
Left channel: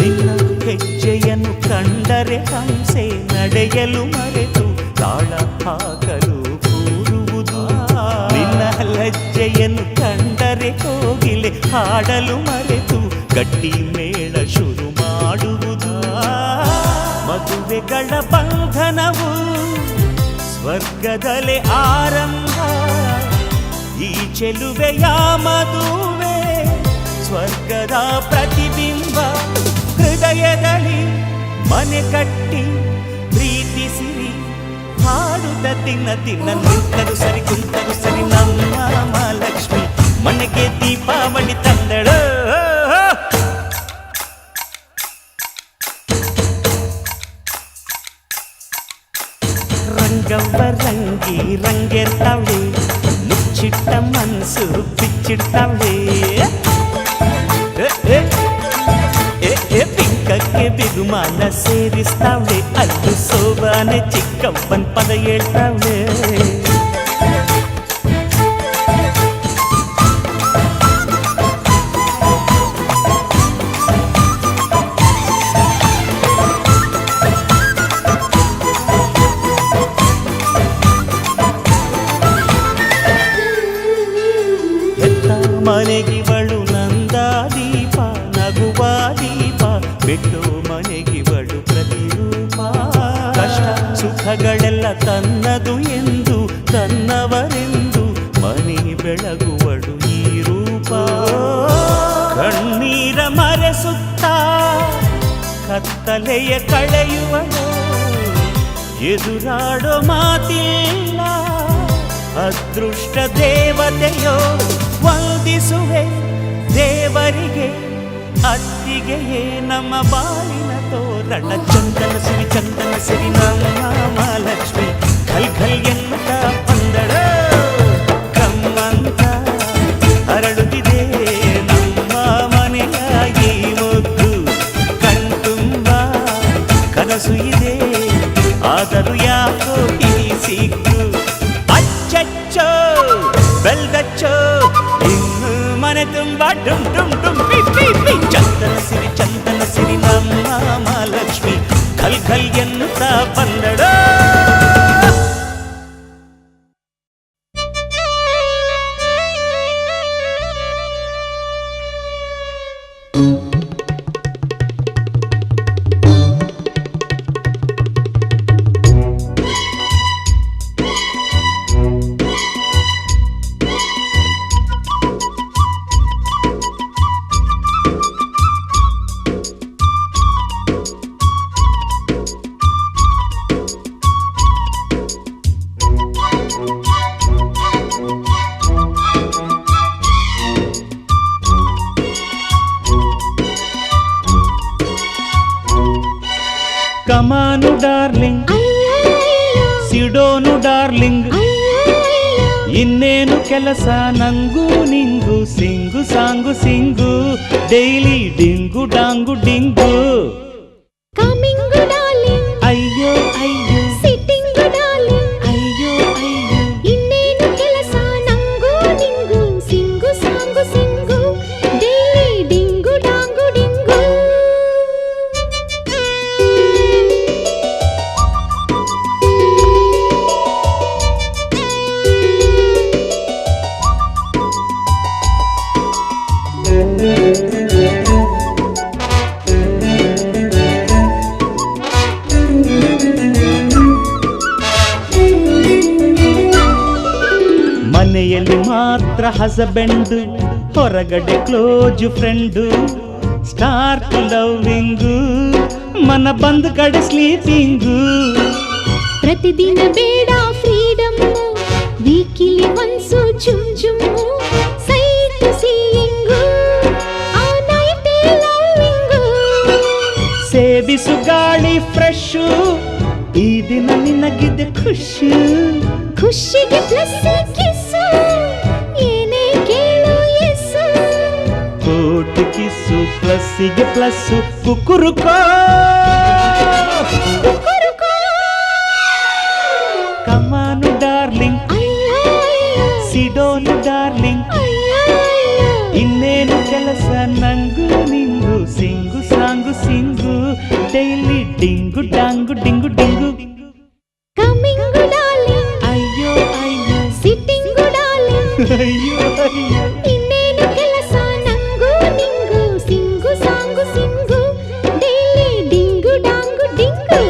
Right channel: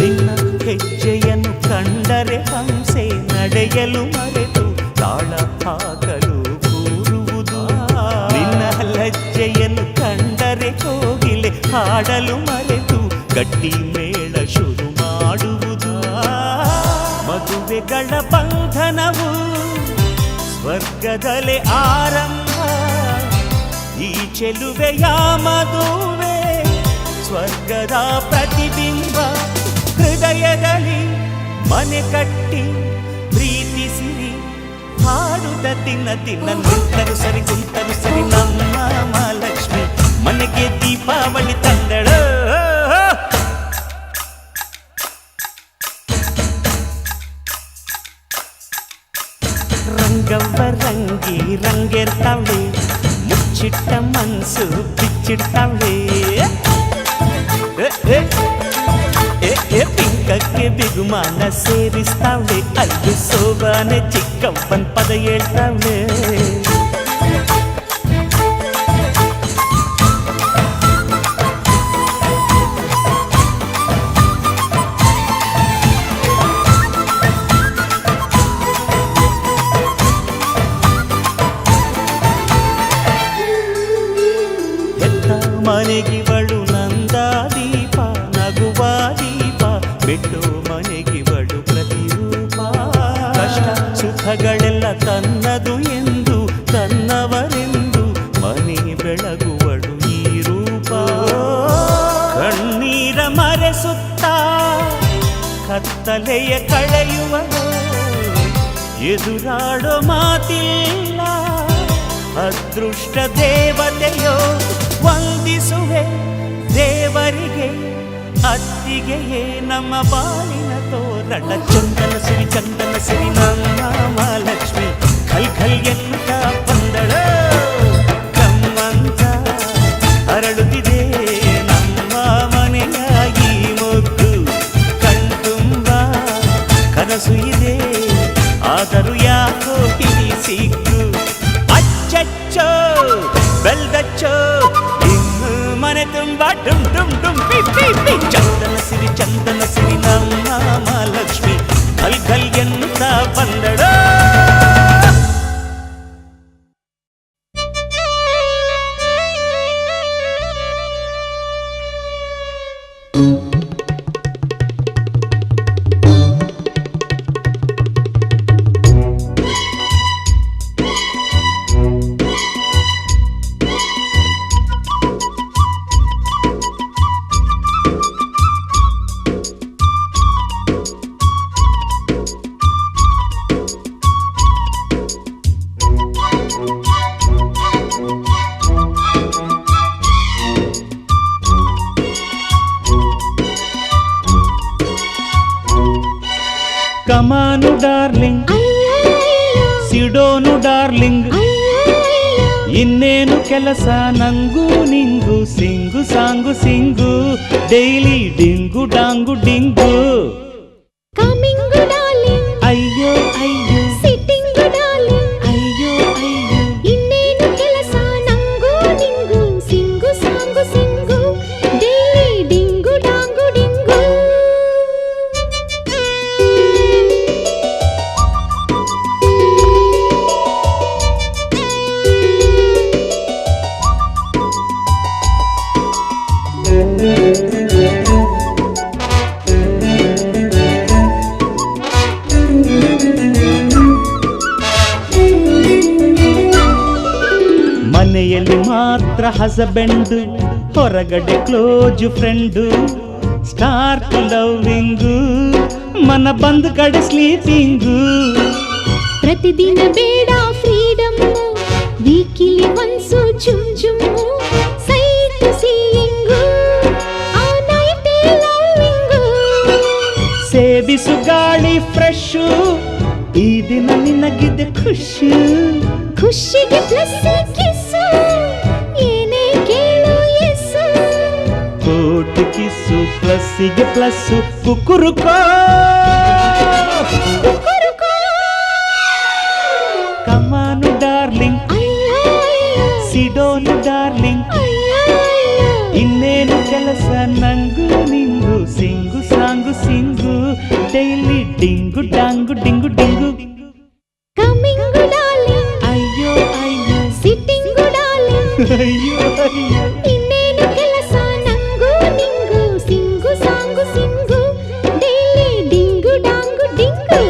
ನಿನ್ನ ಹೆಜ್ಜೆಯನ್ನು ಕಂಡರೆ ಹಂಸೆ ನಡೆಯಲು ಮರೆತು ತಾಳ ಹಾಕಲು ಕೂರುವುದು. ನಿನ್ನ ಲಜ್ಜೆಯನ್ನು ಕಂಡರೆ ಕೋಗಿಲೆ ಹಾಡಲು ಮರೆತು ಗಟ್ಟಿ ಮೇಳ ಶುರು ಮಾಡುವುದು. ಮದುವೆಗಳ ಬಂಧನವು ಸ್ವರ್ಗದಲ್ಲೇ ಆರಂಭ, ಈ ಚೆಲುವೆಯ ಮದುವೆ ಸ್ವರ್ಗದ ಪ್ರತಿಬಿಂಬ. ಹೃದಯದಲ್ಲಿ ಮನೆ ಕಟ್ಟಿ ಪ್ರೀತಿಸಿರಿ ಹಾಡುತ್ತ ತಿನ್ನ ತಿನ್ನ. ನಿಂತರು ಸರಿ ಕುಂತರು ಸರಿ ನಮ್ಮ ಮಹಾಲಕ್ಷ್ಮಿ ಮನೆಗೆ ದೀಪಾವಳಿ ತಂದಳು. ರಂಗವ್ವ ರಂಗಿ ರಂಗೇರ್ತಾವಳೆ, ಮುಚ್ಚಿಟ್ಟ ಮನ್ಸು ಬಿಚ್ಚಿಡ್ತಾವಳೆ. ಪಿಂಕಕ್ಕೆ ಬಿಗುಮಾನ ಸೇರಿಸ್ತಾವಳೆ, ಅಲ್ಲು ಸೋಬಾನೆ ಚಿಕ್ಕವ್ವನ್ ಪದ ಹೇಳ್ತಾವಳೆ. ಮನೆಗಿವಳು ನಂದ ದೀಪ ನಗುವ ದೀಪ, ಬಿಟ್ಟು ಮನೆಗಿವಳು ಪ್ರತಿರೂಪ. ಕಷ್ಟ ಸುಖಗಳೆಲ್ಲ ತನ್ನದು ಎಂದು ತನ್ನವರೆಂದು ಮನೆ ಬೆಳಗುವಳು ಈ ರೂಪ. ಕಣ್ಣೀರ ಮರೆಸುತ್ತ ಕತ್ತಲೆಯ ಕಳೆಯುವಳು, ಎದುರಾಡೋ ಮಾತಿಲ್ಲ ಅದೃಷ್ಟ ದೇವತೆಯೋ. ವಂದಿಸುವೆ ದೇವರಿಗೆ ಅತ್ತಿಗೆಯೇ ನಮ್ಮ ಬಾಳಿನ ತೋರಣ. ಚಂದನ ಸಿರಿ ನಮ್ಮ ಮಹಾಲಕ್ಷ್ಮಿ ಖಲ್ ಖಲ್ ಎನ್ನುತ್ತಾ ಬಂದಳ. ಕಮ್ಮಂತ ಅರಳುತ್ತಿದೆ ನಮ್ಮ ಮನೆಯ ಈ ಮೊಗ್ಗು, ಕಣ್ತುಂಬ ಕನಸು ಇದೆ ಆದರೂ ಯಾಕೋ ಈ ಸಿಗ್ಗು. ಅಚ್ಚಚ್ಚೋ ಬೆಲ್ದಚ್ಚೋ ಇನ್ನು ಮನೆ ತುಂಬ ಡುಂ ಡುಂ ಡುಂ ಪಿ ಪಿ ಪಿ. ಚಂದನ ಸಿರಿ ನಮ್ಮ ಮಹಾಲಕ್ಷ್ಮಿ ಖಲ್ ಖಲ್ ಎನ್ನುತ್ತಾ ಬಂದಳೋ. ಕಮಾನು ಡಾರ್ಲಿಂಗ್, ಸಿಡೋನು ಡಾರ್ಲಿಂಗ್, ಇನ್ನೇನು ಕೆಲಸ ನಂಗೂ ನಿಂಗು, sing song sing, daily ding dong ding. Coming darling, ಅಯ್ಯೋ ಅಯ್ಯೋ, ಸಿಟ್ಟಿಂಗು ಡಾರ್ಲಿಂಗ್, ಅಯ್ಯೋ ಅಯ್ಯೋ, ಇನ್ನೇನು ಕೆಲಸ ನಂಗೂ ನಿಂಗು, sing song sing, daily ding dong ding. ಮನೆಯಲ್ಲಿ ಮಾತ್ರ ಹಸಬೆಂಡು, ಹೊರಗಡೆ ಕ್ಲೋಜ್ ಫ್ರೆಂಡು, ಸ್ಟಾರ್ಟ್ ಲವ್ವಿಂಗು, ಮನ ಬಂದ ಕಡೆ ಸ್ಲೀಪಿಂಗು. ಪ್ರತಿದಿನ ಬೇಡ ಫ್ರೀಡಮ್, ವೀಕಿಲಿ ಒನ್ಸು ಚುಮ್ ಚುಮ್ಮು, ಸೈಟ್ ಸೀಯಿಂಗು, ಆ ನೈಟ್ ಲವ್ವಿಂಗು. ಸೇವಿಸು ಗಾಳಿ ಫ್ರೆಶು, ಈ ದಿನ ನಿನಗಿದೆ ಖುಷಿ, ಖುಷಿಗೆ ಪ್ಲಸ್ ಕಿಸ್ಸು, ಏನೇ ಕೇಳು ಎಸ್ಸು. ಕೋಟು ಕಿಸ್ಸು ಪ್ಲಸ್ಸಿಗೆ ಪ್ಲಸ್ಸು, ಕುಕ್ಕುರುಕೋ ಕುಕ್ಕುರುಕೋ. ಕಮಾನು ಡಾರ್ಲಿಂಗ್, ಅಯ್ಯೋ ಅಯ್ಯೋ, ಸಿಡೋನು ಡಾರ್ಲಿಂಗ್, ಅಯ್ಯೋ ಅಯ್ಯೋ, ಇನ್ನೇನು ಕೆಲಸ ನಂಗೂ ನಿಂಗು, sing song sing, daily ding dong ding ding. Coming darling, ಅಯ್ಯೋ ಅಯ್ಯೋ, ಸಿಟ್ಟಿಂಗು ಡಾರ್ಲಿಂಗ್, ಅಯ್ಯೋ ಅಯ್ಯೋ, ಇನ್ನೇನು ಕೆಲಸ ನಂಗೂ ನಿಂಗು, sing song sing, daily ding dong ding.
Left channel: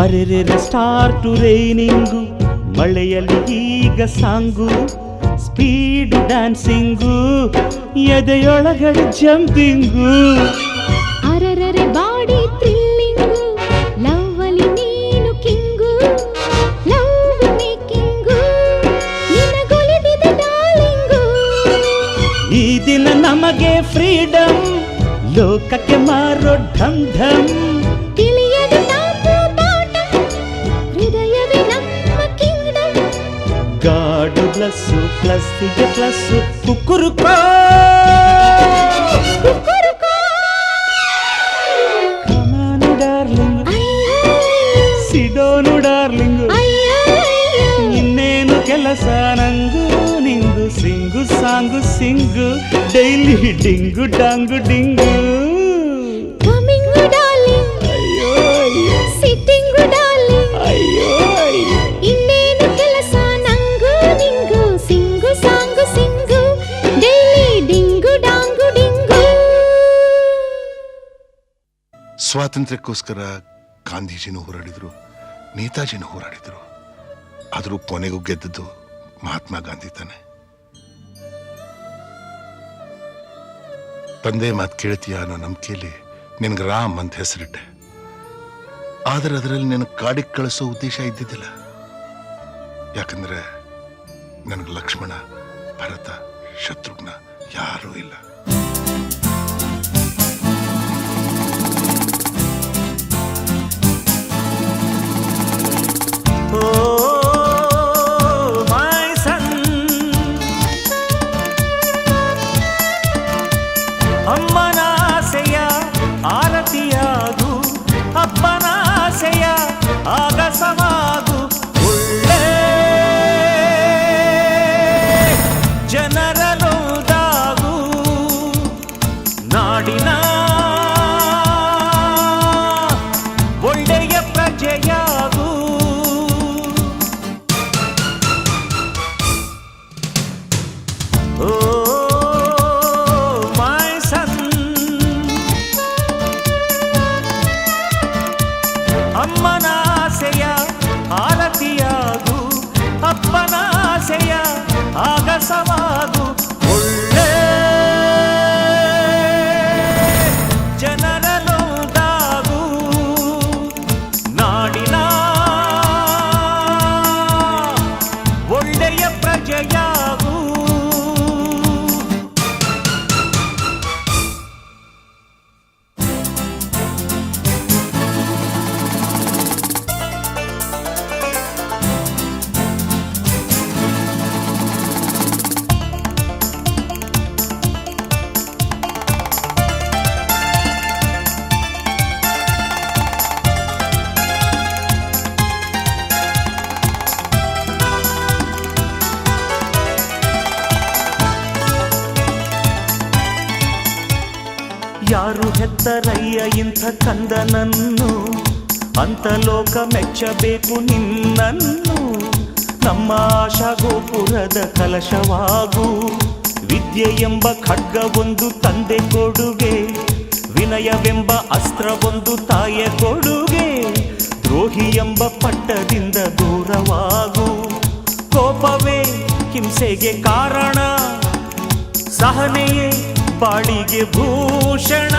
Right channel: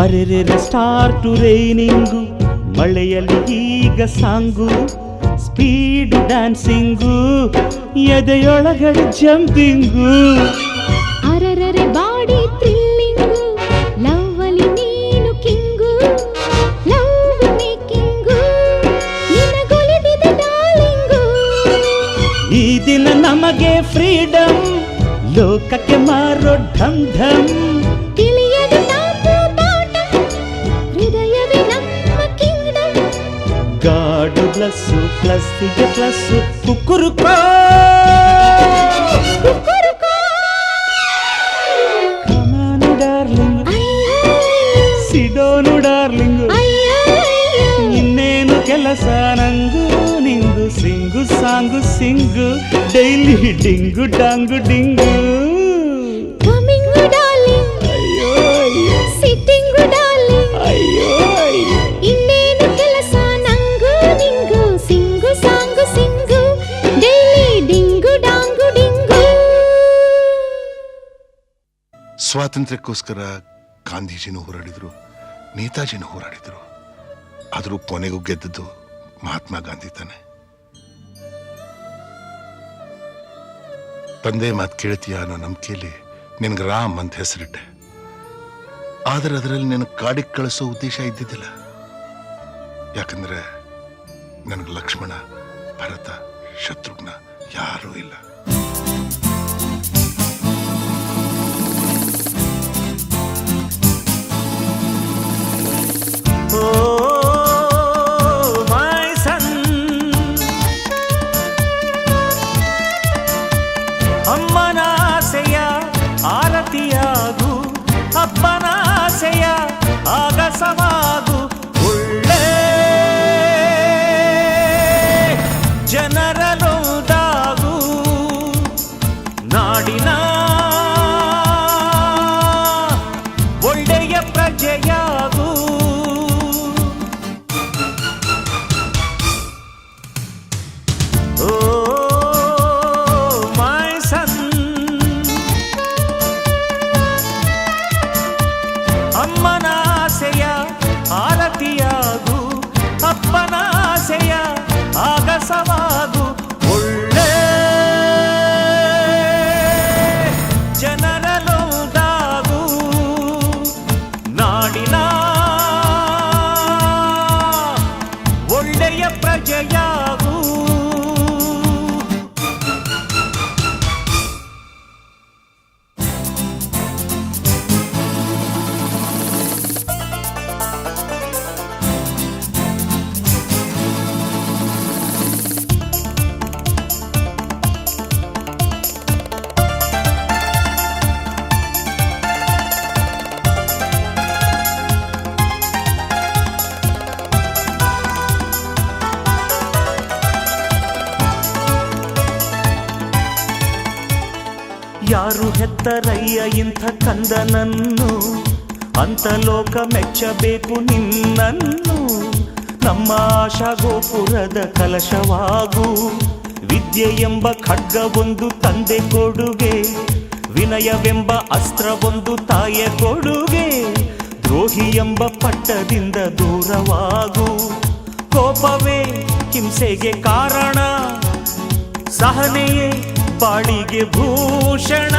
ಅರೆರೆ ಸ್ಟಾರ್ಟು ರೈನಿಂಗು, ಮಳೆಯಲ್ಲಿ ಈಗ ಸಾಂಗು, ಸ್ಪೀಡು ಡ್ಯಾನ್ಸಿಂಗು, ಎದೆಯೊಳಗಡೆ ಜಂಪಿಂಗು. ಅರರರೆ ಬಾಡಿ ಥ್ರಿಲ್ಲಿಂಗು, ಲವ್ವಲಿ ನೀನು ಕಿಂಗು, ಲವ್ ಮೇಕಿಂಗು, ನಿನಗೊಲಿದಿದೆ ಡಾರ್ಲಿಂಗು. ಈ ದಿನ ನಮಗೆ ಫ್ರೀಡಮ್, ಲೋಕಕ್ಕೆ ಮಾರೋ ಢಮ್ ಢಮ್. ತಿಳಿಯದು ಟಾಪು ಬಾಟಮ್, ಹೃದಯವೇ ನಮ್ಮ ಕಿಂಗ್ಡಮ್. ಗಾಡು ಪ್ಲಸ್ಸು ಪ್ಲಸ್ಸಿಗೆ ಪ್ಲಸ್ಸು, ಕುಕ್ಕುರುಕೋ ಕುಕ್ಕುರುಕೋ. ಕಮಾನು ಡಾರ್ಲಿಂಗ್, ಅಯ್ಯೋ ಸಿಡೋನು ಡಾರ್ಲಿಂಗ್, ಅಯ್ಯೋ ಅಯ್ಯೋ, ಇನ್ನೇನು ಕೆಲಸ ನಂಗೂ ನಿಂಗು, sing song sing, daily ding dong ding. Coming darling, ಅಯ್ಯೋ ಅಯ್ಯೋ, ಸಿಟ್ಟಿಂಗು ಡಾರ್ಲಿಂಗ್, ಅಯ್ಯೋ ಅಯ್ಯೋ, ಇನ್ನೇನು ಕೆಲಸ ನಂಗೂ ನಿಂಗು, sing song sing, daily ding dong ding. ಸ್ವಾತಂತ್ರ್ಯಕ್ಕೋಸ್ಕರ ಗಾಂಧೀಜಿನೂ ಹೋರಾಡಿದ್ರು, ನೇತಾಜಿನೂ ಹೋರಾಡಿದ್ರು. ಆದರೂ ಕೊನೆಗೂ ಗೆದ್ದದ್ದು ಮಹಾತ್ಮ ಗಾಂಧಿ ತಾನೆ. ತಂದೆ ಮಾತು ಕೇಳ್ತೀಯ ಅನ್ನೋ ನಂಬಿಕೆಯಲ್ಲಿ ನಿನಗೆ ರಾಮ್ ಅಂತ ಹೆಸರಿಟ್ಟೆ. ಆದರೆ ಅದರಲ್ಲಿ ನಿನಗೆ ಕಾಡಿಗೆ ಕಳಿಸೋ ಉದ್ದೇಶ ಇದ್ದಿದ್ದಿಲ್ಲ. ಯಾಕಂದ್ರೆ ನನಗೆ ಲಕ್ಷ್ಮಣ, ಭರತ, ಶತ್ರುಘ್ನ ಯಾರೂ ಇಲ್ಲ. ಮೈ ಸನ್, ಅಮ್ಮನಾಸೆಯ ಆರತಿಯಾಗು, ಅಪ್ಪನಾಸೆಯ ಆಗಸವಾಗು, ಒಳ್ಳೆ ಜನರಲೊಂದಾಗು, ನಾಡಿನ ಒಳ್ಳೆಯ ಪ್ರಜೆಯಾಗು. ಅಮ್ಮನಾಸೆಯ ಆರತಿಯಾಗು, ಅಪ್ಪನಾಸೆಯ ಆಗಸವಾಗು. ಒಳ್ಳೆ ಜನರಲೊಂದಾಗು, ನಾಡಿನ ಒಳ್ಳೆಯ ಪ್ರಜೆಯಾಗು. ಯಾರು ಹೆತ್ತರಯ್ಯ ಇಂಥ ಕಂದನನ್ನು, ಅಂತ ಲೋಕ ಮೆಚ್ಚಬೇಕು ನಿನ್ನನ್ನು. ನಮ್ಮ ಆಶಾ ಗೋಪುರದ ಕಲಶವಾಗು, ವಿದ್ಯೆ ಎಂಬ ಖಡ್ಗವೊಂದು ತಂದೆ ಕೊಡುಗೆ, ವಿನಯವೆಂಬ ಅಸ್ತ್ರವೊಂದು ತಾಯ ಕೊಡುಗೆ. ದ್ರೋಹಿ ಎಂಬ ಪಟ್ಟದಿಂದ ದೂರವಾಗು, ಕೋಪವೇ ಹಿಂಸೆಗೆ ಕಾರಣ, ಸಹನೆಯೇ ಬಾಳಿಗೆ ಭೂಷಣ.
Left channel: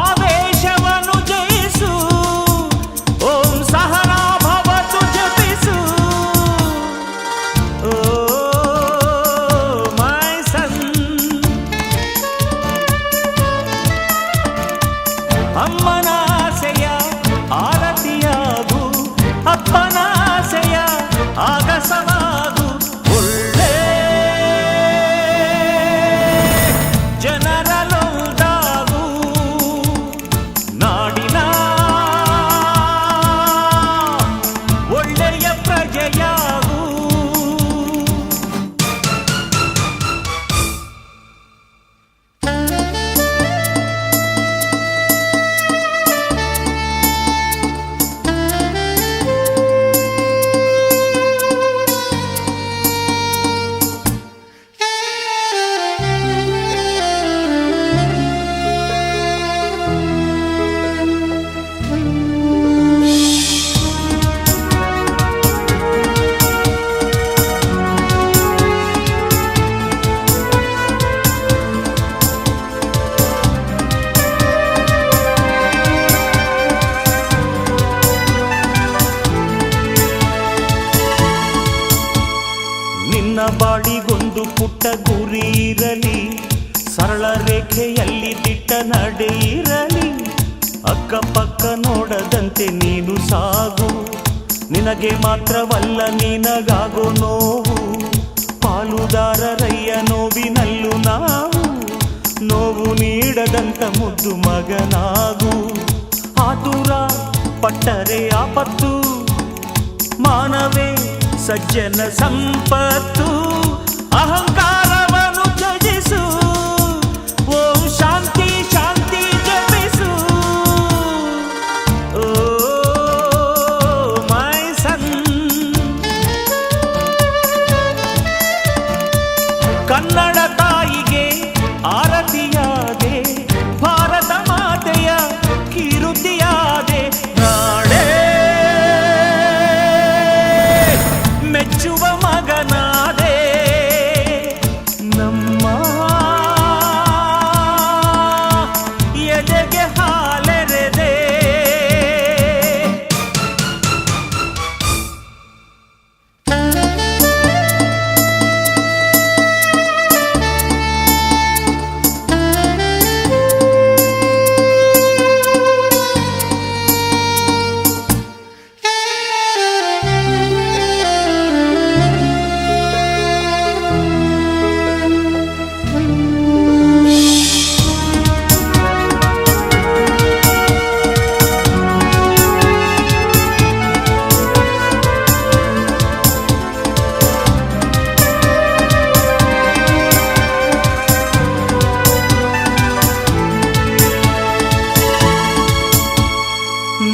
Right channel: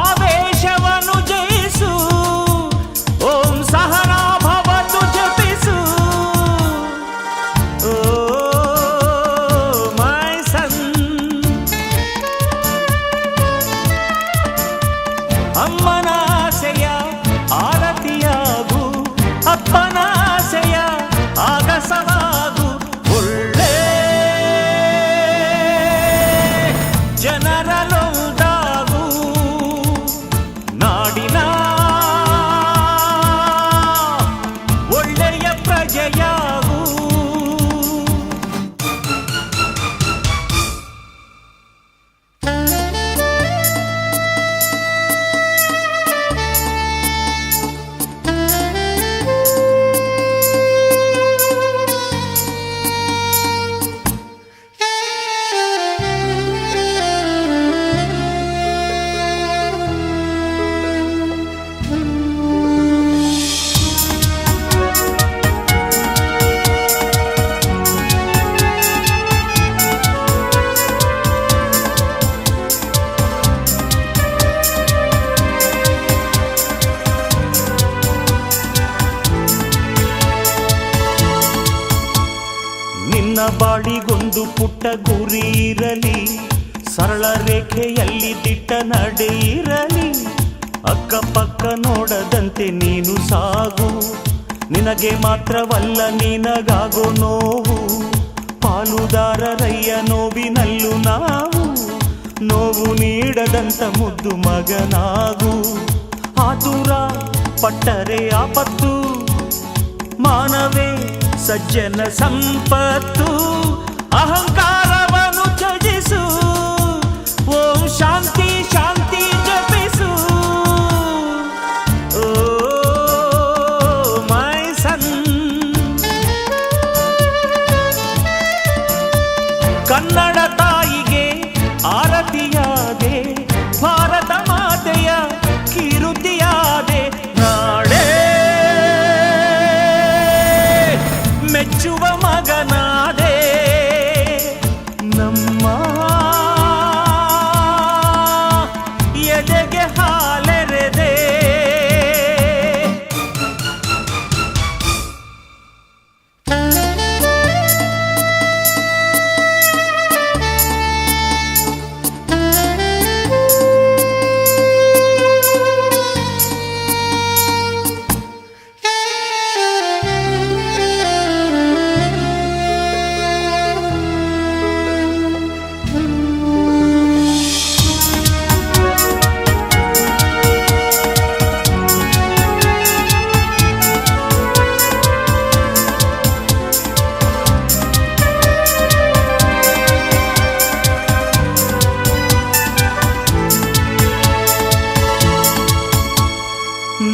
ಆವೇಶವನ್ನು ಜಯಿಸು, ಓಂ ಸಹನಾ ಭವತು ಜಪಿಸು. ಓ ಮೈ ಸನ್, ಅಮ್ಮನಾಸೆಯ ಆರತಿಯಾಗು, ಅಪ್ಪನಾಸೆಯ ಆಗಸವಾಗು. ಒಳ್ಳೆ ಜನರಲೊಂದಾಗು, ನಾಡಿನ ಒಳ್ಳೆಯ ಪ್ರಜೆಯಾಗು. ನಿನ್ನ ಬಾಳಿಗೊಂದು ಪುಟ್ಟ ಗುರಿ ಇರಲಿ, ಸರಳ ರೇಖೆಯಲ್ಲಿ ದಿಟ್ಟ ನಡೆ ಇರಲಿ. ಅಕ್ಕಪಕ್ಕ ನೋಡದಂತೆ ನೀನು ಸಾಗು, ನಿನಗೆ ಮಾತ್ರವಲ್ಲ ನಿನಗಾಗೋ ನೋವು. ಪಾಲುದಾರರಯ್ಯ ನೋವಿನಲ್ಲೂ ನಾವು, ನೋವು ನೀಡದಂತ ಮುದ್ದು ಮಗನಾಗು. ಆತುರ ಪಟ್ಟರೆ ಆಪತ್ತು, ಮಾನವೇ ಸಜ್ಜನ ಸಂಪತ್ತು. ಅಹಂಕಾರವನ್ನು ತ್ಯಜಿಸು, ಓಂ ಶಾಂತಿ ಶಾಂತಿ ಜಪಿಸು. ಓ ಮೈ ಸನ್, ಕನ್ನಡ ತಾಯಿಗೆ ಆರತಿಯಾದೆ, ಭಾರತ ಮಾತೆಯ ಕೀರುತಿಯಾದೆ. ನಾಡೇ ಮೆಚ್ಚುವ ಮಗನಾದೆ, ನಮ್ಮ ಎದೆಗೆ ಹಾಲೆರೆದೆ.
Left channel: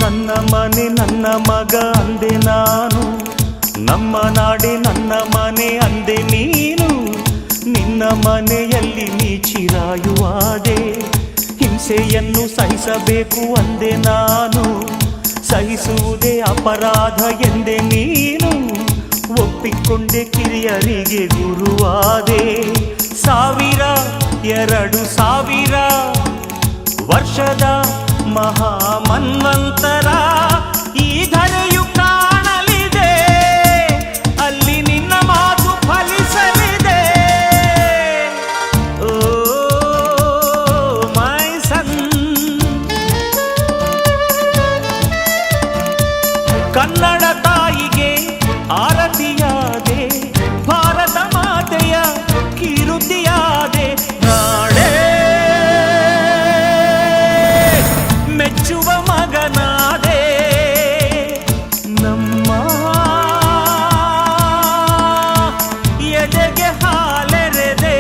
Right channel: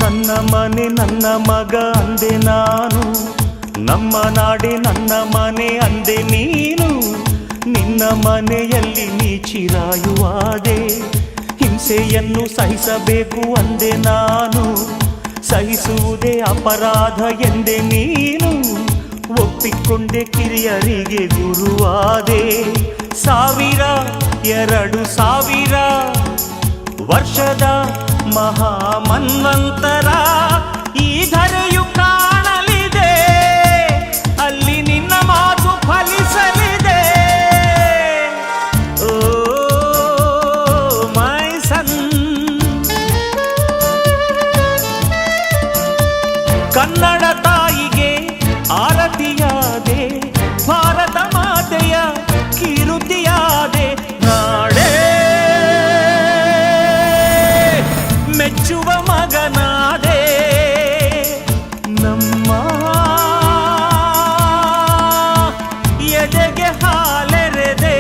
ನನ್ನ ಮನೆ ನನ್ನ ಮಗ ಅಂದೆ ನಾನು, ನಮ್ಮ ನಾಡೆ ನನ್ನ ಮನೆ ಅಂದೆ ನೀನು. ನಿನ್ನ ಮನೆಯಲ್ಲಿ ನೀ ಚಿರಾಯುವಾದೆ, ಹಿಂಸೆಯನ್ನು ಸಹಿಸಬೇಕು ಅಂದೆ ನಾನು. ಸಹಿಸುವುದೇ ಅಪರಾಧ ಎಂದೆ ನೀನು ಒಪ್ಪಿಕೊಂಡೆ ಕಿರಿಯರಿಗೆ ಗುರುವಾದೆ 1000-2000 ವರ್ಷದ ಮಹಾಮನ್ವಂತರ ಈ ಧರೆಯು ಕಾಣಲಿದೆ ಅಲ್ಲಿ ನಿನ್ನ ಮಾತು ಫಲಿಸಲಿದೆ ಓ ಮೈ ಸನ್ ಕನ್ನಡ ತಾಯಿಗೆ ಆರತಿಯಾದೆ ಭಾರತ ಮಾತೆಯ ಕೀರುತಿಯಾದೆ ನಾಡೇ ಮೆಚ್ಚುವ ಮಗನಾದೆ ನಮ್ಮ ಎದೆಗೆ ಹಾಲೆರೆದೆ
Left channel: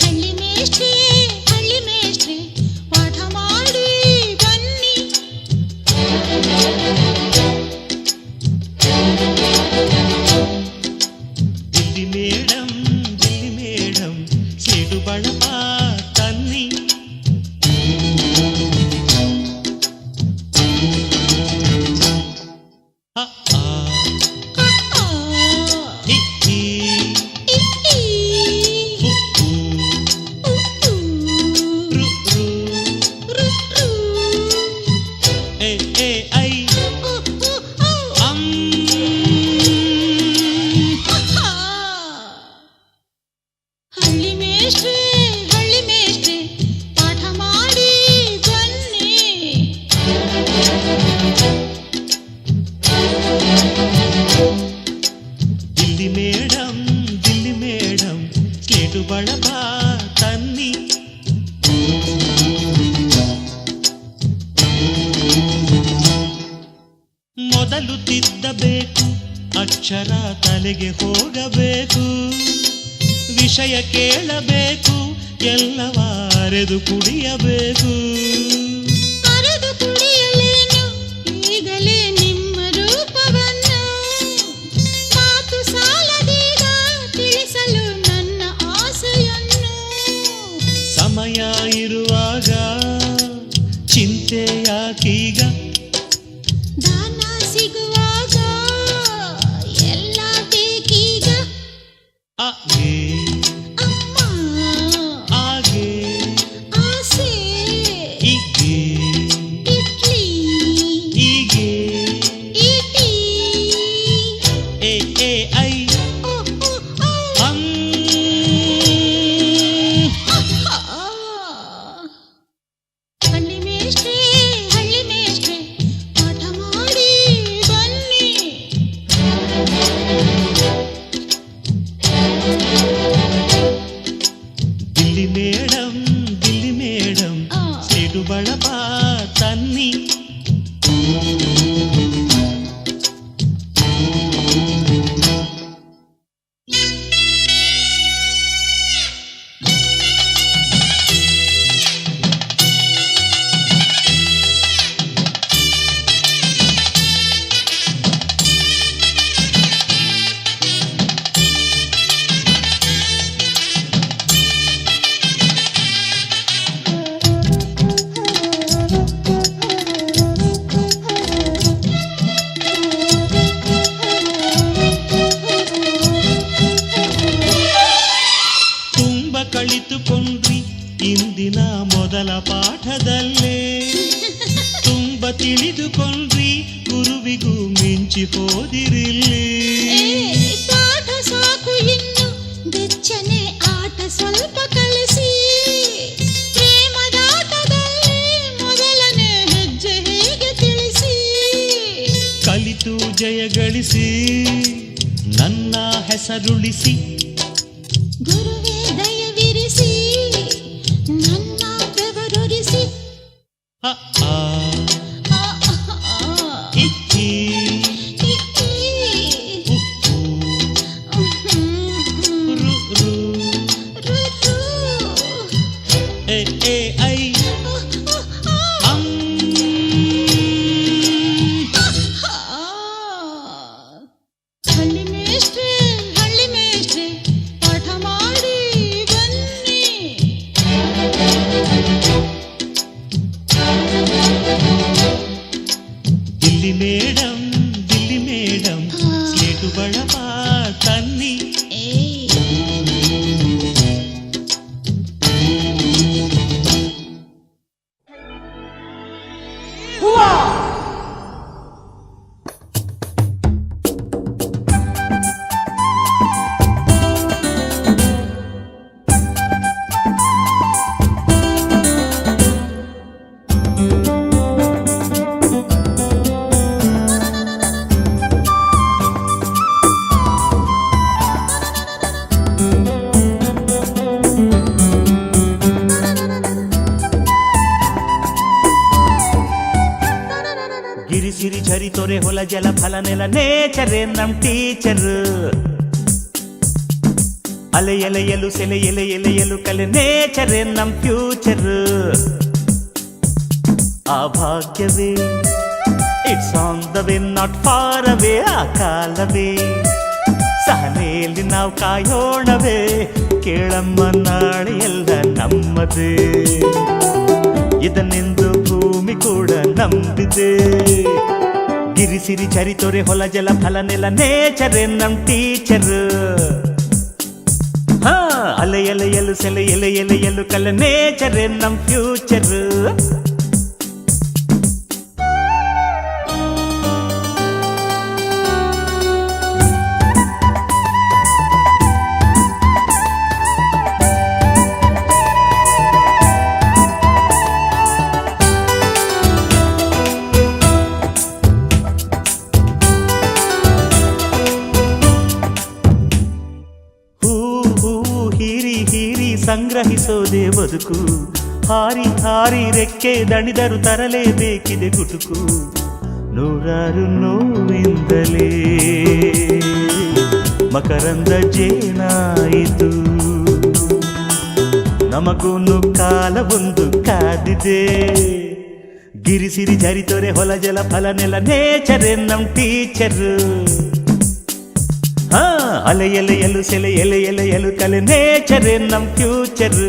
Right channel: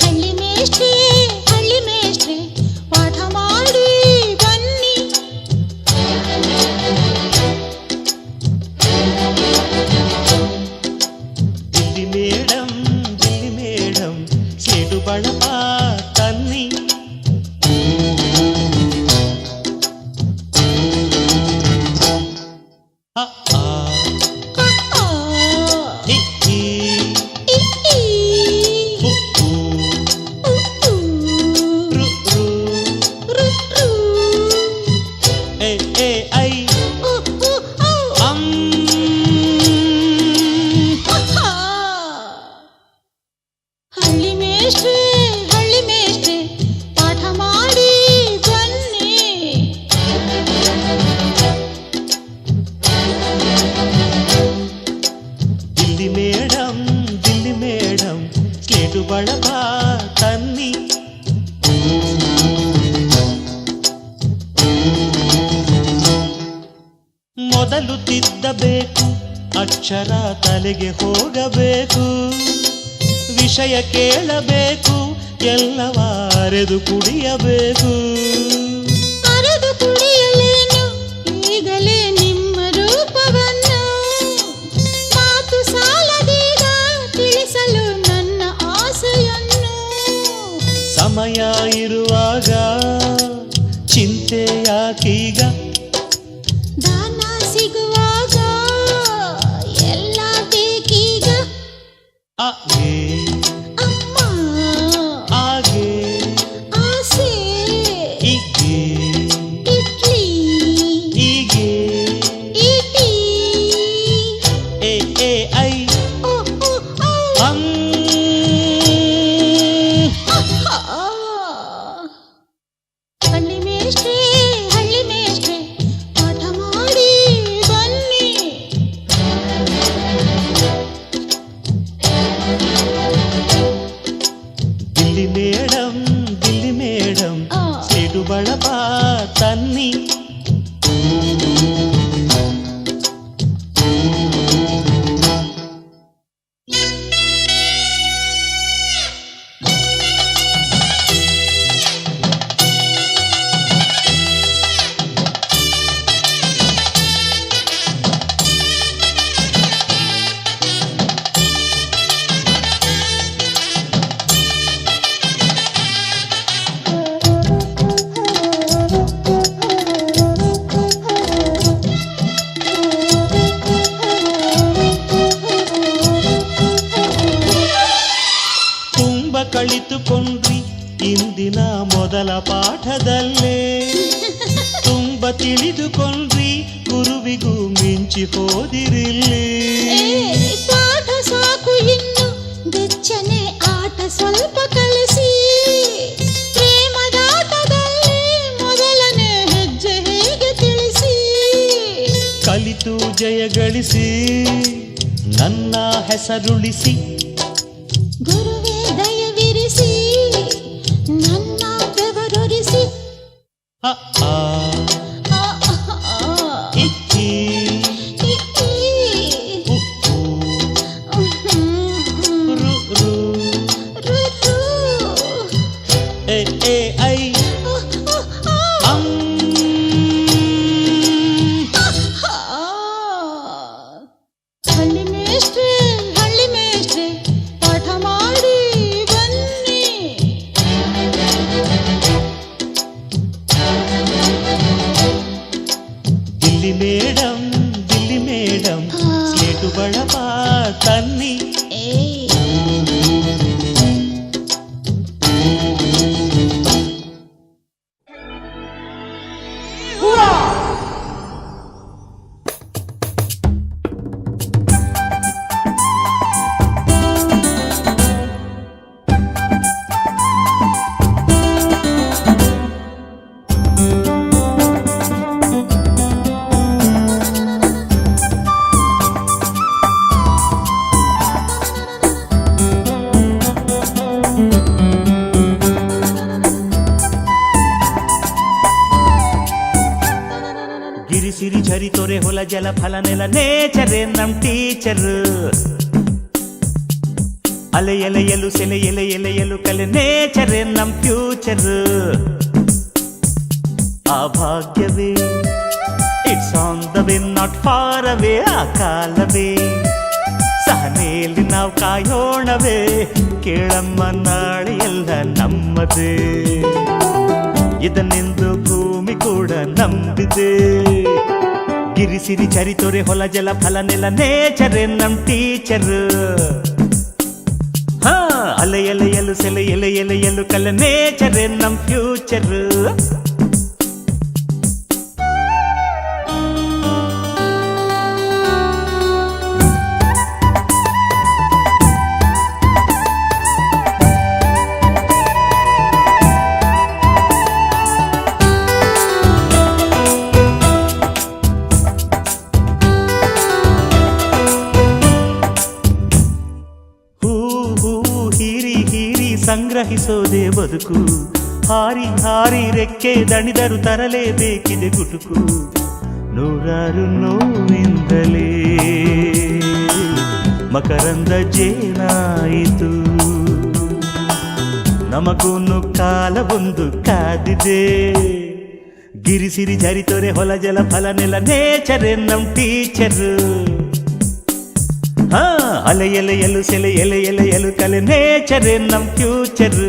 ಹಳ್ಳಿ ಮೇಷ್ಟ್ರೆ ಪಾಠ ಮಾಡಿ ಬನ್ನಿ. ದಿಲ್ಲಿ ಮೇಡಂ ಸಿಡು ಬಳಪ ತನ್ನಿ. ಅ ಆ ಇ ಈ ಉ ರು ಎ ಎ ಐ ಅಂ. ಹಳ್ಳಿ ಮೇಷ್ಟ್ರೆ ಪಾಠ ಮಾಡಿ ಬನ್ನಿ. ದಿಲ್ಲಿ ಮೇಡಂ ಸಿಡು ಬಳಪ ತನ್ನಿ. ಮೊದಲು ತಿದ್ದಬೇಕು ಅಕ್ಷರ ತಲೆಗೆ ಹೋಗಬೇಕು ವಿಷಯ ಕೇಳಬೇಕು ಎಲ್ಲವ ಅರೆದು ಕುಡಿಯಬೇಕು. ಅರೆದು ಕುಡಿಯಲೇನು ಈಗಲೇ ನಿಮ್ಮ ರೂಪವನ್ನು ಮಾತು ಸಾಲದೀಗ ತಿಳಿಸಲು ನನ್ನ ಆಸೆಯನ್ನು. ಸಮಯ ಇರುವಾಗ ಚಿಂತೆ ಯಾಕೀಗ ದಾನ ಸಿಗುವಾಗ ಎಲ್ಲ ಬೇಕೀಗ. ಅ ಏ ಅಮ್ಮ ಆಗೆ ಆಸೆ ಇಗೆ ಇಡ್ಲಿ ಹೀಗೆ ಇಟಿ ಎ ಎ ಐ ಓ ಓ ಓ ಅಂ. ಹಳ್ಳಿ ಮೇಷ್ಟ್ರೆ ಪಾಠ ಮಾಡಿ ಬನ್ನಿ. ದಿಲ್ಲಿ ಮೇಡಂ ಆ. ಸಿಡು ಬಳಪ ತನ್ನಿ. ಕಳಿತುಕೊಂಡ್ರಿ ಇಂದಿನ ಮೊದಲ ಪಾಠದಲ್ಲೇ ತುಂಬ ತಿಳಿದುಕೊಂಡ್ರಿ ಗುರುವಿಗೂ ಮಿಂಚಿ ಹೋದಿರಿಲ್ಲೇ. ಪಾಠ ಸಾಕು ಇನ್ನು ಬೆಚ್ಚನೆ ಆಟ ಸ್ವಲ್ಪ ಕಲಿಸಿ ಪ್ರೇಮದಾಟದಲ್ಲಿ ಮೊದಲನೇ ಹೆಜ್ಜೆ ಹೇಗೆ ತಿಳಿಸಿ. ಕಲಿತು ಜಯ ಗಳಿಸಿ ನನ್ನ ಹೆಸರುಳಿಸಿ ಗುರುವೇ ದಯವಿರಿಸಿ ನನ್ನ ಬೆವರೊರಿಸಿ. ಅ ಆ ಆ, ಆ, ಆ. ಇ ಈ ಇ, ಈ. ರು, ರು. ಎ ಎ ಐ ಆ, ಆ, ಆ. ಅಂ. ಗಿರಿಸಿರಿ ಝರಿ ತೊರೆ ಹೊಲ ಜಲ ಫಲ ನೆಲ ನೇಚರೇ ನಮ್ ಟೀಚರ್. ಅಲೆ ಎಲೆಯಲು ಸೆಲೆ ಎಲೆ ಎಲೆಯಲು ಕಲೆ ನೇಚರೇ ನಮ್ ಫ್ಯೂಚರ್. ಆ ಭಾಗ್ಯವೇ it's on the way not far away. ಆ ಕಾಲವೇ ಸಹನೆಯಲ್ಲಿ ನಾವು ಕಾಯೋಣವೇ. ಕೇಳಮ್ಮ ನಾಳೆ ಎಲ್ಲ ನಮ್ಮದೇ. ಇದನ್ನೆಂದು ಭೂಮಿ ಕೂಡ ನಂಬಿದೆ. ಗಿರಿಸಿರಿ ಚರಿ ತೊರೆ ಹೊಲ ಜಲ ಫಲ ನೆಲ ನೇಚರೇ ನಮ್ ಟೀಚರ್. ಹಾ ಅಲೆ ಎಲೆಯಲು ಸೆಲೆ ಎಲೆ ಎಲೆಯಲು ಕಲೆ ನೇಚರೇ ನಮ್ ಫ್ಯೂಚರ್. ಸಂಗ್ರಹಿಸೋದೇ ಬದುಕು. ಹಾರಿ ಹಾರಿ ರೆಕ್ಕೆ ದಣಿದರು ತರಲೇಬೇಕಿದೆ ಗುಟುಕು. ನೂರಾರು ನೋವಿಂದಲೇ ಮಕರಂದ ಜೇನಾಯಿತು. ನಮಗೂನು ಕಾಲ ಒಂದು ಕಾದಿದೆ. ಗಿರಿಸಿರಿ ಝರಿ ತೊರೆ ಹೊಲ ಜಲ ಫಲ ನೆಲ ನೇಚರೇ ನಮ್ ಟೀಚರ್. ಹಾ ಅಲೆ ಎಲೆಯಲು ಸೆಲೆ ಎಲೆ ಎಲೆಯಲು ಕಲೆ ನೇಚರೇ ನಮ್ ಫ್ಯೂಚರ್.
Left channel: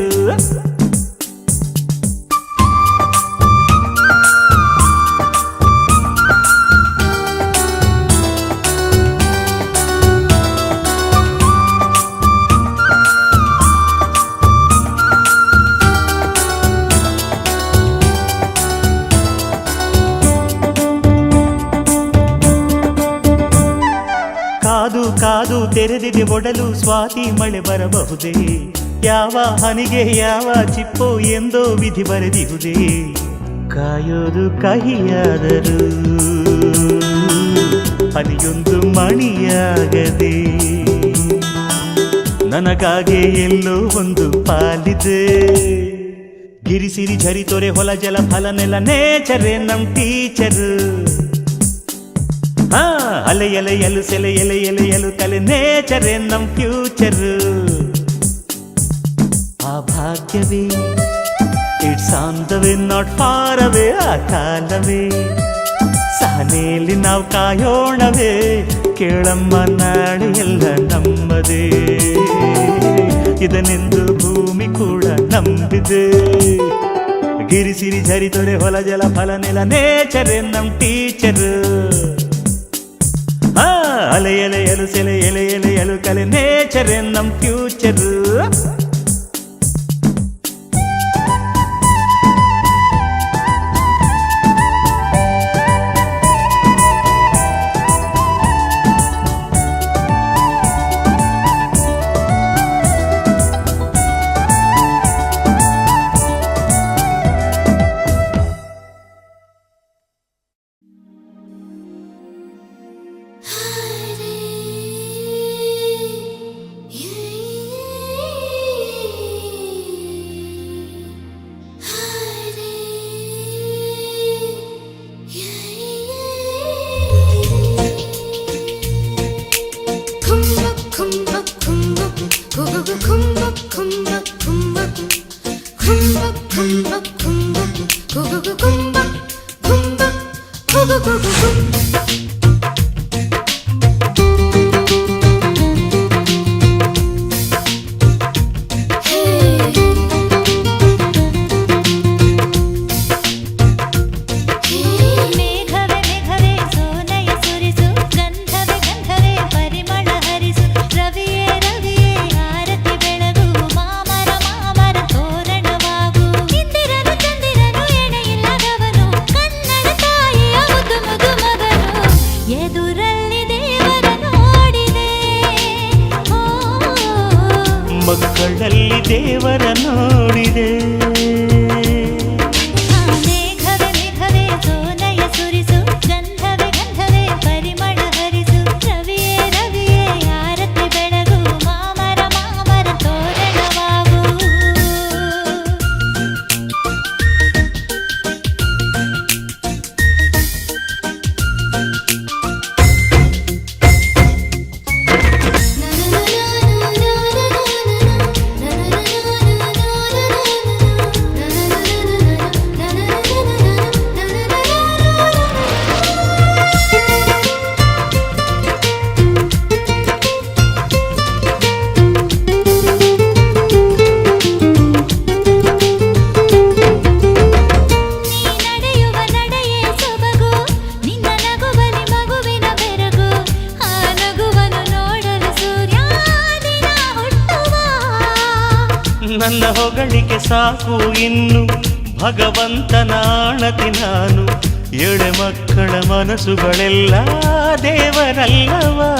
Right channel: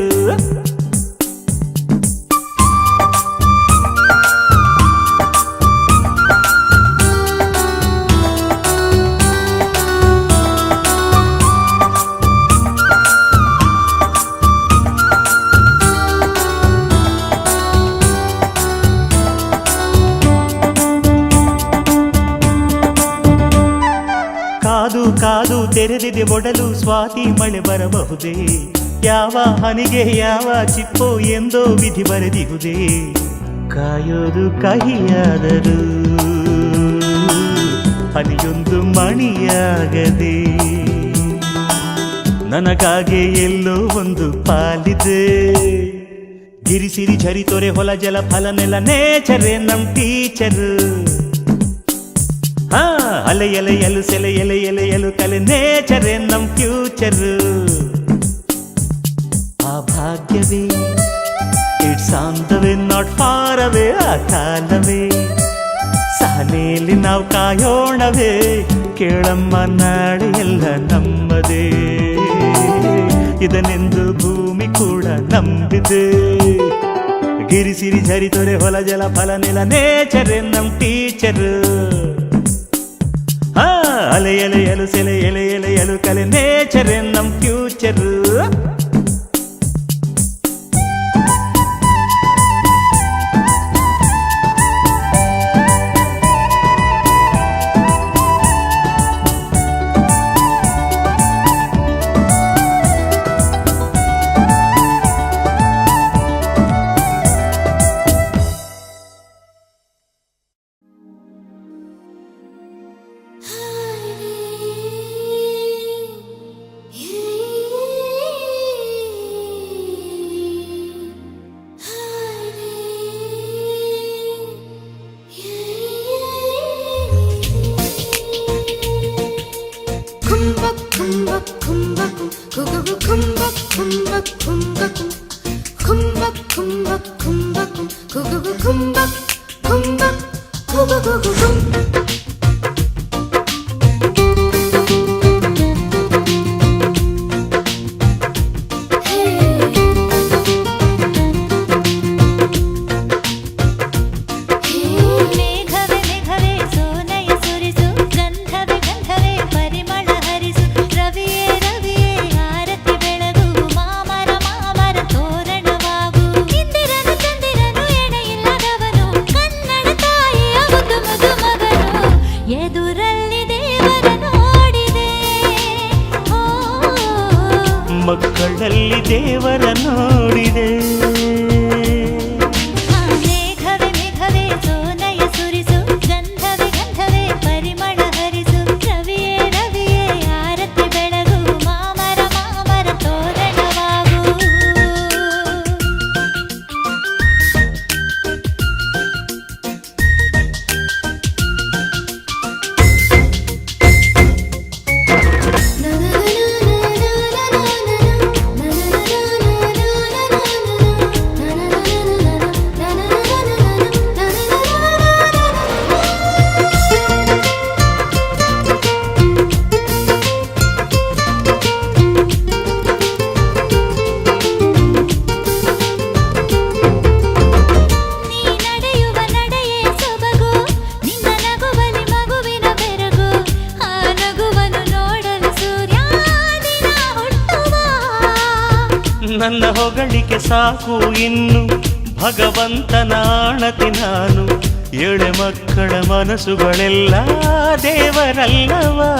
ಕಾದು ಕಾದು ತೆರೆದಿದೆ ಒಡಲು ಸ್ವಾತಿ ಮಳೆ ಬರಬಹುದೇ. ಯಾವ ಹನಿಗೆ ಯಾವ ಚಿಪ್ಪೋ ಎಂದೋ ವಿಧಿ ಬರೆದಿಹುದೇ. ಕಾಯೋದು ಕಹಿಯಾದರೂ ಹನಿಯೊಂದು ಮಣಿಯಾಗದೆ. ನನಗಾಗೆ ಎಲ್ಲೋ ಒಂದು ಪಾಲಿದೆ. ಗಿರಿಸಿರಿ ಝರಿ ತೊರೆ ಹೊಲ ಜಲ ಫಲ ನೆಲ ನೇಚರೇ ನಮ್ ಟೀಚರ್. ಹಾ ಅಲೆ ಎಲೆಯಲು ಸೆಲೆ ಎಲೆ ಎಲೆಯಲು ಕಲೆ ನೇಚರೇ ನಮ್ ಫ್ಯೂಚರ್. ಆ ಭಾಗ್ಯವೇ it's on the way not far away. ಆ ಕಾಲವೇ ಸಹನೆಯಲ್ಲಿ ನಾವು ಕಾಯೋಣವೇ. ಕೇಳಮ್ಮ ನಾಳೆ ಎಲ್ಲ ನಮ್ಮದೇ. ಇದನ್ನೆಂದು ಭೂಮಿ ಕೂಡ ನಂಬಿದೆ. ಗಿರಿಸಿರಿ ಝರಿ ತೊರೆ ಹೊಲ ಜಲ ಫಲ ನೆಲ ನೇಚರೇ ನಮ್ ಟೀಚರ್. ಅಲೆ ಎಲೆಯಲು ಸೆಲೆ ಎಲೆ ಎಲೆಯಲು ಕಲೆ ನೇಚರೇ ನಮ್ ಫ್ಯೂಚರ್. ಮಕ್ಕಳಲ್ಲಿ ದೇವರ ನೋಡಿದೆ. ಮೇಘವೇ ಮೇಘವೇ ಸೋನಯ ಸುರಿಸು, ಗಂಧವೇ ಗಂಧವೇ ಪರಿಮಳ ಹರಿಸು, ರವಿಯೇ ರವಿಯೇ ಆರತಿ ಬೆಳಗು, ಮಾಮರ ಮಾಮರ ತೋರಣವಾಗು. ನನ್ನ ಹೊಗಳಿಕೆ ಸಾಕು ಇನ್ನು ಭಗವಂತನ ಆಣತಿ ನಾನು ಎಳೆ ಮಕ್ಕಳ ಮನಸ್ಸುಗಳೆಲ್ಲ ದೇವರಲ್ಲವಾ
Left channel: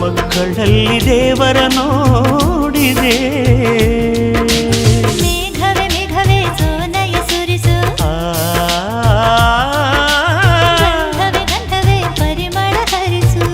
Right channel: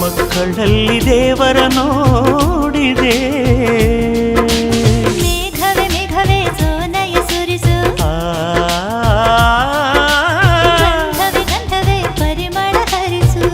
ಮಕ್ಕಳಲ್ಲಿ ದೇವರ ನೋಡಿದೆ ಮೇಘವೇ ಮೇಘವೇ ಸೋನಯ ಸುರಿಸು ಗಂಧವೇ ಗಂಧವೇ ಪರಿಮಳ ಹರಿಸು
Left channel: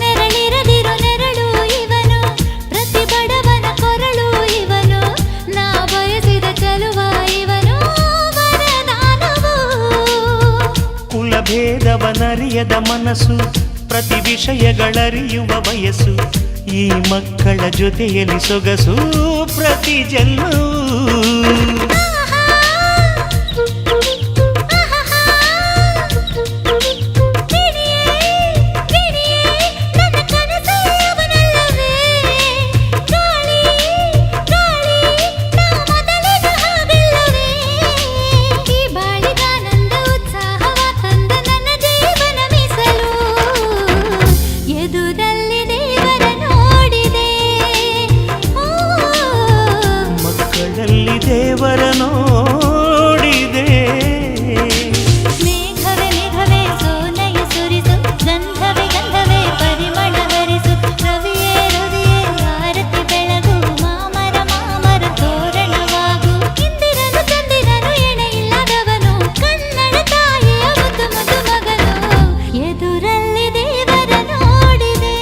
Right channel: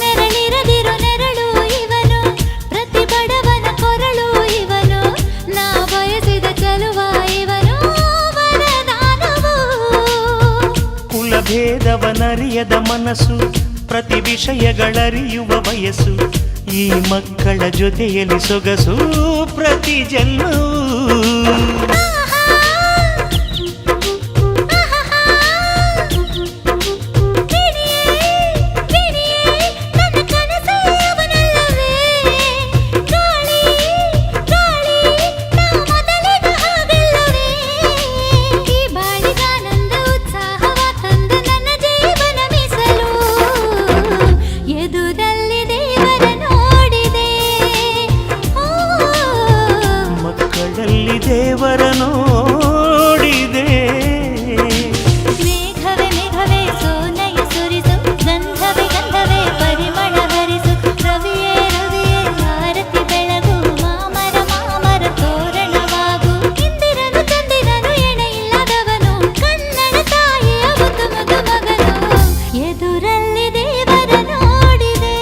ನೆರಳಿರದಿರೋ ನೆರಳು ಇವನು ಪ್ರತಿ ಬಡವನ ಕೊರಳು ಇವನು ನಾ ಬಯಸಿದ ಚಲುವ ಇವನು ವರದಾನವು ಕುಲಭೇದವನರಿಯದ ಮನಸ್ಸು ಪ್ರತಿ ವಿಷಯಗಳರಿಯುವ ವಯಸ್ಸು ಈ ಮಕ್ಕಳ ಜೊತೆಯಲ್ಲಿ ಸೊಗಸು ಪ್ರತಿ ಜನ್ಮವೂ ದೇವರ ನೋಡಿದೆ ಮೇಘವೇ ಮೇಘವೇ ಸೋನಯ ಸುರಿಸು ಗಂಧವೇ ಗಂಧವೇ ಪರಿಮಳ ಹರಿಸು ರವಿಯೇ ರವಿಯೇ ಆರತಿ ಬೆಳಗು ಮಾಮರ ಮಾಮರ ತೋರಣವಾಗು ಇಂದಿರನು ಚಂದಿರನು ಎಣೆ ಇಲ್ಲದವನು ಕನ್ನಡ ತಾಯಿಯ ಮುದ್ದು ಮುದ್ದು ಮಗನು ಎದುರಲ್ಲಿ ದೇವರ ನೋಡಿದೆ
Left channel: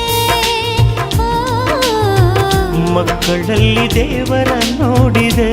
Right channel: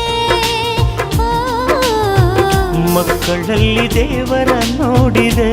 ಮಕ್ಕಳಲ್ಲಿ ದೇವರ ನೋಡಿದೆ